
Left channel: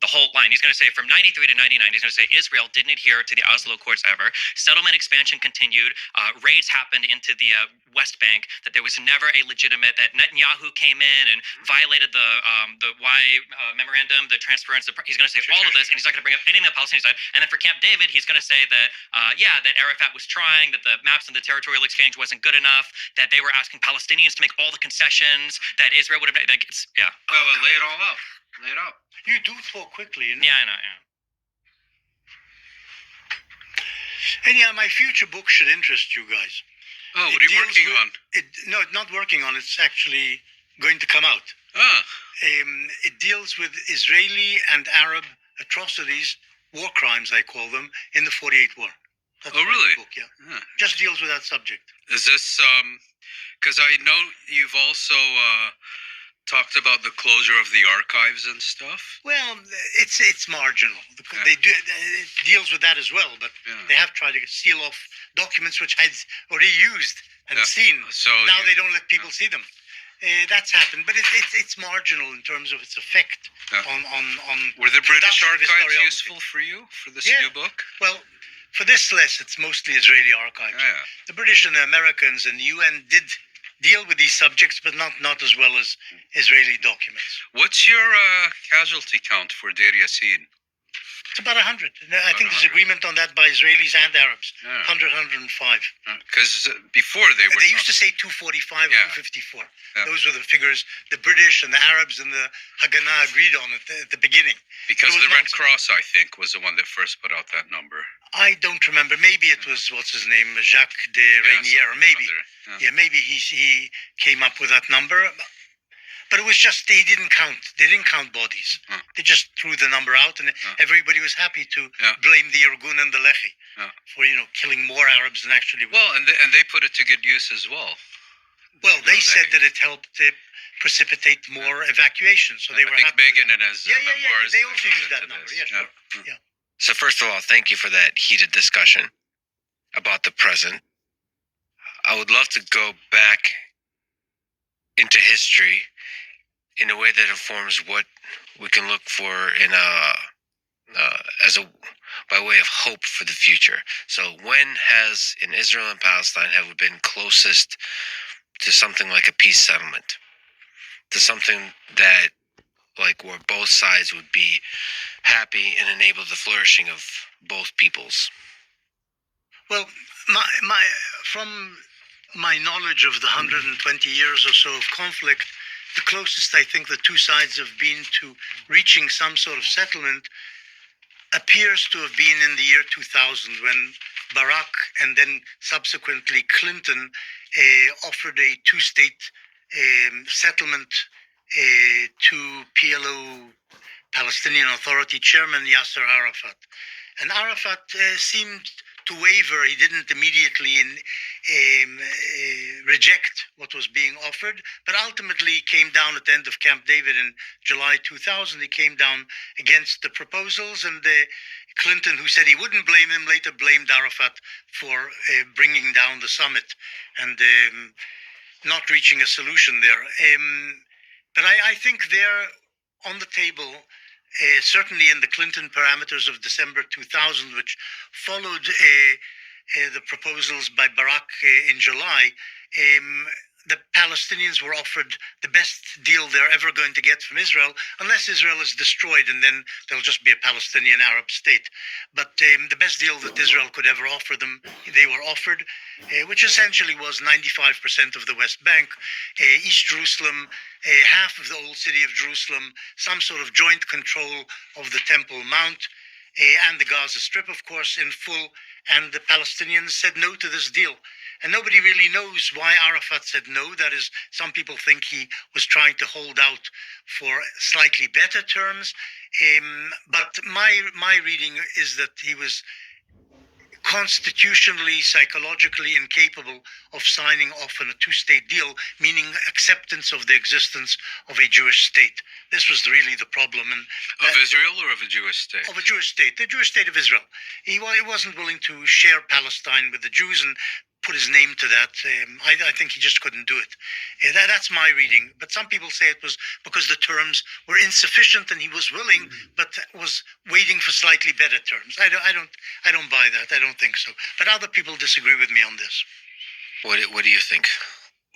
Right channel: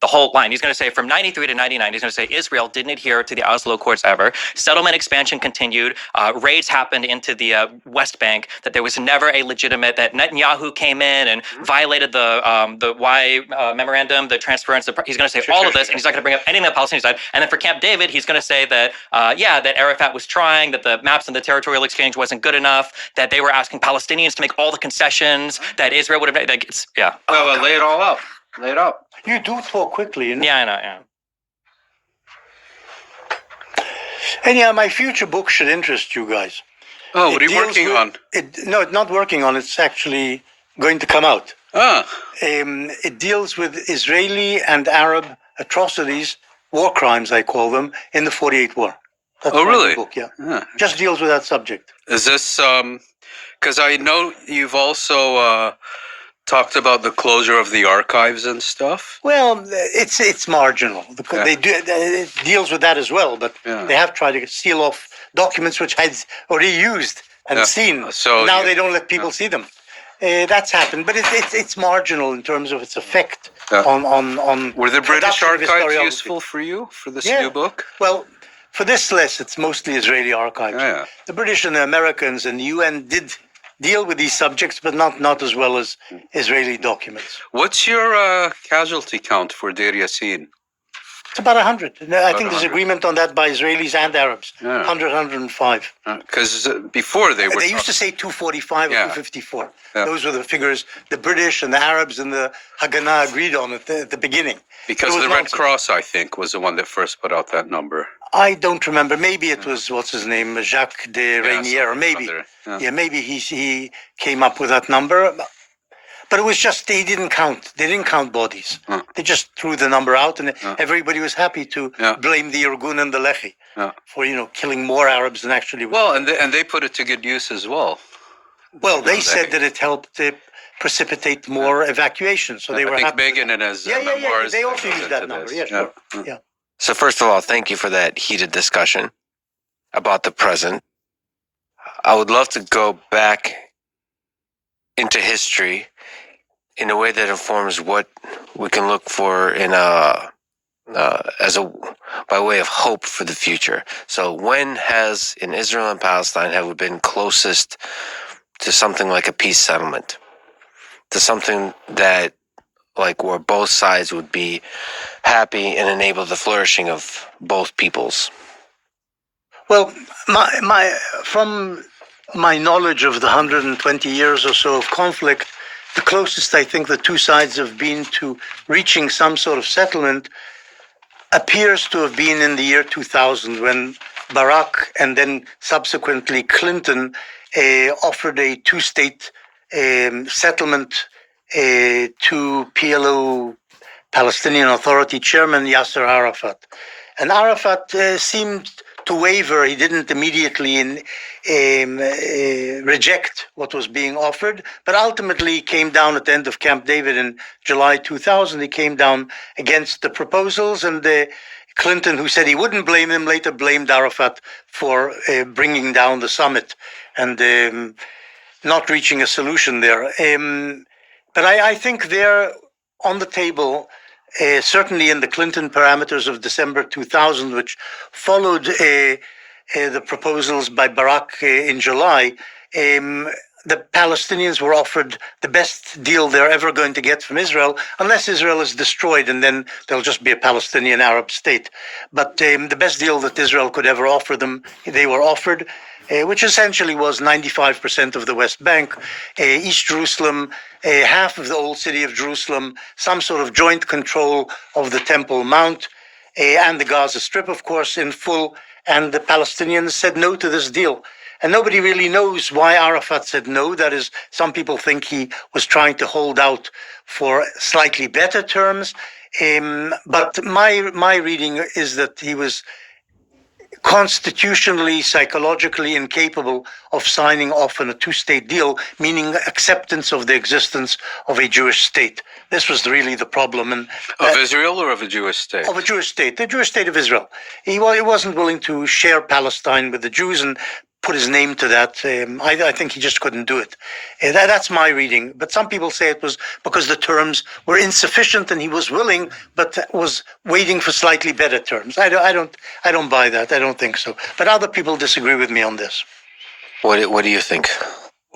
The whole line. He's going to say from 93 to 99, he's going to say Israel didn't adhere to the Oslo Accords ever. Settlement expansion continued. Raids happened into the West Bank. That there was never a legitimate, that Netanyahu came in and violated the Y memorandum, the transference. He's going to say all of this, and he's not going to bring up anything on the Palestinian side. And then for Camp David, he's going to say that, that Arafat was trying, that the maps and the territorial exchange wasn't good enough, that they were asking Palestinians to make all the concessions, that Israel would have made. Well, lay it all out. Lay it out. You do talk quickly, you know? Yeah, I know, yeah. And yeah, my future book should interest you guys. Oh, what are you working on? No, it's not working on. It's actually going to come out. It deals with Israeli and Arab atrocities, war crimes, I call them, in the 48 war. That's really? Book, yeah. Just deals with that subject. Is this, because I know you've also talked about the closure of the archives and stuff. Well, it's marginal. They do it deals with that as well, but they have tried to seal off documents which I'd already used and seen. So now they don't let people see them. That's happened, but it's marginal in terms of its effect on. Were the British archives useful for you for this new book? Well, for this list, it's mostly Israeli archives. Yeah. The British and the Americans and the UN did deal with these subjects, but not as well as Israeli documents. What's your casualty count for Deir Yassin? It's about 100. I think there's agreement on that by Israelis and Arabs. 100, 105. Because before they were... They used to say 245 or 254. Those were the figures the British and the Arabs and the Haganah agreed on at the beginning. Because the Red Cross, I think, was the one that first put out that number. I don't remember. Maybe it was, what's his name, Jacques de Reynier. Maybe. Maybe he came up with that number. But it was just, they didn't count. They didn't count bodies. They just threw the number out, and everybody was happy to blame the Irgun and the Lehi for, killing more Arabs than actually... Well, and they put it to good use as well. Well, they said that it helped precipitate more evacuations, so they were happy. I think Begin and his memoirs... They also used that number, sure. Yeah. So first of all, thank you for that heated discussion about the present. I would love to go back into history in a way that informs what we can look for by way of hope for the future. So when has, in Israel and Palestine, have we been closest to something like a peace settlement? To something that, like, where both sides would be happy and enable the flourishing of both peoples? Well, from my knowledge of the 120 years or so of conflict, the closest I think the two sides have been to reaching some sort of settlement appears to have been in the year 2000, when Barack and then subsequently Clinton offered a two-state settlement to PLO, Palestinian Authority Chairman Yasser Arafat. And Arafat seemed to waver. He didn't immediately reject what was being offered, but ultimately came down at the end of Camp David in July 2000. He came down against the proposals, and Clinton, who said he wouldn't blame him, later blamed Arafat for bringing down the summit and not reaching a solution there. But I think they're on the table, certainly in the Clinton parameters of December 2000, which followed the proposals by Barack in July. The Palestinians were offered the best deal they're ever going to get from Israel, unless Israel is destroyed, and then there'll just be a Palestinian Arab state. But the best deal that Israel could ever offer them, they were offered, which essentially was 95% of the West Bank, East Jerusalem, half of the old city of Jerusalem, some sort of joint control of the Temple Mount, and the Gaza Strip, of course, in full. And the Palestinians said no to this deal. And nobody really knows why Arafat said no. That is, some people think he was trying to hold out for slightly better terms. But my reading is that he was constitutionally, psychologically incapable of signing off on a two-state deal, meaning acceptance of the existence of a Jewish state. This was really the problem. And of Israel or of a Jewish state? Of a Jewish state, the Jewish state of Israel. He wasn't willing to share Palestine with the Jews and put his name to that. I think he just couldn't do it. That's my reading. But some people say it was because the terms were insufficient and he was willing, but was waiting for slightly better terms. I don't buy that. I don't think so. But other people disagree with me on this. What do you think?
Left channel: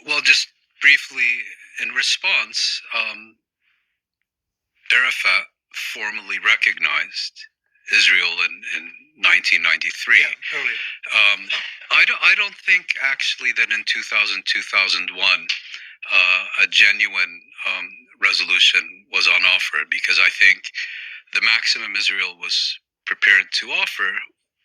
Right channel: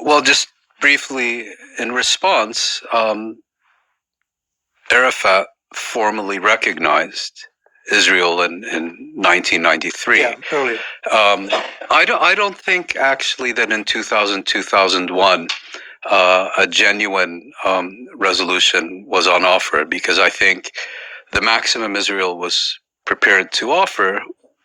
Well, just briefly in response, Arafat formally recognized Israel in 1993. Yeah, totally. I don't think actually that in 2001 a genuine resolution was on offer, because I think the maximum Israel was prepared to offer,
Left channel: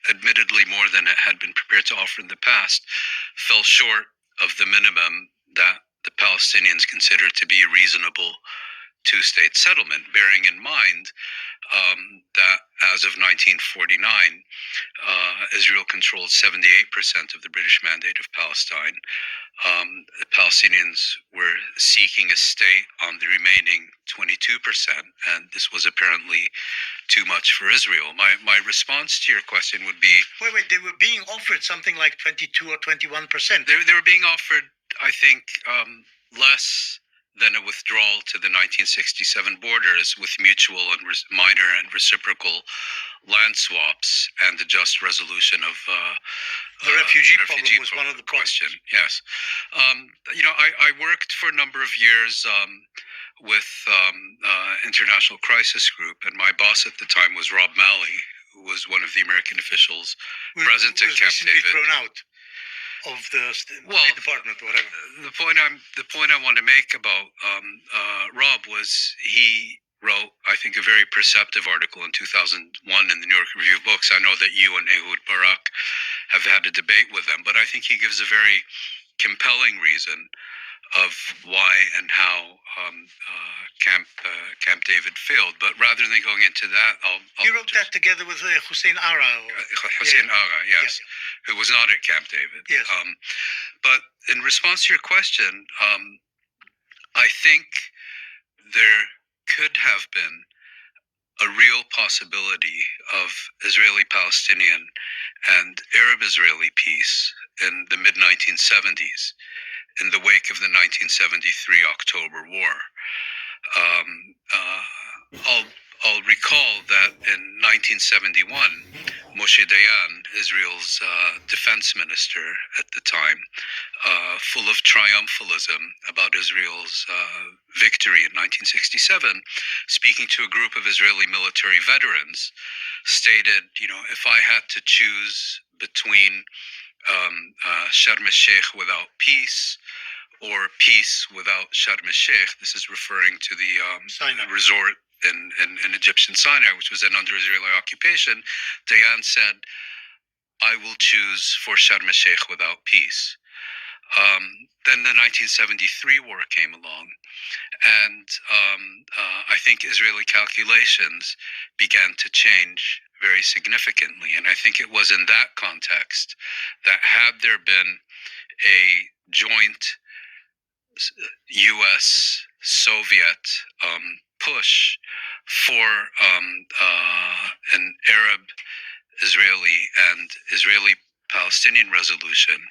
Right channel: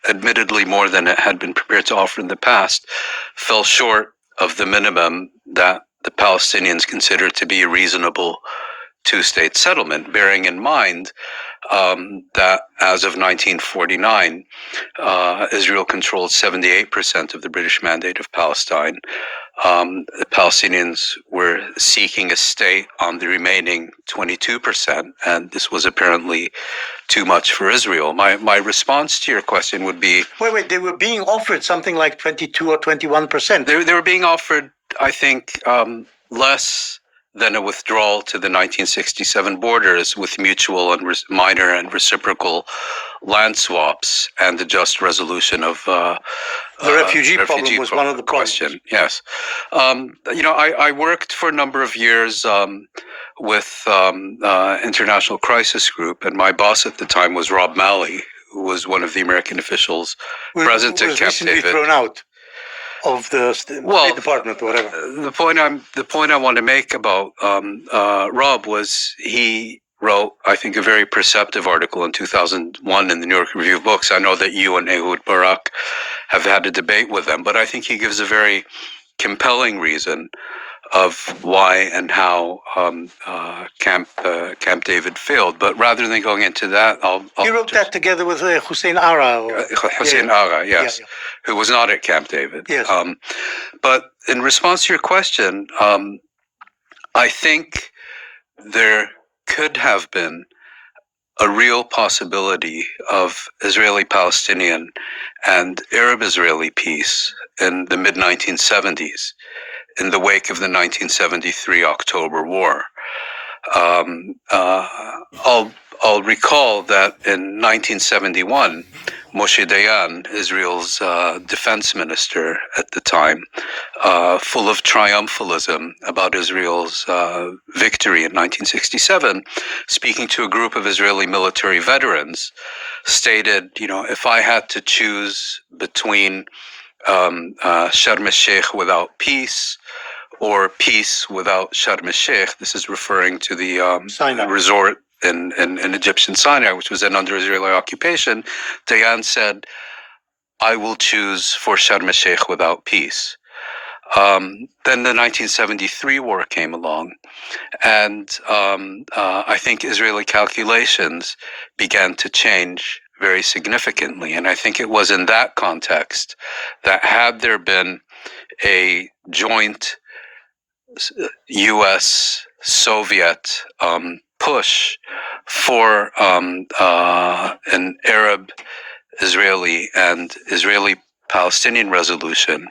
admittedly more than it had been prepared to offer in the past, fell short of the minimum that the Palestinians considered to be a reasonable two-state settlement, bearing in mind that as of 1949, Israel controlled 78% of the British Mandate of Palestine. The Palestinians were seeking a state on the remaining 22%, and this was apparently too much for Israel. My response to your question would be... Wait, they were being offered something like 22 or 21%. They were being offered, I think, less than a withdrawal to the 1967 borders with mutual and minor and reciprocal land swaps and the just resolution of the refugee problem was one of the question. Yes, I worked for a number of years with International Crisis Group, and my boss at the time was Rob Malley, who was one of the American officials present at Camp David. Thrown out of the State Department, or whatever. The point I want to make about Rob was he wrote, I think, a very perceptive article in 2001 in the New York Review of Books. I know that you and Ehud Barak have had a debate with them, but I think he gives a very compelling reason of why and how Camp David failed. But rather than going into that, You wrote that together with Hussein Ara. Hussein Ara, yes, who was not at Camp David. Yes. But in response to your question, I think there could have been a real possibility of Israeli-Palestinian and Arab-Israeli peace in the mid-1970s, in the wake of the 1973 October War. I'll recall that in 1971, Moshe Dayan, Israel's defense minister at the time, full of triumphalism about Israel's victory in 1967, speaking to a group of Israeli military veterans, stated, if I had to choose between Sharm el-Sheikh without peace or peace without Sharm el-Sheikh, this is referring to the resort in Egyptian Sinai, which was then under Israeli occupation, Dayan said, I will choose for Sharm el-Sheikh without peace. Then the 1973 war came along, and I think Israeli calculations began to change very significantly. And I think it was in that context that had there been a joint U.S.-Soviet push for an Arab-Israeli and Israeli-Palestinian resolution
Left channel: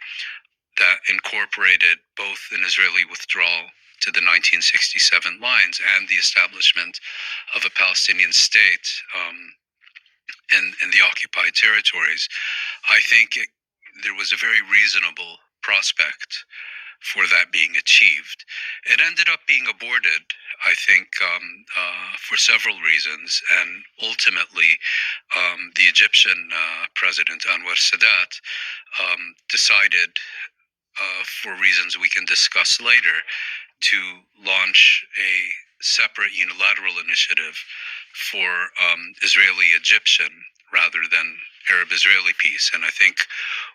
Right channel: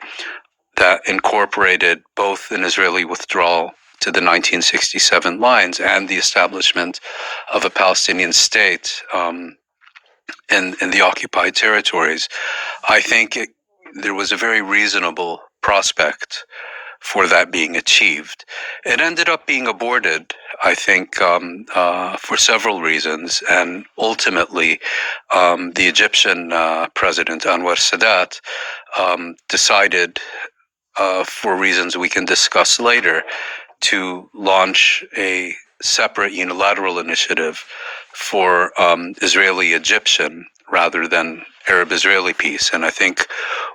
that incorporated both an Israeli withdrawal to the 1967 lines and the establishment of a Palestinian state in the occupied territories, I think there was a very reasonable prospect for that being achieved. It ended up being aborted, I think, for several reasons, and ultimately the Egyptian president, Anwar Sadat, decided, for reasons we can discuss later, to launch a separate unilateral initiative for Israeli-Egyptian rather than Arab-Israeli peace. And I think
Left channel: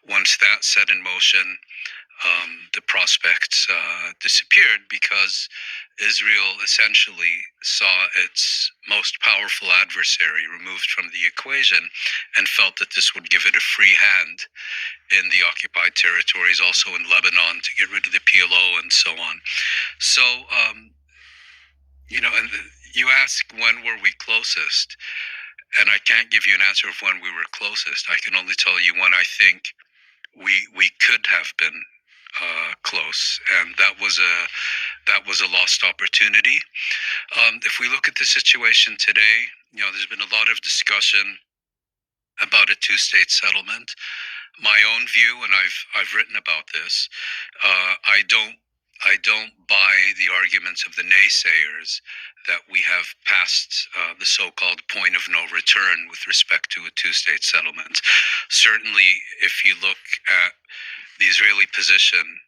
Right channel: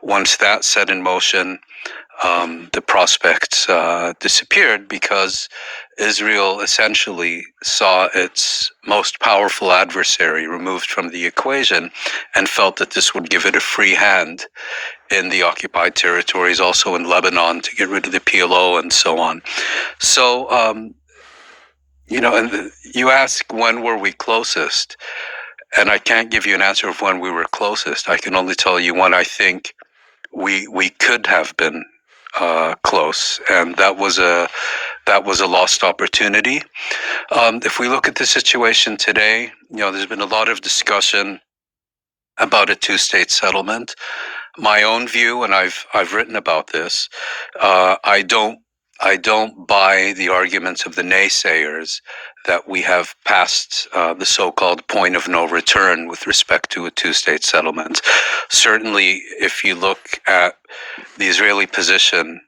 once that set in motion, the prospects disappeared because Israel essentially saw its most powerful adversary removed from the equation and felt that this would give it a free hand in the occupied territories, also in Lebanon, to get rid of the PLO and so on. So, and you ask when were we closest, and I can't give you an answer of when we were closest. I can only tell you when I think we could have been close, and that was a lost opportunity. If we look at the situation today, there's been a lot of discussion about a two-state settlement. My own view, and I've written about this, I don't buy the arguments of the naysayers that we have passed the so-called point of no return with respect to a two-state settlement. Certainly, if you look at the Israeli position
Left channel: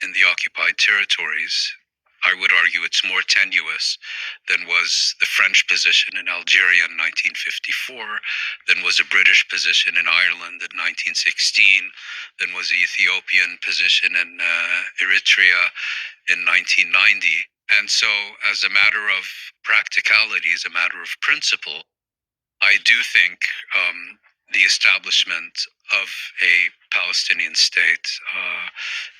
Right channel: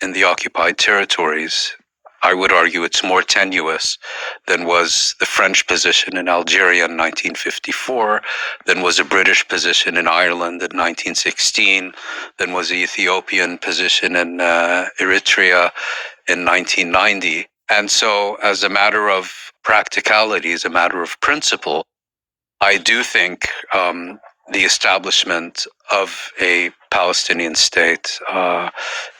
in the occupied territories, I would argue it's more tenuous than was the French position in Algeria in 1954, than was a British position in Ireland in 1916, than was the Ethiopian position in Eritrea in 1990. And so, as a matter of practicality, as a matter of principle, I do think the establishment of a Palestinian state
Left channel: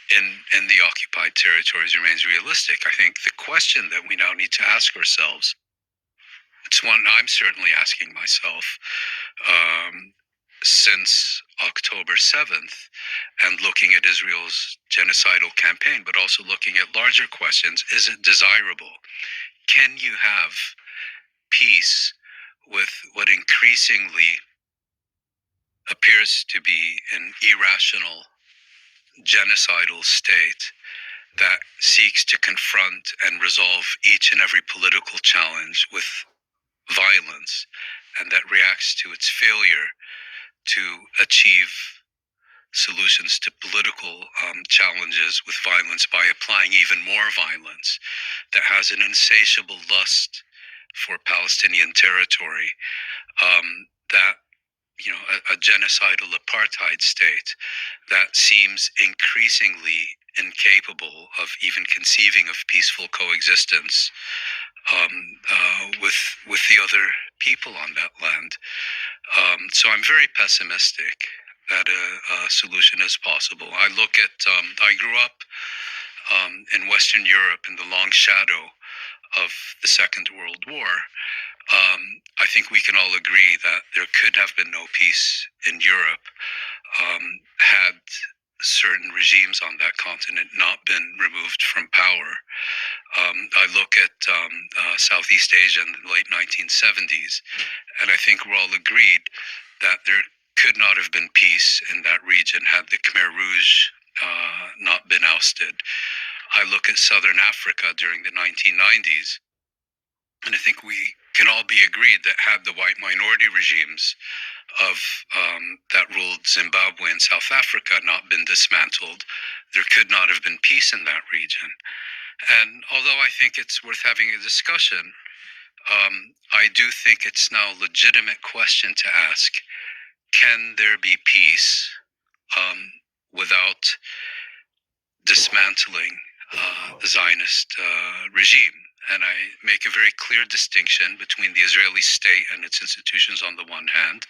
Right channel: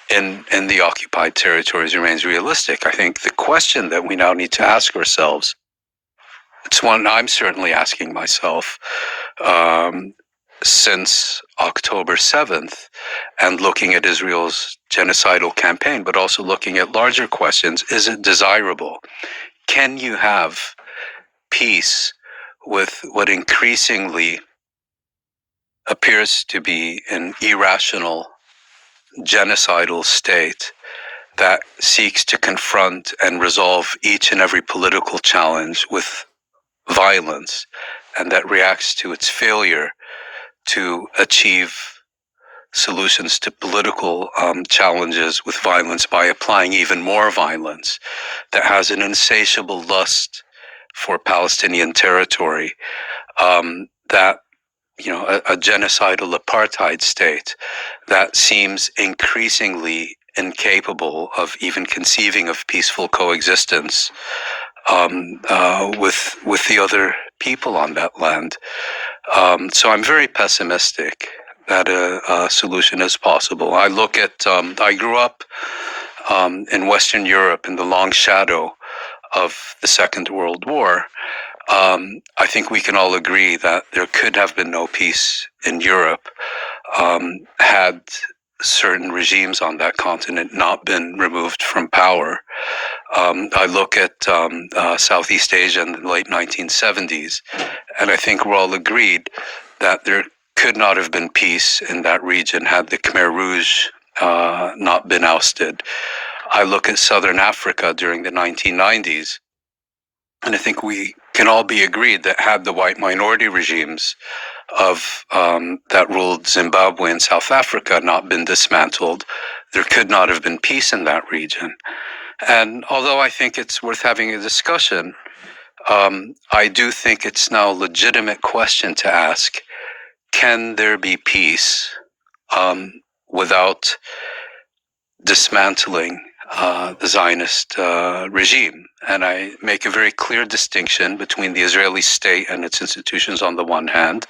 in the occupied territories remains realistic. I think the question that we now need to ask ourselves, it's one I'm certainly asking myself since October 7th, and looking at Israel's genocidal campaign, but also looking at larger questions. Is it desirable? Can you have peace with what increasingly appears to be an irrational, genocidal state that seeks to confront and resolve each and every political challenge with violence, and that reacts to its failure to achieve solutions to political challenges with violence by applying even more violence, that has an insatiable lust for Palestinian territory, that a genocidal apartheid state that seems increasingly incapable of even conceiving of peaceful coexistence with the other people on that land. So I'm very pessimistic that a solution is possible. I look at, I grew up in Western Europe in the long shadow of the Second World War. I think we can all agree that there could have been no peace in Europe had certain regimes on that continent not been removed from power. I look at Southeast Asia in the late 1970s, and I think we're all agreed that there could not have been peace in that region had the Khmer Rouge not been ousted. I look at Southern Africa during the 1990s, and I think we can all be agreed that had the white minority regimes of that ruled Zimbabwe and South Africa not been dismantled, there could not have been peace in that region. And although I think it's worth having a discussion, I do think it's now a legitimate question to ask, can there be peace without dismantling the Zionist regime? And I make a very clear distinction between the Israeli state and its institutions on the one hand,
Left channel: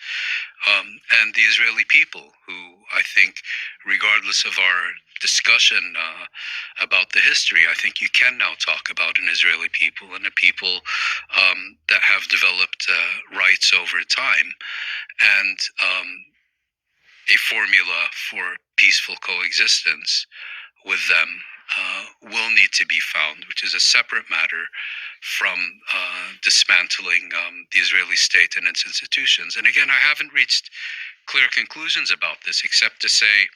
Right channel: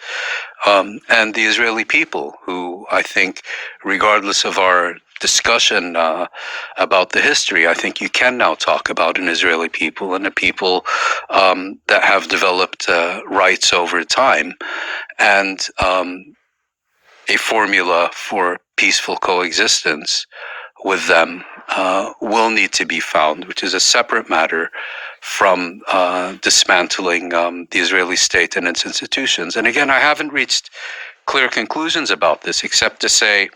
and the Israeli people, who I think, regardless of our discussion about the history, I think you can now talk about an Israeli people and a people that have developed rights over time, and a formula for peaceful coexistence with them will need to be found, which is a separate matter from dismantling the Israeli state and its institutions. And again, I haven't reached clear conclusions about this, except to say,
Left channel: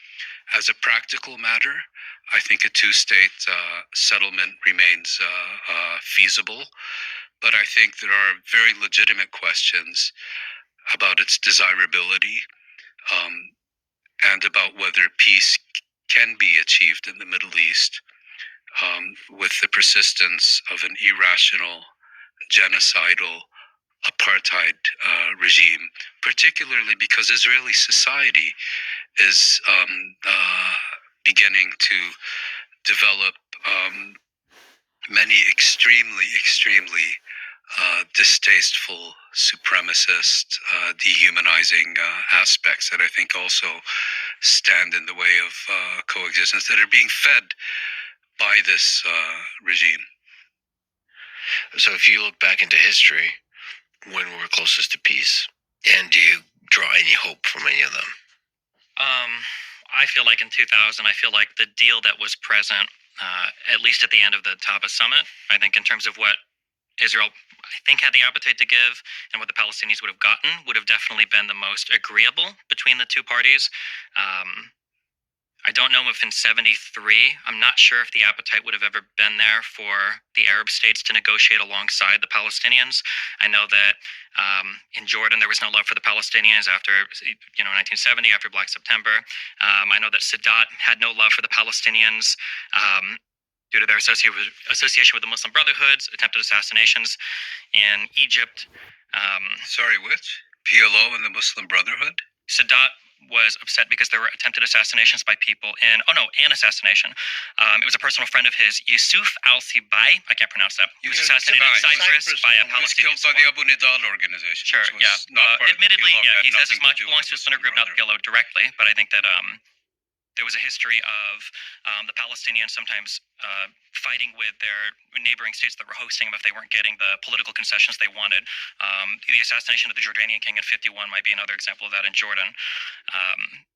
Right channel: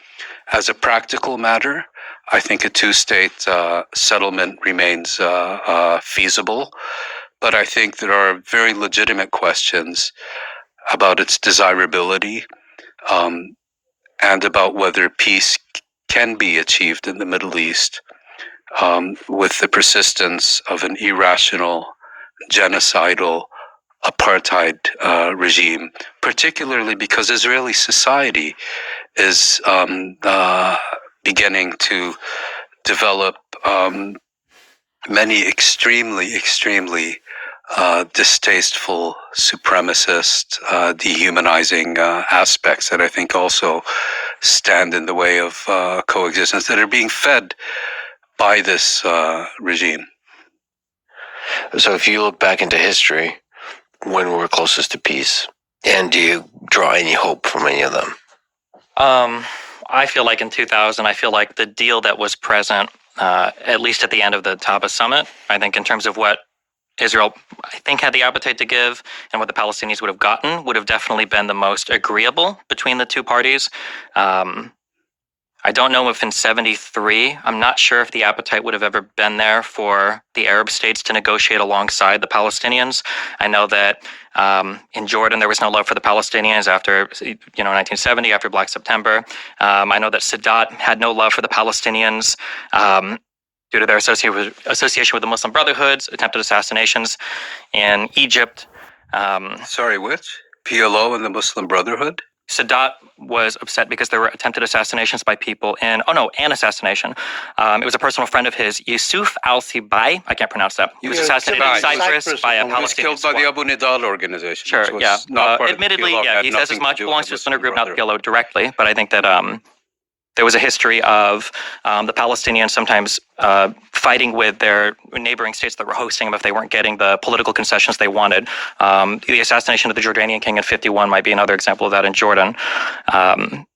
as a practical matter, I think a two-state settlement remains feasible, but I think there are very legitimate questions about its desirability and about whether peace can be achieved in the Middle East with the persistence of an irrational, genocidal, apartheid regime, particularly because Israeli society is beginning to develop many extremely distasteful, supremacist, dehumanizing aspects that I think also stand in the way of coexistence that are being fed by this regime. So if you look back into history, when we're closest to peace, and do you draw any hope from any of them? I feel like in 2000, I feel like the deal that was present, at least at the end of the Taba summit, I think in terms of what Israel, I think, had the appetite to give and what the Palestinians would have gotten would have definitely been the most agreeable between the two parties. I don't know if in 73, I'm not sure if the appetite would have ever been there for the Arab states to negotiate alongside the Palestinians. I know that in Jordan, there was no love for the Palestinians after, 1970, after Black September. I know that Sadat had no love for the Palestinians due to their association with the Muslim Brotherhood, attempted assassinations in Egypt. Sorry, which? PLO and the Muslim Brotherhood? Sadat was upset because there were attempted assassinations by people an assassination. It was a personal friend of his, Yusuf al-Sibai. I can't pronounce that. He was assassinated in Cyprus by a Palestinian. He was killed by the Abu Nidal organization. Sure, yeah. Admittedly, yeah, he says as much, belongs to a splinter group, not the PLO directly, but I think that there was a history of the Palestinians sometimes fighting with their neighboring states that were hosting them if they weren't getting the political concessions they wanted. The assassination of the Jordanian king in 51 might be another example of that in Jordan.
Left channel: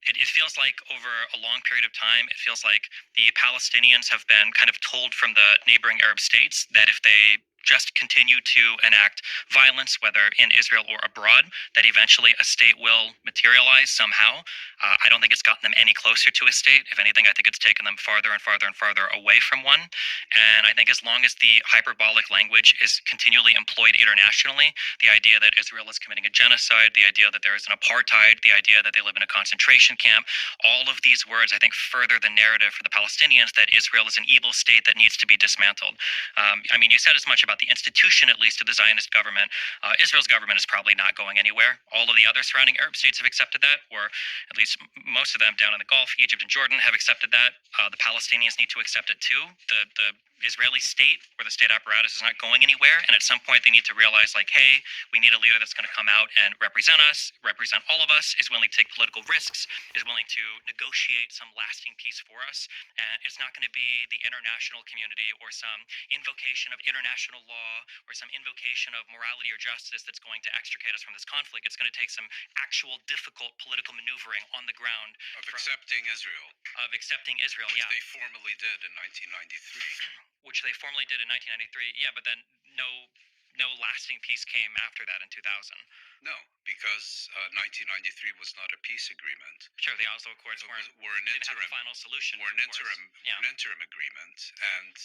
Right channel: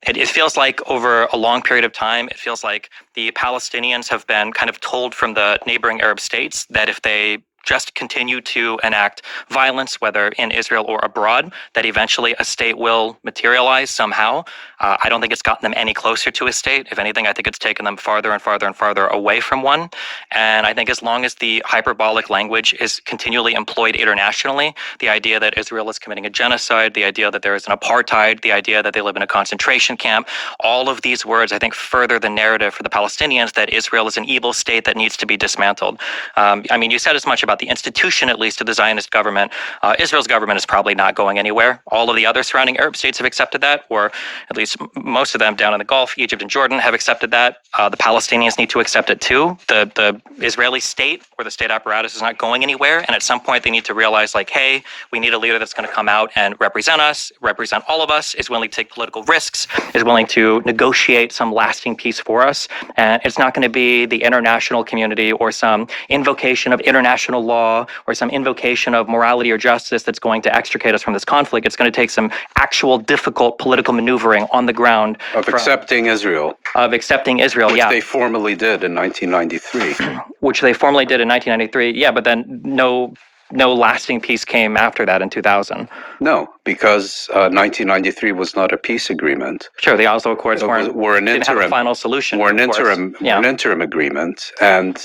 It feels like over a long period of time, it feels like the Palestinians have been kind of told from the neighboring Arab states that if they just continue to enact violence, whether in Israel or abroad, that eventually a state will materialize somehow. I don't think it's gotten them any closer to a state. If anything, I think it's taken them farther and farther and farther away from one. And I think as long as the hyperbolic language is continually employed internationally, the idea that Israel is committing a genocide, the idea that there is an apartheid, the idea that they live in a concentration camp, all of these words, I think, further the narrative for the Palestinians that Israel is an evil state that needs to be dismantled. You said as much about the institution, at least, of the Zionist government. Israel's government is probably not going anywhere. All of the other surrounding Arab states have accepted that, or at least most of them down in the Gulf, Egypt and Jordan, have accepted that. The Palestinians need to accept it too. The Israeli state or the state apparatus is not going anywhere, and at some point they need to realize, like, hey, we need a leader that's going to come out and represent us, represent all of us, is willing to take political risks, is willing to negotiate some lasting peace for us. And it's not going to be the international community or some invocation of international law or some invocation of morality or justice that's going to extricate us from this conflict. It's going to take some actual difficult political maneuvering on the ground. Of accepting Israel. Of accepting Israel, which yeah. they formally did in 1993. Which they formally did in 1993, yeah, but then no lasting peace came after that in 2000. No, because 1993 was not a peace agreement. Sure, the Oslo Accords were an didn't interim have a final solution. Were an interim agreement, and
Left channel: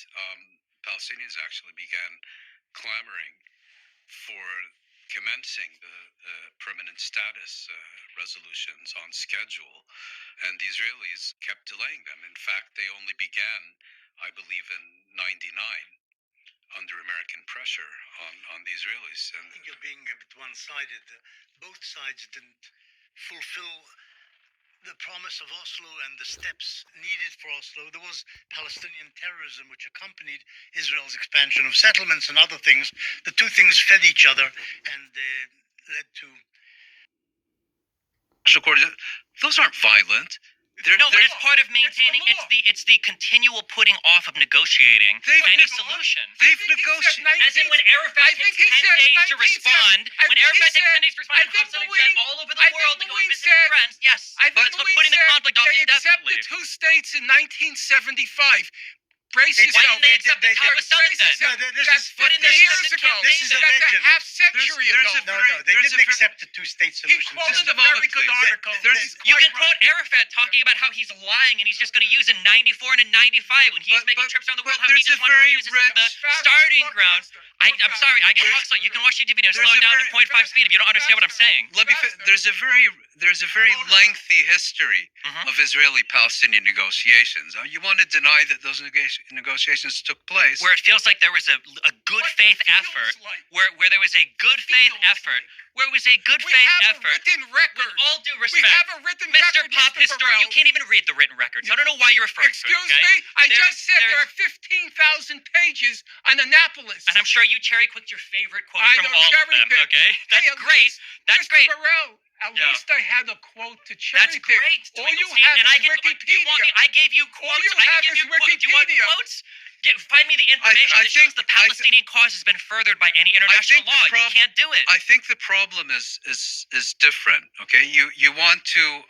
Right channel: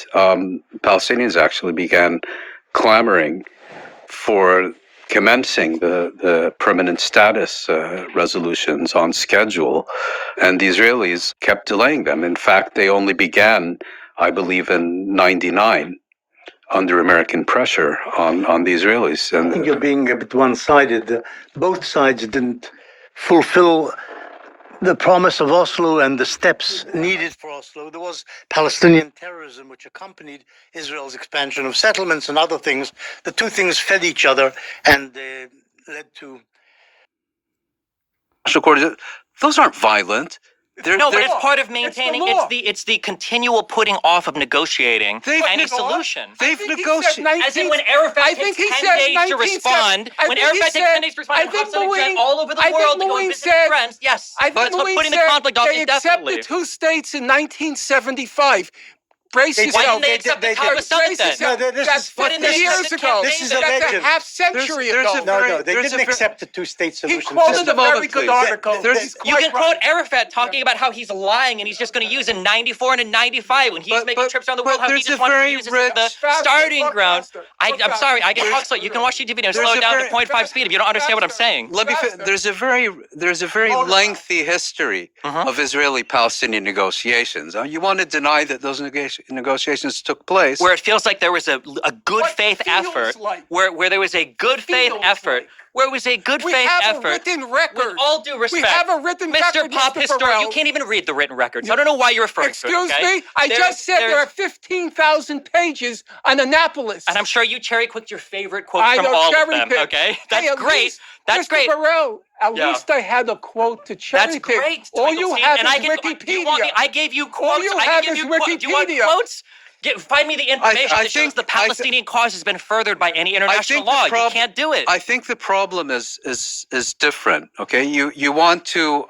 Palestinians actually began clamoring for commencing the permanent status resolutions on schedule, and the Israelis kept delaying them. In fact, they only began, I believe, in '99. Under American pressure on the Israelis. And I think you're being a bit one-sided. Both sides didn't fulfill the promise of Oslo and the steps needed for Oslo. There was Palestinian terrorism, which accompanied Israel's expansion of settlements and other things. The two things fed each other and led to... Those aren't violent. But it's part of maintaining. It's the continual putting off of negotiating any solution. They've negotiated. As in when Arafat takes 10 days to respond. When Arafat takes 10 days to respond, and all over the world to go and visit his friends. Yes, I think but putting the conflict off indefinitely. They accepted 2 states in 1975. Brace Why yourself. didn't they accept the Camp Summit then? That's 50 years ago. That's a half century ago. No, they didn't accept the 2-state solution. He quoted a very good article. You can quote Arafat talking about how he's lying and he's just going to use in 94 and in 95 when he's making trips around the world, how he just wants to use it as the starting ground. I'm sorry, I get talk slow. You can watch YouTube video and slow it down to 0.5 speed if you don't understand what I'm saying. Let me. There's a very lengthy history of Israeli-Palestinian negotiations. You want to deny that those negotiations took place, where it feels like there was a good faith effort, where there was a good faith effort, where it was a good faith effort. We have a written record. With all due respect, we have a written record, Mr. Pop Historian, you can't even read the written records. I don't know why you're referring to it. Excuse me? I just said there are 15,000 pages on Annapolis. And I'm sure you cherry-picked your favorite quote from all of them, okay? That's great. That's Mr. great. Burrell, at least I had a quote to cherry-pick. That's great. All you have is Wikipedia. I gave you quotes. All you have is Wikipedia. Do you want quotes? Find me the information that shows the Palestinian cause has been furthered by any international law. You can't do it. I think the problem is different. Okay, you want to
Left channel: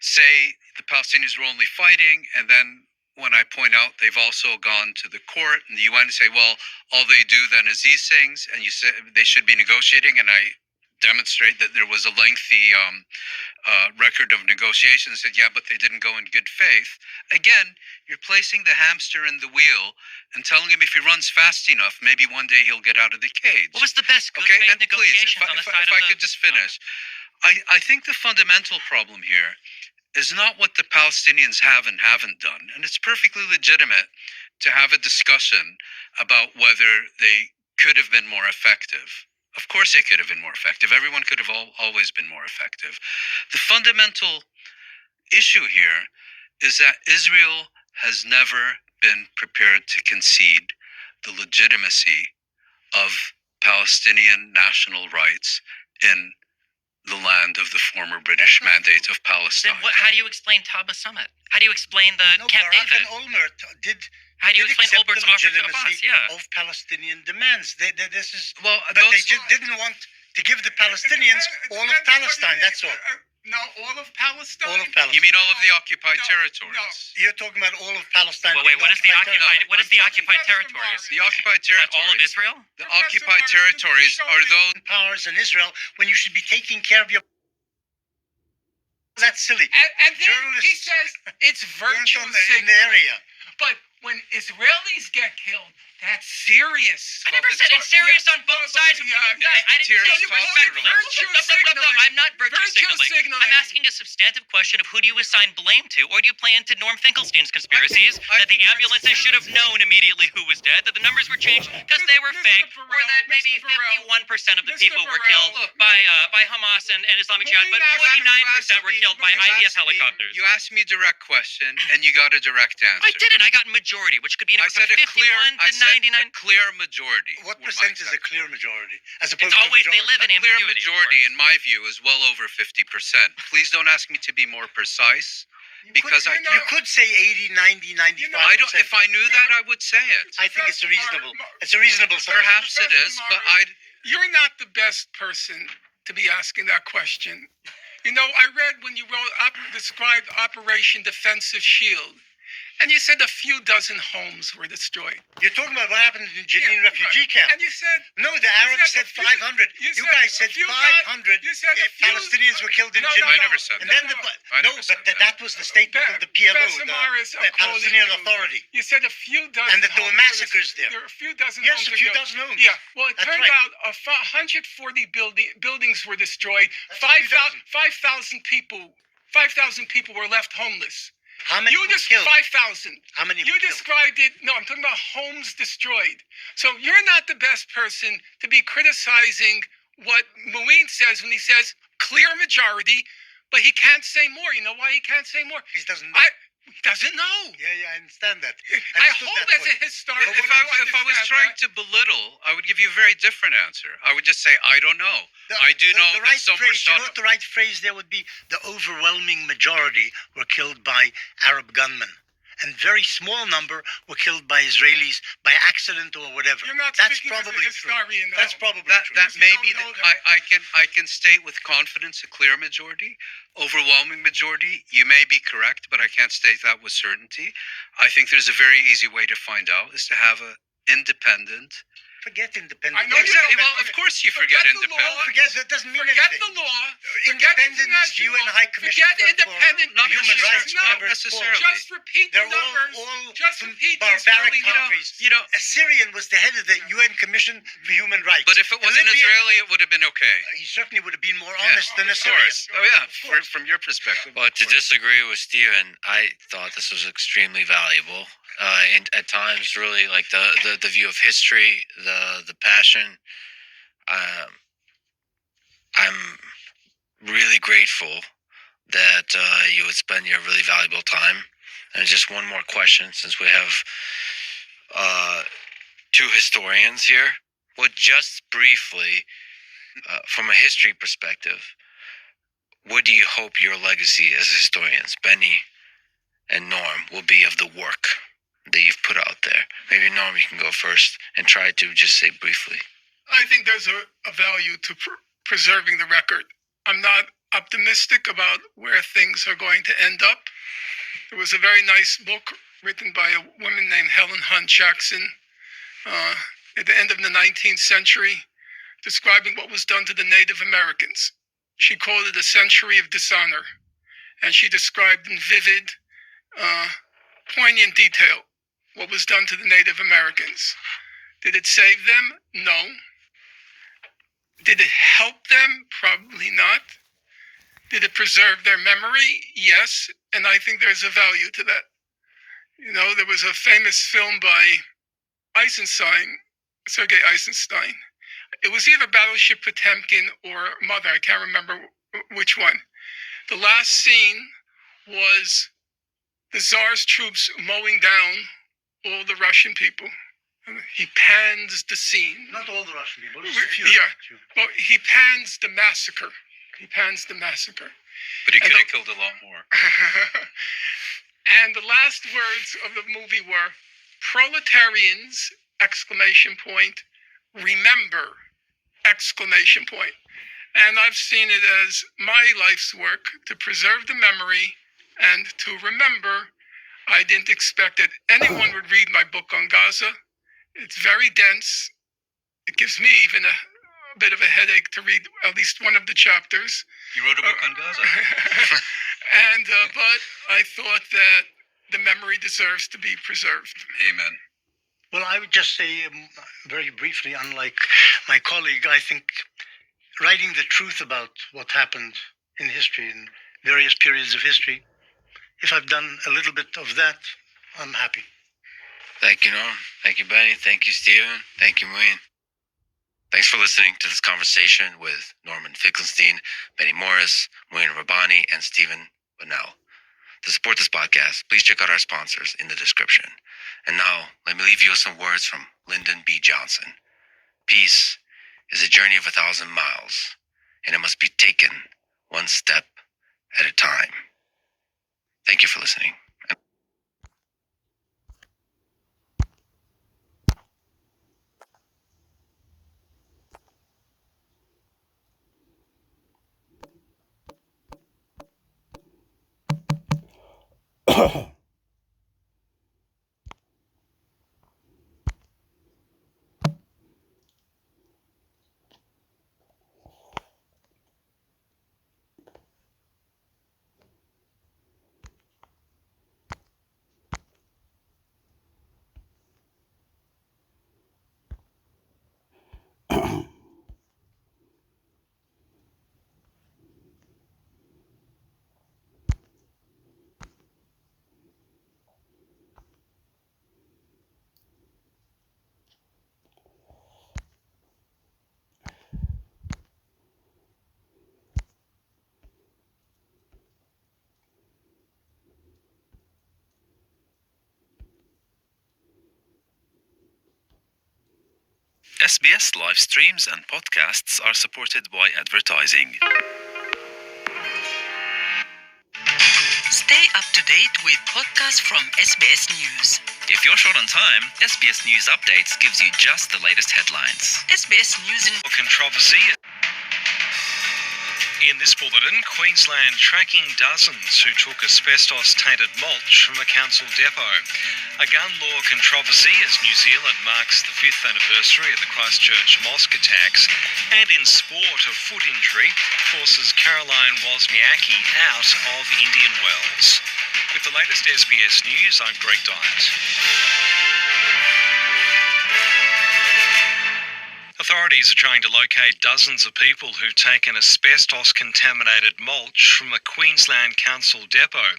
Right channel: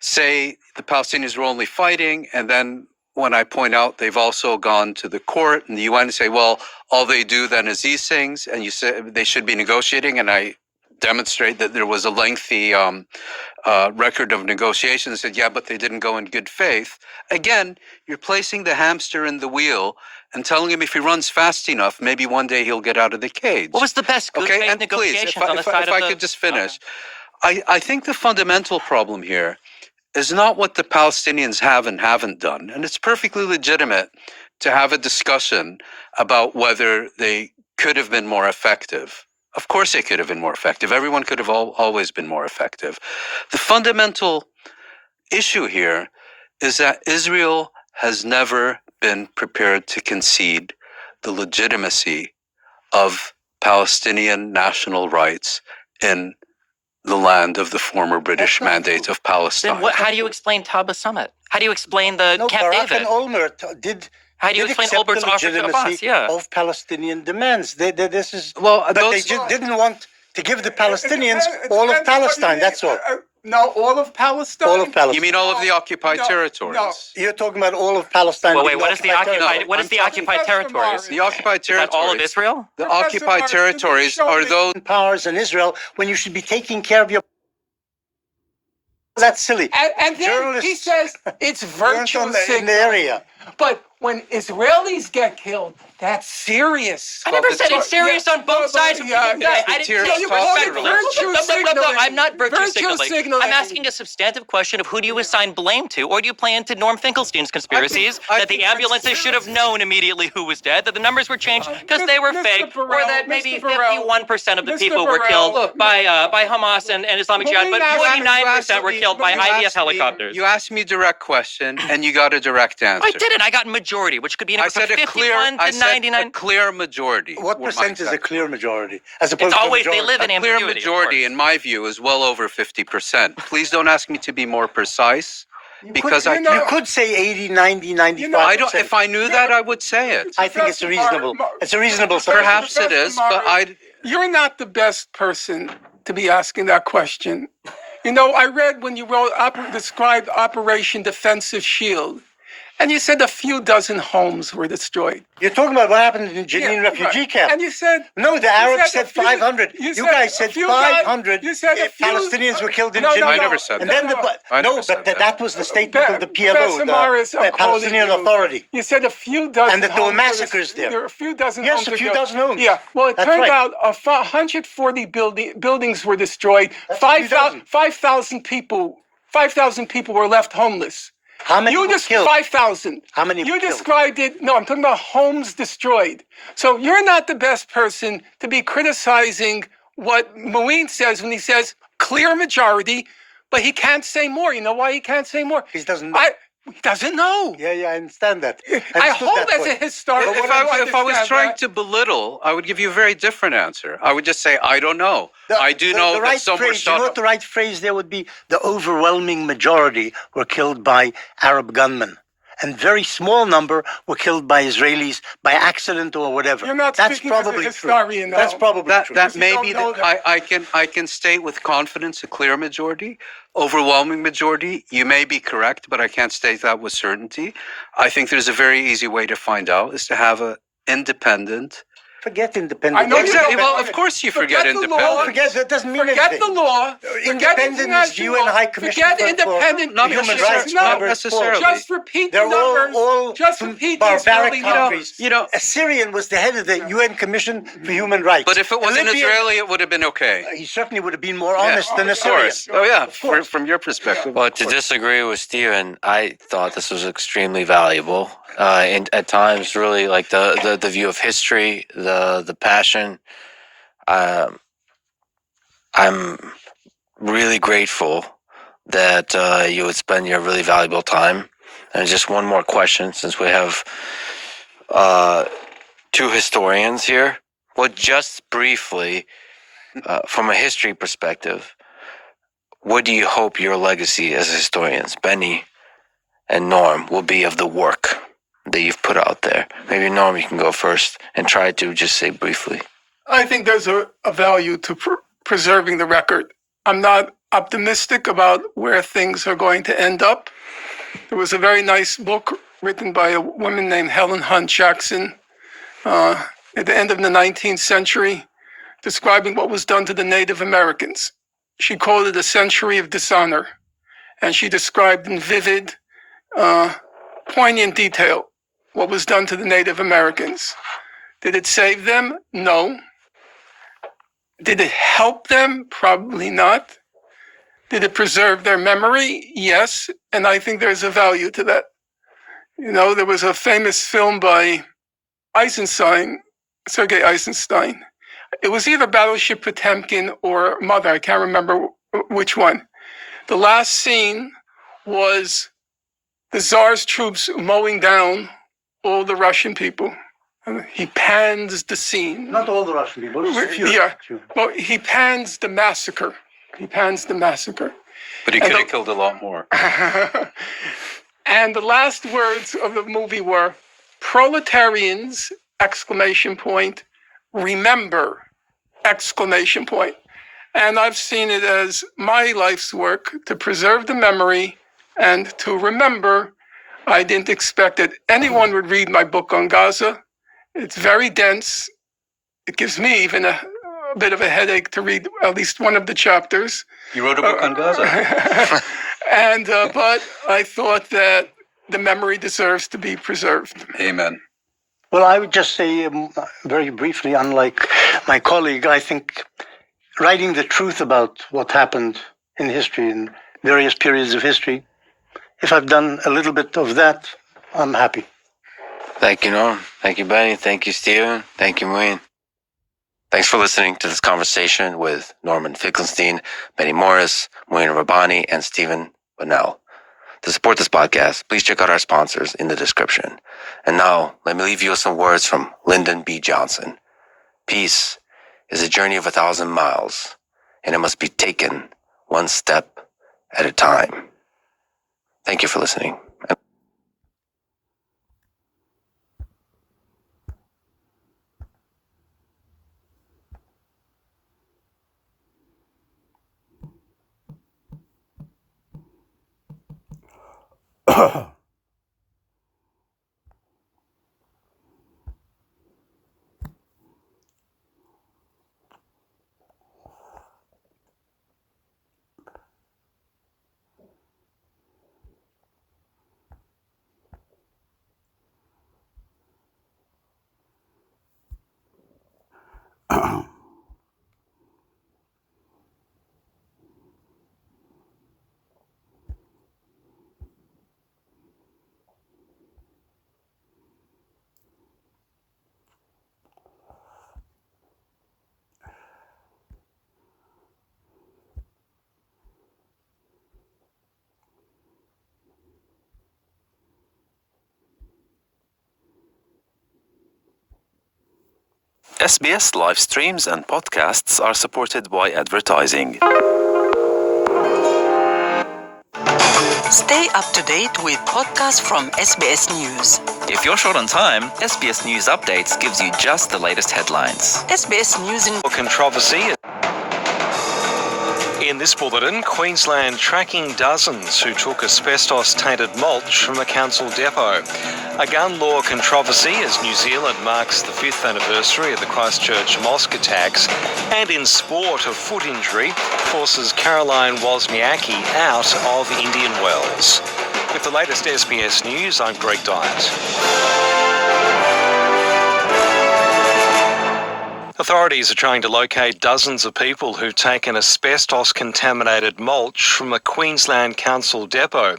say the Palestinians were only fighting, and then when I point out they've also gone to the court and the UN, say, well, all they do then is these things, and you say they should be negotiating, and I demonstrate that there was a lengthy record of negotiations. Said, yeah, but they didn't go in good faith. Again, you're placing the hamster in the wheel and telling him if he runs fast enough, maybe one day he'll get out of the cage. What was the best good faith negotiations on the side of If I could just finish. I think the fundamental problem here is not what the Palestinians have and haven't done. And it's perfectly legitimate to have a discussion about whether they could have been more effective. Of course they could have been more effective. Everyone could have always been more effective. The fundamental issue here is that Israel has never been prepared to concede the legitimacy of Palestinian national rights in the land of the former British Mandate of Palestine. Then how do you explain Taba Summit? How do you explain the Camp Barak David? and Olmert did. How do you explain Olmert's offer to Abbas? Yeah. Of Palestinian demands. This is but they didn't want to give the Palestinians all of Palestine. That's all. No, all of Palestine. All of Palestine. You mean all of the occupied territories? No. You're talking about all of Palestine. Wait, what is the occupied? What is the occupied territories? The occupied territories. All of Israel. The occupied territories are those powers in Israel when you should be taking care of your. That's silly. And then he says it's virtue in the area. But when Israelis get killed, that's serious. I never said it's serious on both sides. I didn't say you were I'm not virtue signaling. I'm asking a substantive question of who do you assign blame to, or do you play into Norm Finkelstein's conspiracies that the ambulances should have known immediately who was dead, that the numbers were changed because they were fake, or that maybe 51% of the people were killed by Hamas and Islamic Jihad, but 49% were killed by IDF helicopters. You asked me a direct question, and you got a direct answer. I didn't. I got majority, which could be anywhere from 51 to 99. A clear majority. What percent is a clear majority? As opposed it's always to they live in ambiguity. A clear majority, in my view, is well over 50%. Please don't ask me to be more precise. because you could say 80, 90, 95. I don't. If I knew that, I would say it. I think it's a reasonable. It's a reasonable. Perhaps it is, but You're not the best person to be asking that question. You know, I read when you described Operation Defensive Shield, and you said a few dozen homes were destroyed. You're talking about what happened in Jenin refugee camp. And you said... No, the Arabs said 500. You guys said 500 Palestinians were killed in Jenin. I never said that. That was the statement of the PLO, the Palestinian Authority. You said a few dozen and that there were massacres there. There were a few dozen homes. Yes, a few dozen homes. Yeah, well, it turned out 140 buildings were destroyed. 5,000 people were left homeless. How many were killed? 5,000. How many You described it. No, I'm talking about homes destroyed. So you're not the best person to be criticizing what Moeen says when he says clear majority, but he can't say more. You know why he can't say more? He doesn't know. He doesn't know. Yeah, I understand that. I hope as a historian. If I was trying to belittle, I would give you a very different answer. I would just say, I don't know. I do know that some were shot. You know what the right phrase there would be? The overwhelming majority were killed by Arab gunmen. And very small number were killed by Israelis by accident or whatever. You're not That's speaking probably as a historian, true. That's probably true. That may be I can state with confidence a clear majority, overwhelming majority. You may be correct, but I can't state that with certainty. I think there's a very easy way to find out is to have an independent. Forget independent. I know exactly. Well, of course you forget independent. Forget that doesn't mean Forget anything. the law. Independent is UN High Commissioner Forget independent. Not human rights. not necessarily. Just repeat the They're numbers. all Just repeat barbaric the countries. You know, a Syrian was the head of the UN Commission for Human Rights. But if it was an Israeli, it would have been okay. He certainly would have been more honest than a Of Syrian. course. Oh yeah, from your perspective. Well, to disagree with Stephen, I thought this was extremely valuable. And at times, really, like the view of history, the passion. I'm really grateful that you would spend your really valuable time. And just one more question, since we have two historians here. Well, just briefly, from a history perspective, what do you hope your legacy as historians, Benny and Norm, will be of the work that you've put out there? Maybe Norm, you can go first and try to just say briefly. I think there's a value to preserving the record. I'm not optimistic about where things are going to end up. There was a very nice book written by a woman named Helen Hunt Jackson at the end of the 19th century, describing what was done to the Native Americans. She called it a century of dishonor, and she described in vivid, poignant detail what was done to the Native Americans. Did it save them? No. Did it help them? Probably not. Did it preserve their memory? Yes, and I think there's a value to that. You know, there was a famous film by Sergei Eisenstein. It was either Battleship Potemkin or Mother, I can't remember which one. The last scene was the Tsar's troops mowing down all the Russian people. He pans the scene. Not all the Russian people, just a few. Yeah, well, he pans the massacre. But he could have killed a lot more. And the last words of the movie were, proletarians, exclamation point, remember, exclamation point. And I've seen it as my life's work to preserve the memory and to remember. I didn't expect that anyone would read my book on Gaza. It's very dense. It gives me even a bit of a headache to read at least one of the chapters. You wrote a book on Gaza. And but I thought that the memory deserves to be preserved. Amen. Well, I would just say very briefly, unlike my colleague, I think writing the truth about what happened in history, in various periods of history, if I've done a little bit of that, I'm happy. Thank you, Norm. Thank you, Benny. Thank you, Steven. Thank you, Moeen. Thanks for listening to this conversation with Norman Finkelstein, Benny Morris, Moeen Rabbani, and Stephen Bunnell. To support this podcast, please check out our sponsors in the description. And now, let me leave you with some words from Lyndon B. Johnson. Peace is a journey of 1,000 miles, and it must be taken one step at a time. Thank you for listening. SBS live streams and podcasts are supported by advertising. Stay up to date with podcasts from SBS News. If you're short on time, SBS News Updates gives you just the latest headlines. SBS News in controversy. In this bulletin, Queensland tracking dozens who took asbestos-tainted mulch from a council depot. A gun law controversy as New Zealand marks the 5th anniversary of the Christchurch mosque attacks. And in sport, a foot injury forces Caroline Wozniacki out of Indian Wells. With the latest SBS News, I'm Greg Dyett. Authorities are trying to locate dozens of people who've taken asbestos-contaminated mulch from a Queensland council depot.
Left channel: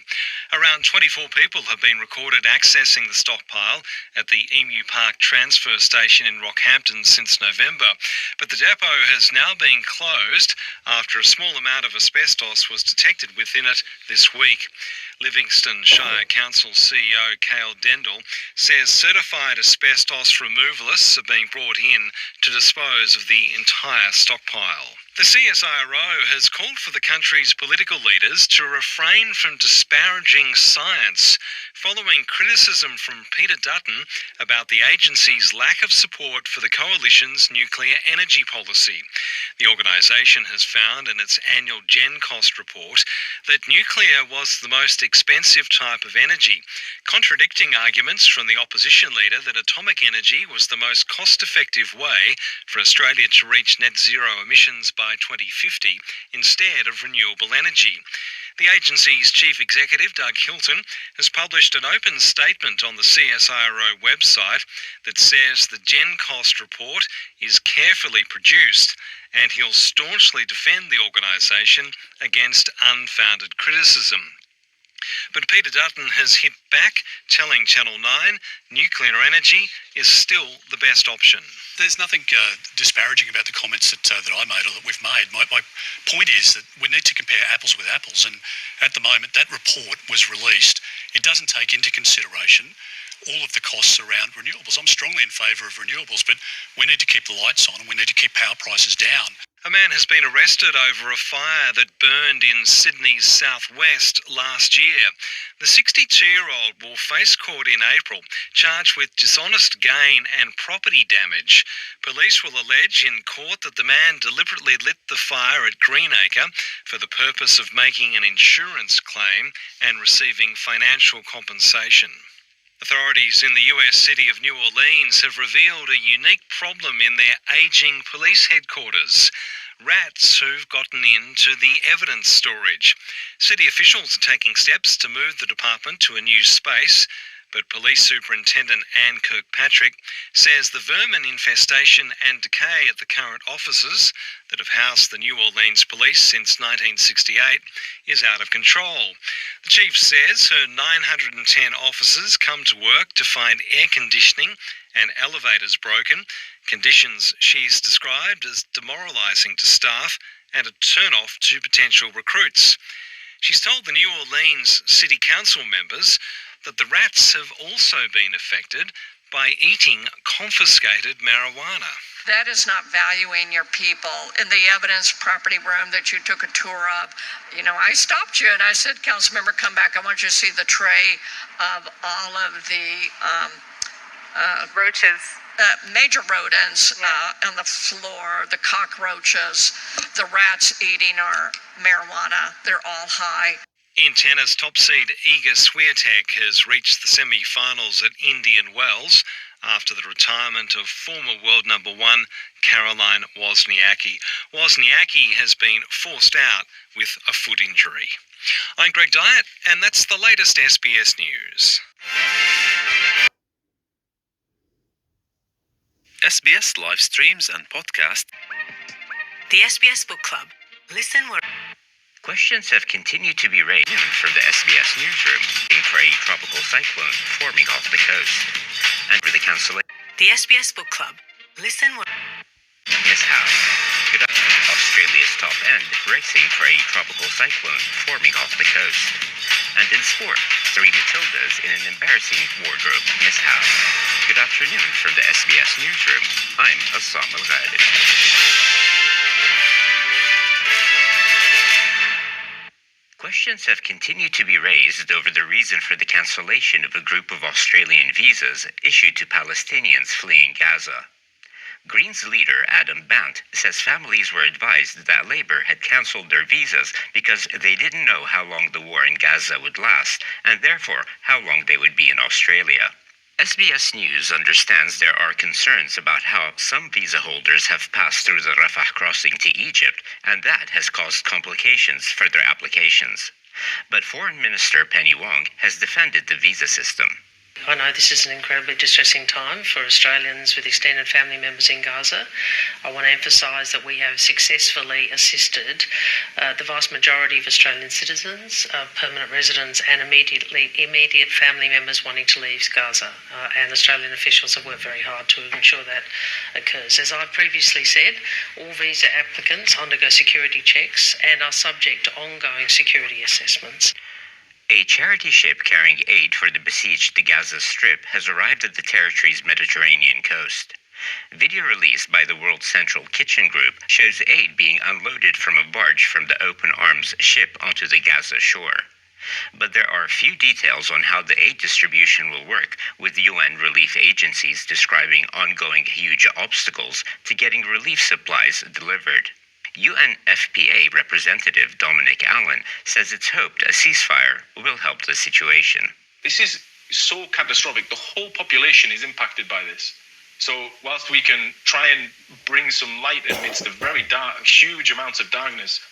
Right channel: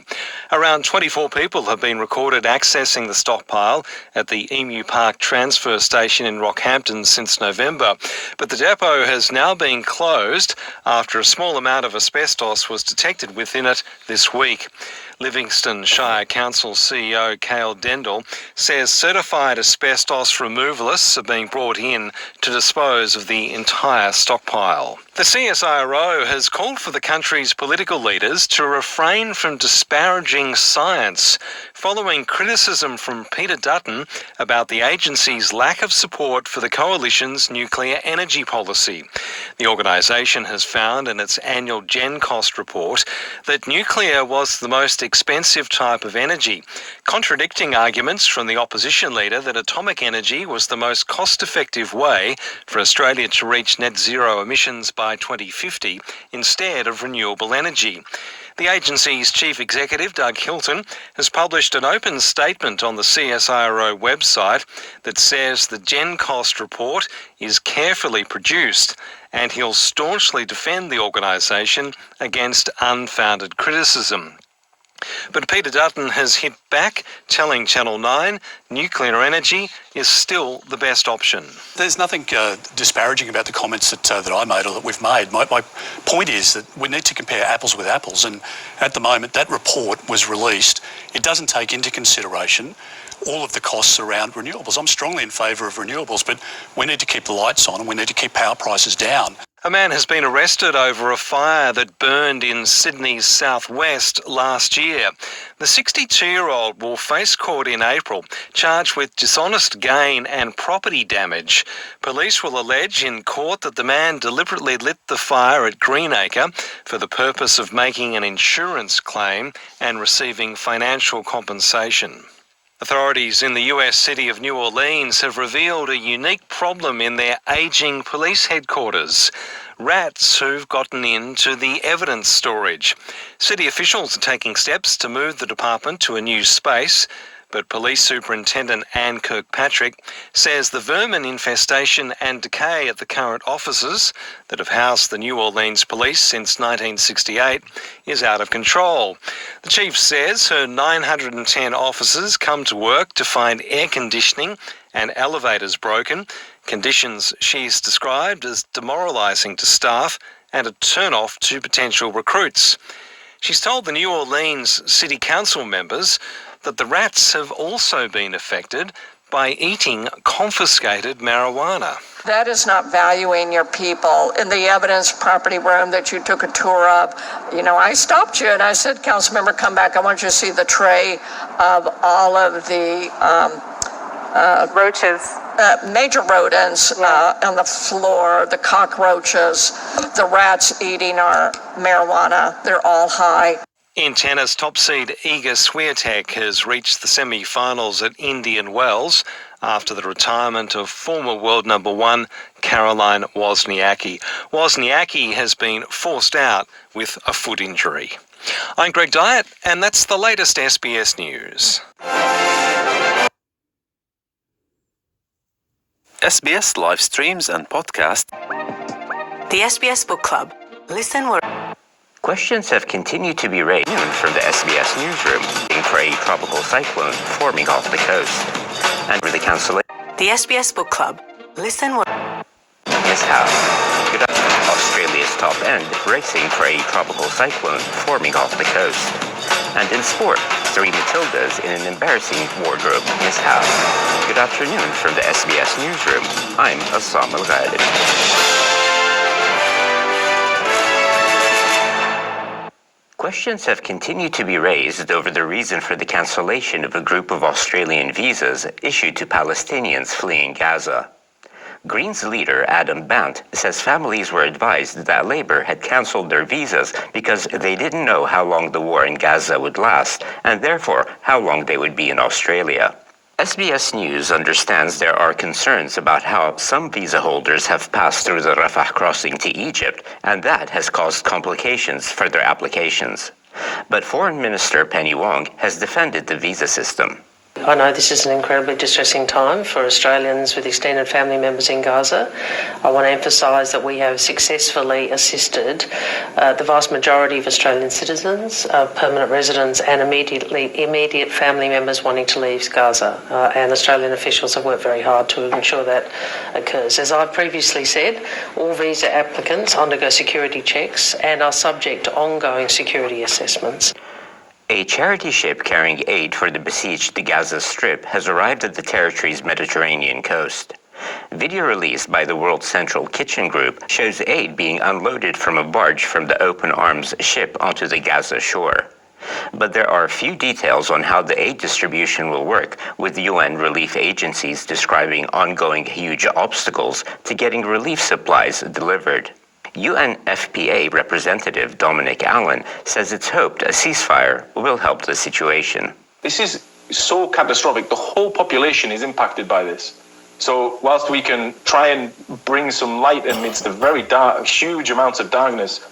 Around 24 people have been recorded accessing the stockpile at the Emu Park transfer station in Rockhampton since November. But the depot has now been closed after a small amount of asbestos was detected within it this week. Livingston Shire Council CEO Cale Dendall says certified asbestos removalists are being brought in to dispose of the entire stockpile. The CSIRO has called for the country's political leaders to refrain from disparaging science following criticism from Peter Dutton about the agency's lack of support for the coalition's nuclear energy policy. The organisation has found in its annual Gen Cost report that nuclear was the most expensive type of energy, contradicting arguments from the opposition leader that atomic energy was the most cost-effective way for Australia to reach net zero emissions by 2050 instead of renewable energy. The agency's chief executive, Doug Hilton, has published an open statement on the CSIRO website that says the Gen Cost report is carefully produced, and he'll staunchly defend the organisation against unfounded criticism. But Peter Dutton has hit back, telling Channel 9 nuclear energy is still the best option. There's nothing disparaging about the comments that I made or that we've made. My point is that we need to compare apples with apples, and at the moment that report was released. It doesn't take into consideration all of the costs around renewables. I'm strongly in favour of renewables, but we need to keep the lights on and we need to keep power prices down. A man has been arrested over a fire that burned in Sydney's southwest last year. The 62-year-old will face court in April, charged with dishonest gain and property damage. Police will allege in court that the man deliberately lit the fire at Greenacre for the purpose of making an insurance claim and receiving financial compensation. Authorities in the US city of New Orleans have revealed a unique problem in their ageing police headquarters. Rats who've gotten into the evidence storage. City officials are taking steps to move the department to a new space, but Police Superintendent Anne Kirkpatrick says the vermin infestation and decay at the current offices that have housed the New Orleans Police since 1968 is out of control. The chief says her 910 officers come to work to find air conditioning and elevators broken, conditions she's described as demoralising to staff and a turn-off to potential recruits. She's told the New Orleans City Council members that the rats have also been affected, by eating confiscated marijuana. That is not valuing your people. In the evidence property room that you took a tour of, I stopped you and I said, Councilmember, come back. I want you to see the tray of all of the roaches. Major rodents on the floor, the cockroaches, the rats eating our marijuana. They're all high. In tennis, top seed Iga Swiatek has reached the semi-finals at Indian Wells after the retirement of former world number one Caroline Wozniacki. Wozniacki has been forced out with a foot injury. I'm Greg Dyett, and that's the latest SBS News. SBS live streams and podcast. The SBS Book Club. Listen where... Questions have continued to be raised from the SBS newsroom for a tropical cyclone forming off the coast. And for the cancellation. The SBS Book Club. Listen where... Miss Howe. Good afternoon. Australia's top end racing for a tropical cyclone forming off the coast. And in sport, 3 Matildas in an embarrassing wardrobe. Miss Howe. Good afternoon from the SBS newsroom. I'm Assam Al-Ghalib. Questions have continued to be raised over the reason for the cancellation of a group of Australian visas issued to Palestinians fleeing Gaza. Greens leader Adam Bant says families were advised that Labour had cancelled their visas because they didn't know how long the war in Gaza would last, and therefore how long they would be in Australia. SBS News understands there are concerns about how some visa holders have passed through the Rafah crossing to Egypt, and that has caused complications for their applications. But Foreign Minister Penny Wong has defended the visa system. I know this is an incredibly distressing time for Australians with extended family members in Gaza. I want to emphasise that we have successfully assisted the vast majority of Australian citizens, permanent residents and immediate family members wanting to leave Gaza. And Australian officials have worked very hard to ensure that occurs. As I've previously said, all visa applicants undergo security checks and are subject to ongoing security assessments. A charity ship carrying aid for the besieged Gaza Strip has arrived at the territory's Mediterranean coast. Video released by the World Central Kitchen Group shows aid being unloaded from a barge from the Open Arms ship onto the Gaza shore. But there are few details on how the aid distribution will work, with UN relief agencies describing ongoing huge obstacles to getting relief supplies delivered. UNFPA representative Dominic Allen says it's hoped a ceasefire will help the situation. This is so catastrophic. The whole population is impacted by this. So whilst we can try and bring some light amidst the very dark, huge amounts of darkness,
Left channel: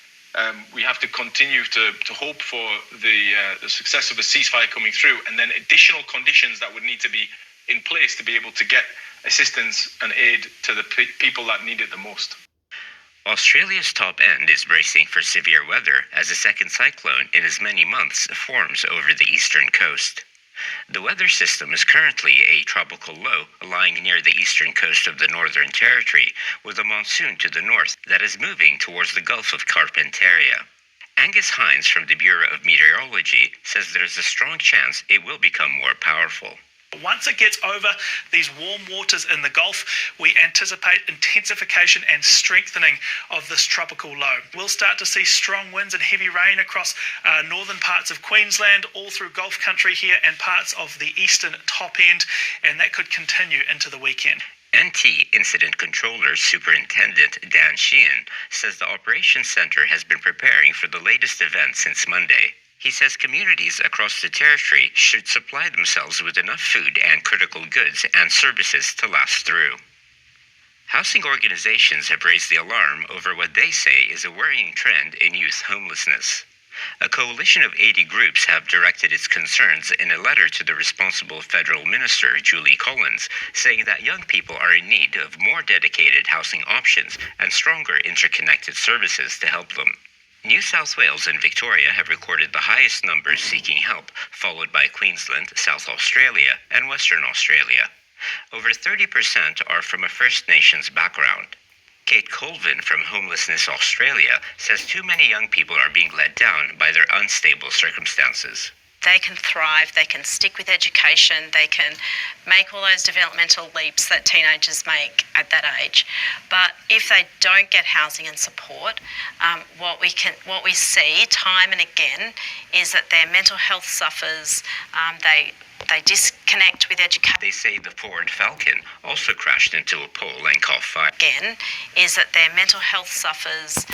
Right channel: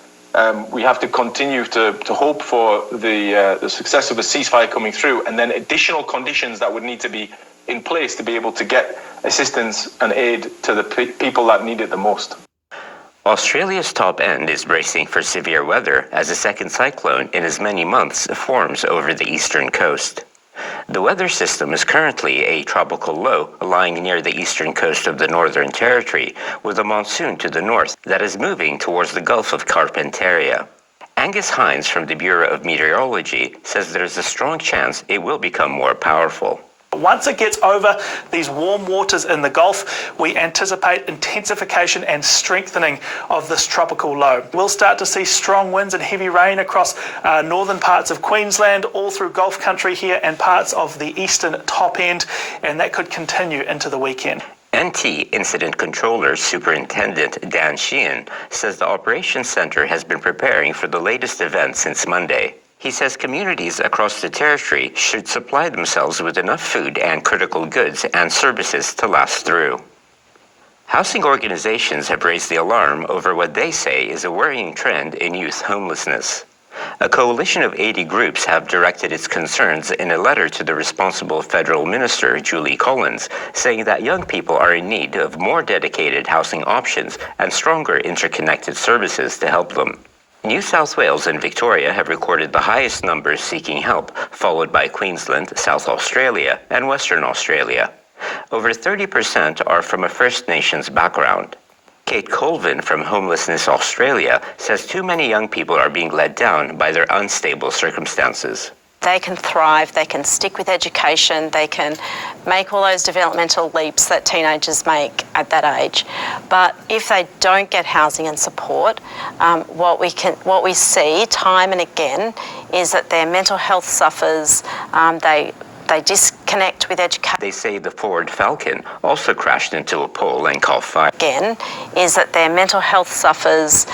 we have to continue to hope for the success of a ceasefire coming through, and then additional conditions that would need to be in place to be able to get assistance and aid to the people that need it the most. Australia's top end is bracing for severe weather as a second cyclone in as many months forms over the eastern coast. The weather system is currently a tropical low lying near the eastern coast of the Northern Territory, with a monsoon to the north that is moving towards the Gulf of Carpentaria. Angus Hines from the Bureau of Meteorology says there's a strong chance it will become more powerful. Once it gets over these warm waters in the Gulf, we anticipate intensification and strengthening of this tropical low. We'll start to see strong winds and heavy rain across northern parts of Queensland, all through Gulf country here and parts of the eastern top end, and that could continue into the weekend. NT Incident Controller Superintendent Dan Sheehan says the Operations Centre has been preparing for the latest event since Monday. He says communities across the territory should supply themselves with enough food and critical goods and services to last through. Housing organizations have raised the alarm over what they say is a worrying trend in youth homelessness. A coalition of 80 groups have directed its concerns in a letter to the responsible federal minister, Julie Collins, saying that young people are in need of more dedicated housing options and stronger interconnected services to help them. New South Wales and Victoria have recorded the highest numbers seeking help, followed by Queensland, South Australia, and Western Australia. Over 30% are from a First Nations background. Kate Colvin from Homelessness Australia says too many young people are being let down by their unstable circumstances. they can thrive, they can stick with education, they can make all those developmental leaps that teenagers make at that age. But if they don't get housing and support, what we see time and again is that their mental health suffers. They disconnect with education. They say the Ford Falcon also crashed into a pole and caught fire. Again, is that their mental health suffers.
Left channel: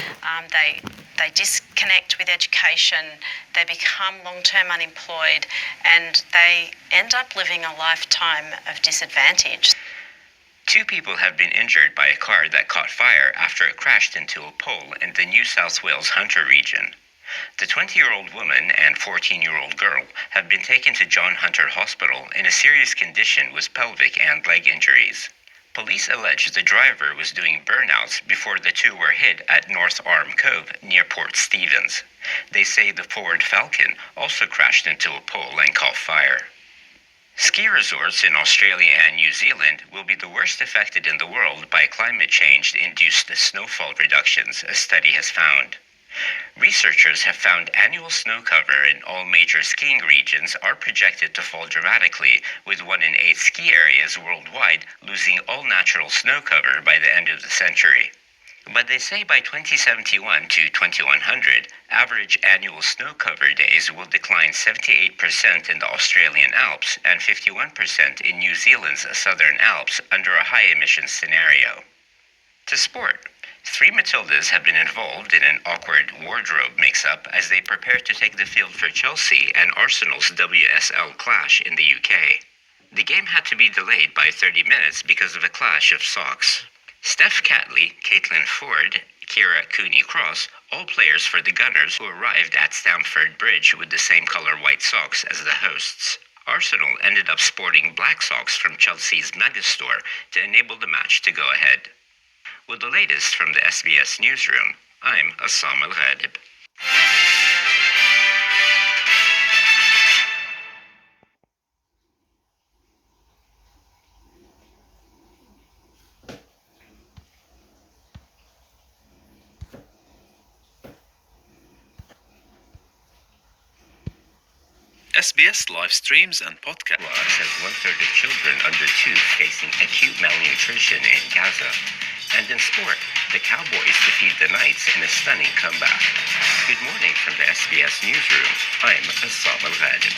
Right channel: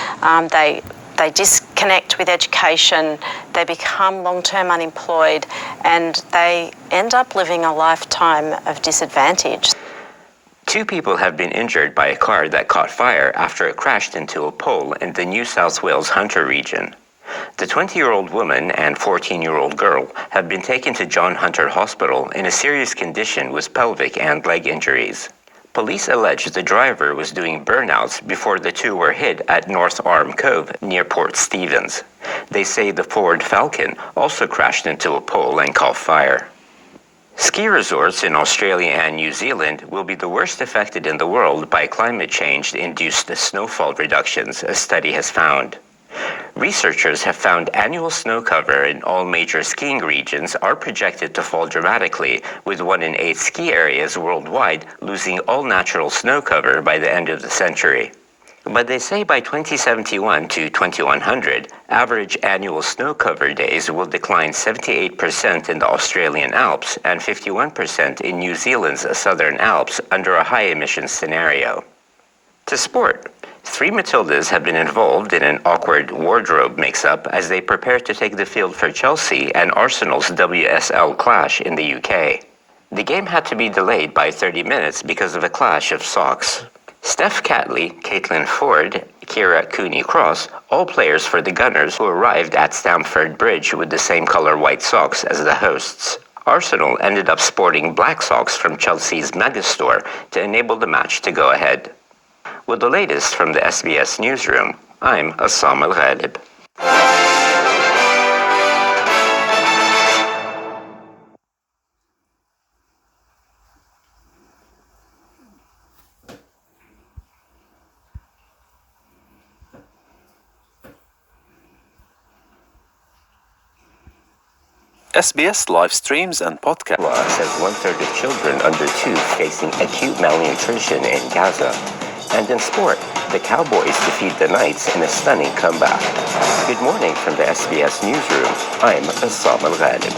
They disconnect with education, they become long-term unemployed, and they end up living a lifetime of disadvantage. 2 people have been injured by a car that caught fire after it crashed into a pole in the New South Wales Hunter region. The 20-year-old woman and 14-year-old girl have been taken to John Hunter Hospital in a serious condition with pelvic and leg injuries. Police allege the driver was doing burnouts before the 2 were hit at North Arm Cove near Port Stephens. They say the Ford Falcon also crashed into a pole and caught fire. Ski resorts in Australia and New Zealand will be the worst affected in the world by climate change-induced snowfall reductions, a study has found. Researchers have found annual snow cover in all major skiing regions are projected to fall dramatically, with 1 in 8 ski areas worldwide losing all natural snow cover by the end of the century. But they say by 2071 to 2100, average annual snow cover days will decline 78% in the Australian Alps and 51% in New Zealand's Southern Alps under a high-emission scenario. To sport. 3 Matildas have been involved in an awkward wardrobe mix-up as they prepare to take the field for Chelsea and Arsenal's WSL clash in the UK. The game had to be delayed by 30 minutes because of a clash of socks. Steph Catley, Caitlin Ford, Kira Cooney-Cross, all players for the Gunners who arrived at Stamford Bridge with the same color white socks as the hosts. Arsenal ended up sporting black socks from Chelsea's megastore to enable the match to go ahead. With the latest from the SBS Newsroom, I'm Assam Al-Ghalib. SBS live streams and podcasts. Says 1/3 of children under 2 facing acute malnutrition in Gaza. And in sport, the Cowboys defeat the Knights in a stunning comeback. Good morning from the SBS Newsroom. I'm Assam Al-Ghalib.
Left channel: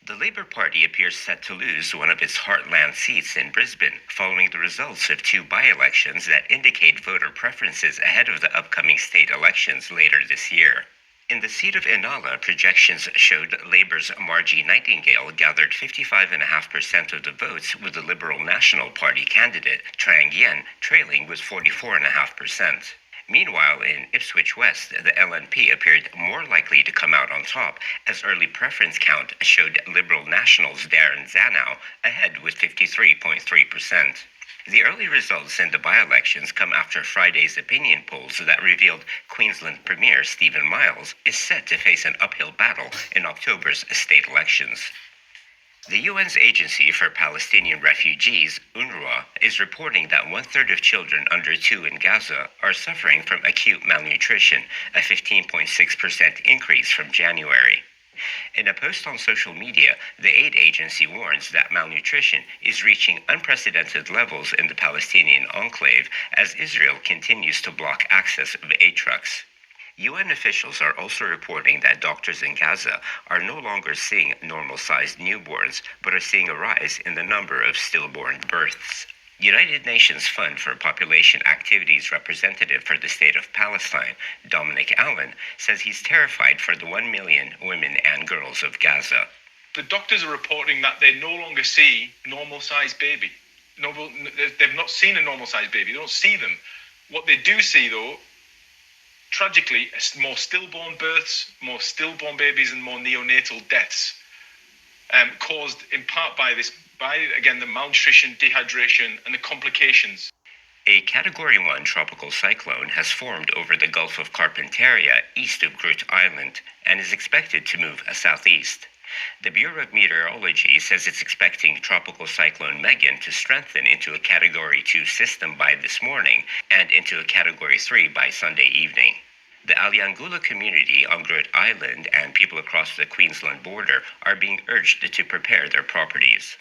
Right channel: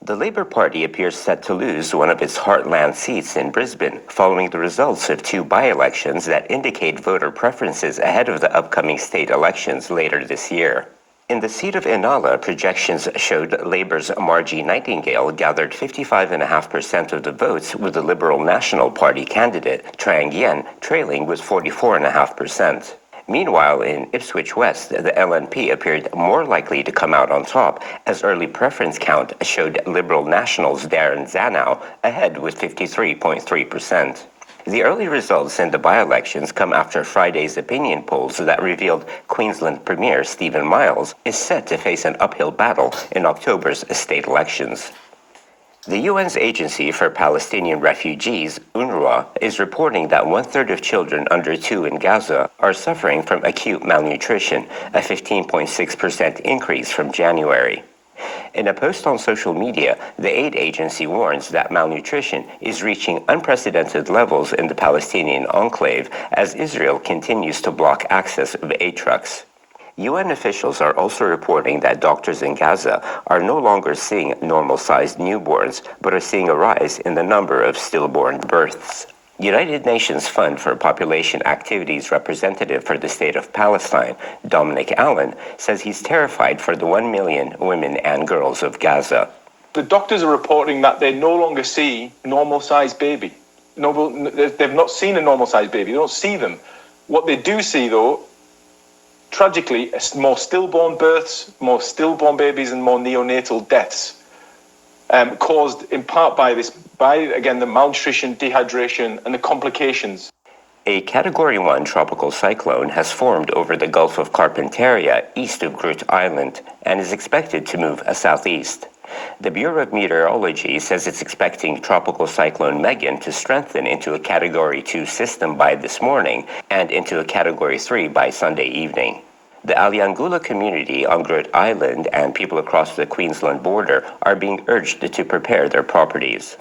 The Labour Party appears set to lose one of its heartland seats in Brisbane following the results of 2 by-elections that indicate voter preferences ahead of the upcoming state elections later this year. In the seat of Inala, projections showed Labour's Margie Nightingale gathered 55.5% of the votes, with the Liberal National Party candidate Trang Yen trailing with 44.5%. Meanwhile, in Ipswich West, the LNP appeared more likely to come out on top, as early preference count showed Liberal Nationals Darren Zanow ahead with 53.3%. The early results in the by-elections come after Friday's opinion polls that revealed Queensland Premier Stephen Miles is set to face an uphill battle in October's state elections. The UN's Agency for Palestinian Refugees, UNRWA, is reporting that 1/3 of children under 2 in Gaza are suffering from acute malnutrition, a 15.6% increase from January. In a post on social media, the aid agency warns that malnutrition is reaching unprecedented levels in the Palestinian enclave as Israel continues to block access of aid trucks. UN officials are also reporting that doctors in Gaza are no longer seeing normal-sized newborns, but are seeing a rise in the number of stillborn births. United Nations Fund for Population Activities representative for the state of Palestine, Dominic Allen, says he's terrified for the 1 million women and girls of Gaza. The doctors are reporting that they no longer see normal-sized baby. They've not seen a normal-sized baby. They don't see them. What they do see, though, tragically, is more stillborn births, more stillborn babies, and more neonatal deaths, caused in part by the malnutrition, dehydration, and the complications. A Category 1 tropical cyclone has formed over the Gulf of Carpentaria east of Groote Eylandt and is expected to move southeast. The Bureau of Meteorology says it's expecting Tropical Cyclone Megan to strengthen into a Category 2 system by this morning and into a Category 3 by Sunday evening. The Aliangula community on Groote Island and people across the Queensland border are being urged to prepare their properties.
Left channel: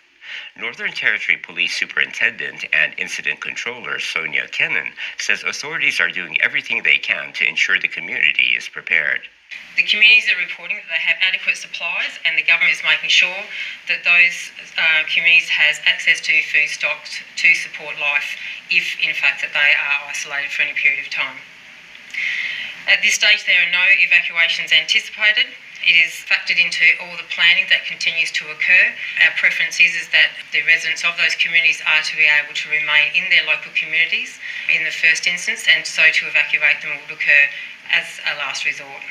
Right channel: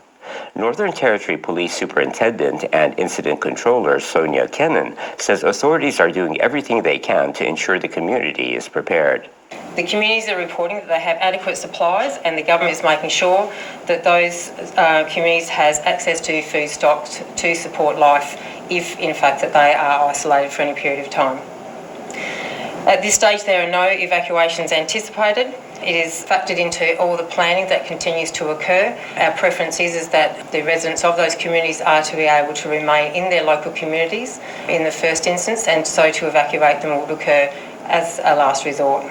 Northern Territory Police Superintendent and Incident Controller Sonia Kennan says authorities are doing everything they can to ensure the community is prepared. The communities are reporting that they have adequate supplies, and the government is making sure that those communities has access to food stocks to support life if, in fact, that they are isolated for any period of time. At this stage, there are no evacuations anticipated. It is factored into all the planning that continues to occur. Our preference is that the residents of those communities are to be able to remain in their local communities in the first instance, and so to evacuate them would occur as a last resort.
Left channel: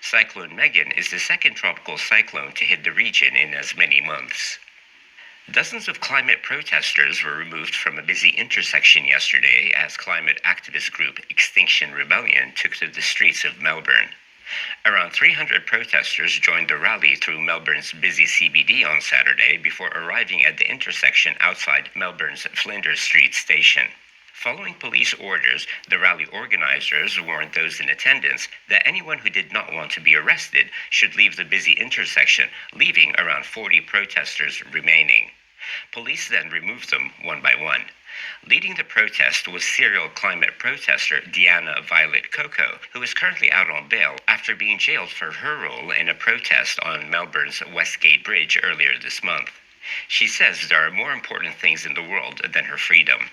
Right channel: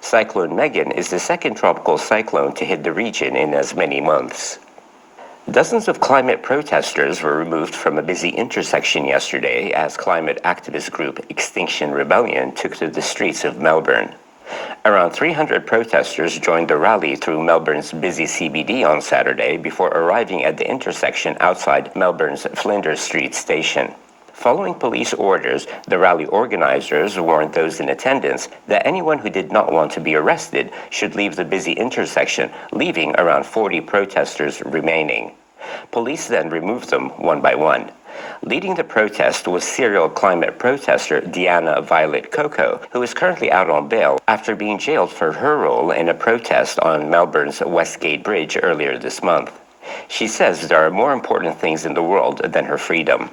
Cyclone Megan is the second tropical cyclone to hit the region in as many months. Dozens of climate protesters were removed from a busy intersection yesterday as climate activist group Extinction Rebellion took to the streets of Melbourne. Around 300 protesters joined the rally through Melbourne's busy CBD on Saturday before arriving at the intersection outside Melbourne's Flinders Street station. Following police orders, the rally organizers warned those in attendance that anyone who did not want to be arrested should leave the busy intersection, leaving around 40 protesters remaining. Police then removed them one by one. Leading the protest was serial climate protester Diana Violet Coco, who is currently out on bail after being jailed for her role in a protest on Melbourne's Westgate Bridge earlier this month. She says there are more important things in the world than her freedom.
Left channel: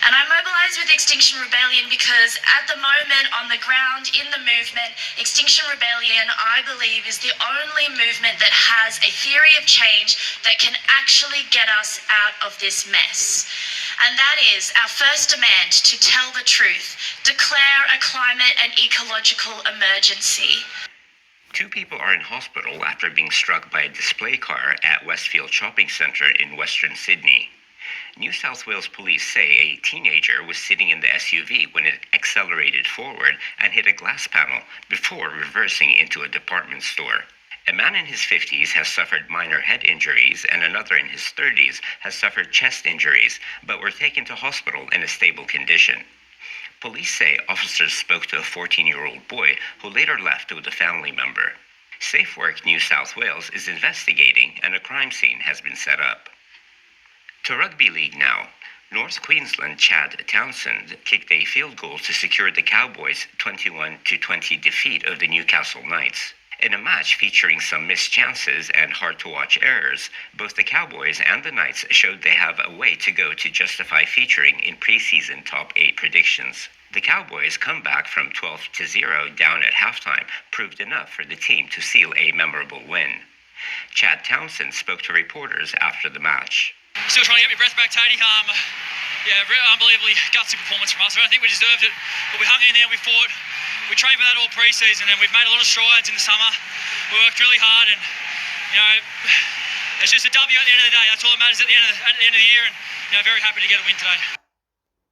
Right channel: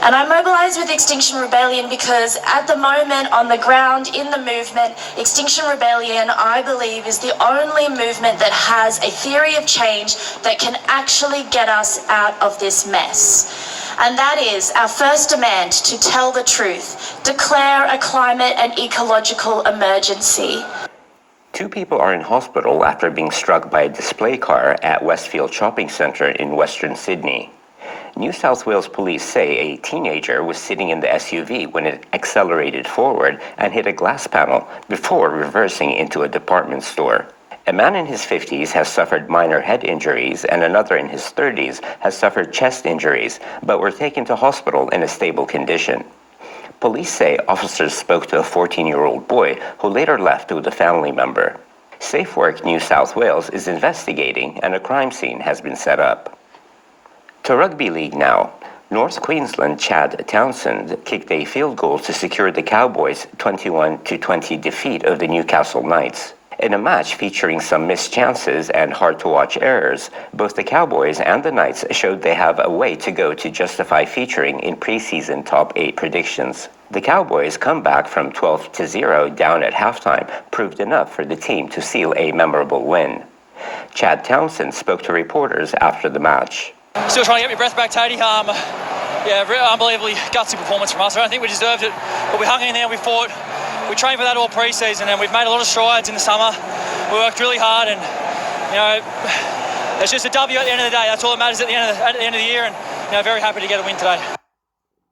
And I mobilise with Extinction Rebellion because at the moment on the ground in the movement, Extinction Rebellion, I believe, is the only movement that has a theory of change that can actually get us out of this mess. And that is our first demand to tell the truth, declare a climate and ecological emergency. 2 people are in hospital after being struck by a display car at Westfield Shopping Centre in Western Sydney. New South Wales police say a teenager was sitting in the SUV when it accelerated forward and hit a glass panel before reversing into a department store. A man in his 50s has suffered minor head injuries and another in his 30s has suffered chest injuries, but were taken to hospital in a stable condition. Police say officers spoke to a 14-year-old boy who later left with a family member. SafeWork New South Wales is investigating and a crime scene has been set up. To rugby league now. North Queensland Chad Townsend kicked a field goal to secure the Cowboys' 21-20 defeat of the Newcastle Knights. In a match featuring some missed chances and hard-to-watch errors, both the Cowboys and the Knights showed they have a way to go to justify featuring in preseason top 8 predictions. The Cowboys' comeback from 12-0 down at halftime proved enough for the team to seal a memorable win. Chad Townsend spoke to reporters after the match. Still trying to get my breath back, Taddy. Unbelievably gutsy performance from us. I don't think we deserved it, but we hung in there, we fought. We trained for that all pre-season, and we've made a lot of strides in the summer. We worked really hard, and it's just a W at the end of the day. That's all that matters at the end of the year, and very happy to get a win today.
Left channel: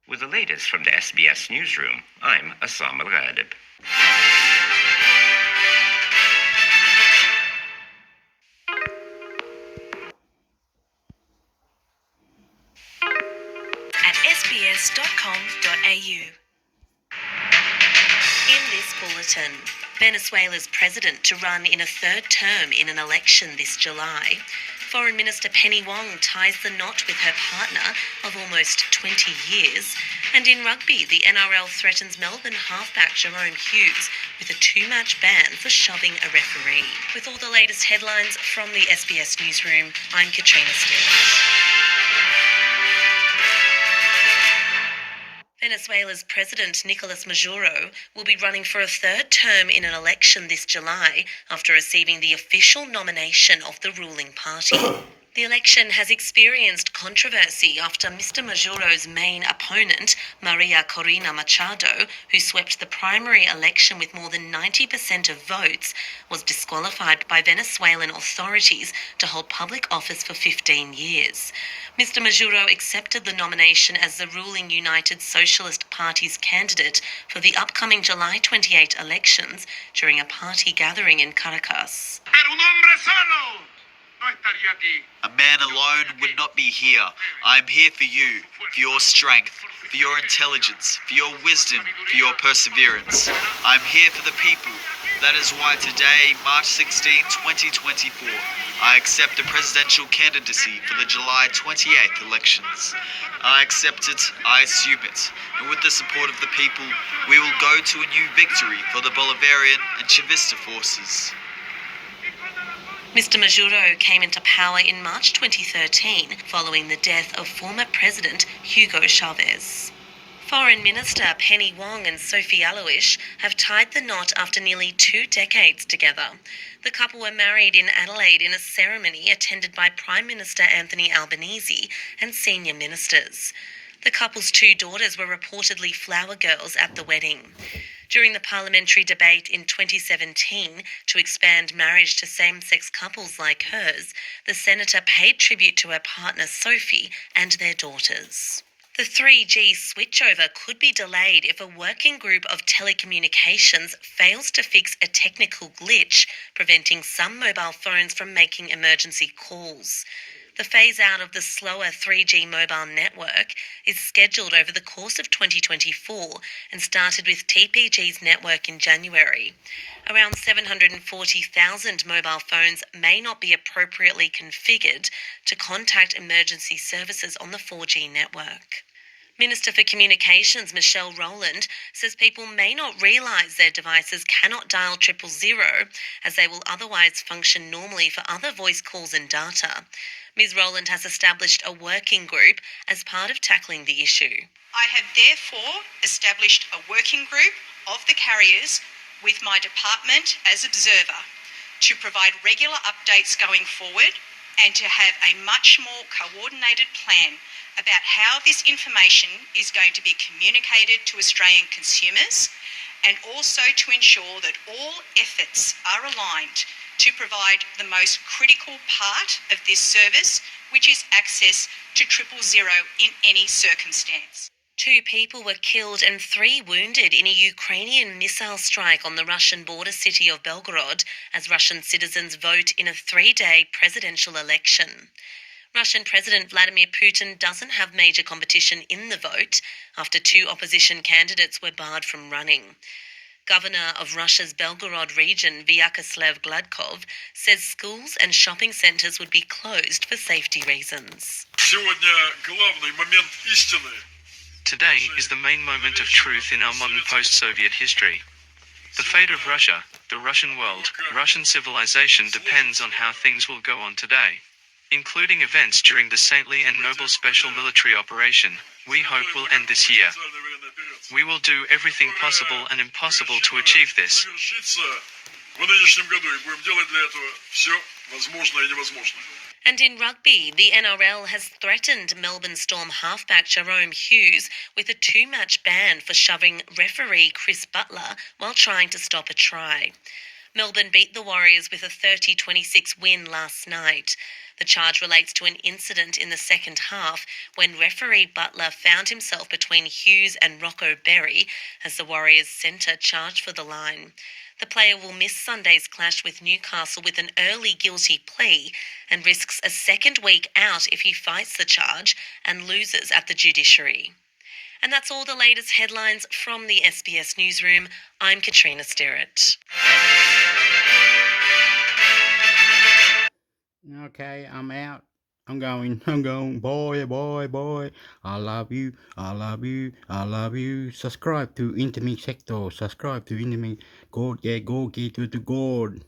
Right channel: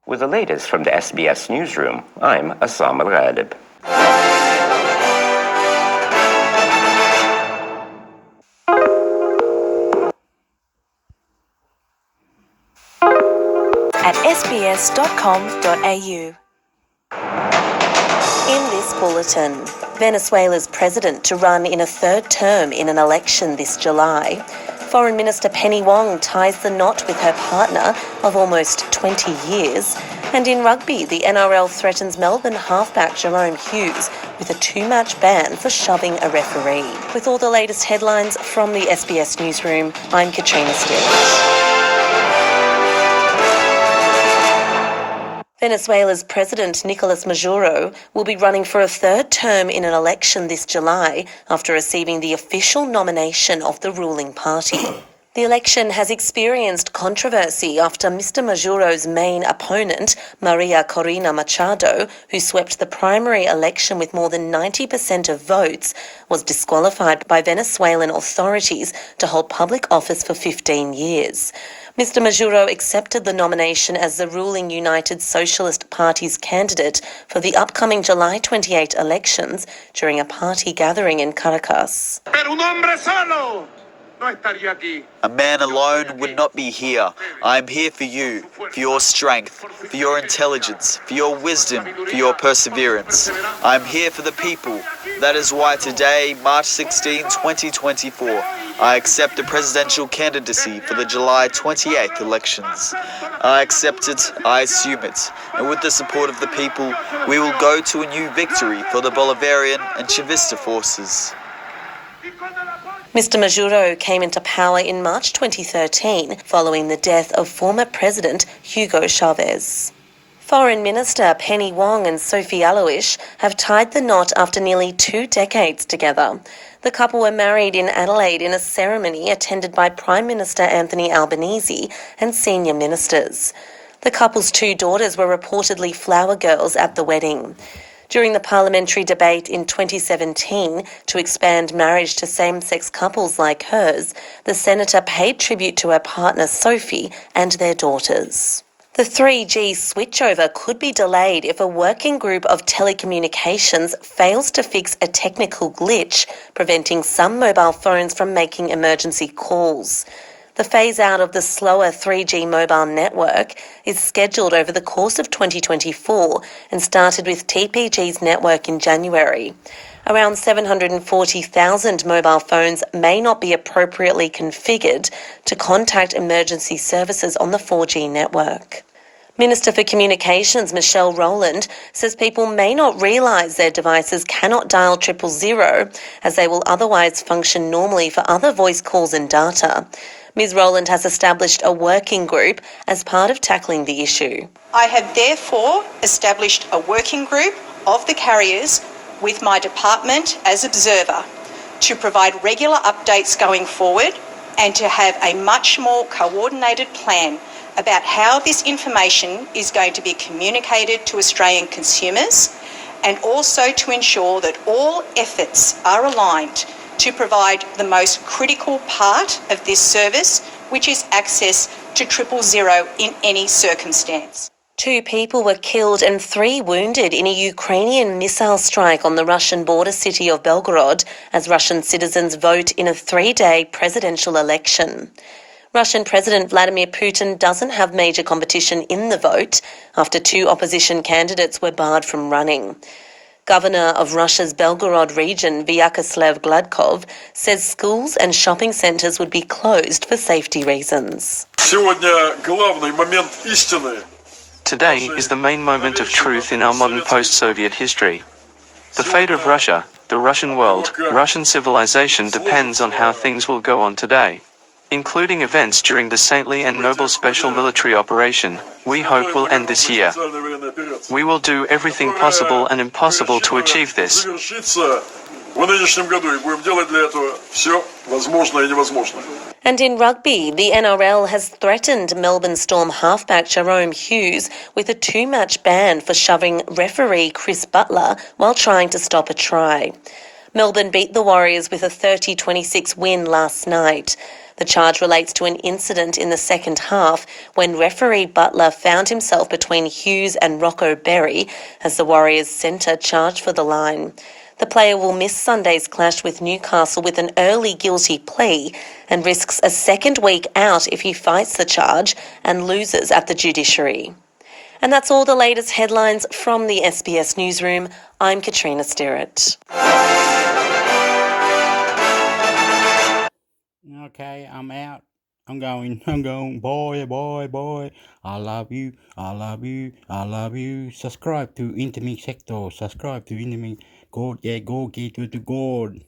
With the latest from the SBS Newsroom, I'm Assam Al-Ghalib. At sbs.com.au. In this bulletin, Venezuela's president to run in a third term in an election this July. Foreign Minister Penny Wong ties the knot with her partner of almost 20 years. And in rugby, the NRL threatens Melbourne halfback Jerome Hughes with a 2-match ban for shoving a referee. With all the latest headlines from the SBS Newsroom, I'm Katrina Stewart. Venezuela's President Nicolas Maduro will be running for a third term in an election this July after receiving the official nomination of the ruling party. The election has experienced controversy after Mr. Maduro's main opponent, Maria Corina Machado, who swept the primary election with more than 90% of votes, was disqualified by Venezuelan authorities to hold public office for 15 years. Mr. Maduro accepted the nomination as the ruling United Socialist Party's candidate for the upcoming July 28 elections during a party gathering in Caracas. A man alone would not be here. I am here for you, for your strength, for your intelligence, for your wisdom, for your perseverance. I am here for the people. That is why today, March 16, 2024, I accept the presidential candidacy for the July 28th elections. I accept it, I assume it, and with the support of the people, we will go to a new victory for the Bolivarian and Chavista forces. Mr. Maduro came into power in March 2013 following the death of former President Hugo Chavez. Foreign Minister Penny Wong and Sophie Aloish have tied the knot after nearly 2 decades together. The couple were married in Adelaide in a ceremony attended by Prime Minister Anthony Albanese and senior ministers. The couple's 2 daughters were reportedly flower girls at the wedding. During the parliamentary debate in 2017 to expand marriage to same-sex couples like hers, the senator paid tribute to her partner Sophie and their daughters. The 3G switchover could be delayed if a working group of telecommunications fails to fix a technical glitch, preventing some mobile phones from making emergency calls. The phase-out of the slower 3G mobile network is scheduled over the course of 2024 and started with TPG's network in January. Around 740,000 mobile phones may not be appropriately configured to contact emergency services on the 4G network. Minister for Communications Michelle Rowland says people may not realise their devices cannot dial 000 as they will otherwise function normally for other voice calls and data. Ms Rowland has established a working group as part of tackling the issue. I have therefore established a working group of the carriers with my department as observer to provide regular updates going forward and to have a much more coordinated plan about how this information is going to be communicated to Australian consumers, and also to ensure that all efforts are aligned to provide the most critical part of this service, which is access to 000 in any circumstance. 2 people were killed and 3 wounded in a Ukrainian missile strike on the Russian border city of Belgorod as Russian citizens vote in a 3-day presidential election. Russian President Vladimir Putin doesn't have major competition in the vote after 2 opposition candidates were barred from running. Governor of Russia's Belgorod region, Vyacheslav Gladkov, says schools and shopping centres would be closed for safety reasons. Today is the main moment of truth in our modern post-Soviet history. The fate of Russia, the Russian world, Russian civilization depends on how things will go on today, including events during the saintly and noble special military operation, we hope will end this year. We will do everything possible and impossible to achieve this. And in rugby, the NRL has threatened Melbourne Storm halfback Jerome Hughes with a 2-match ban for shoving referee Chris Butler while trying to stop a try. Melbourne beat the Warriors with a 30-26 win last night. The charge relates to an incident in the second half when referee Butler found himself between Hughes and Rocco Berry as the Warriors centre charged for the line. The player will miss Sunday's clash with Newcastle with an early guilty plea and risks a second week out if he fights the charge and loses at the judiciary. And that's all the latest headlines from the SBS Newsroom. I'm Katrina Stirrett. Okay, I'm out. I'm going. Boy. I love you. Subscribe to Intimate Sector. God, go get to the God.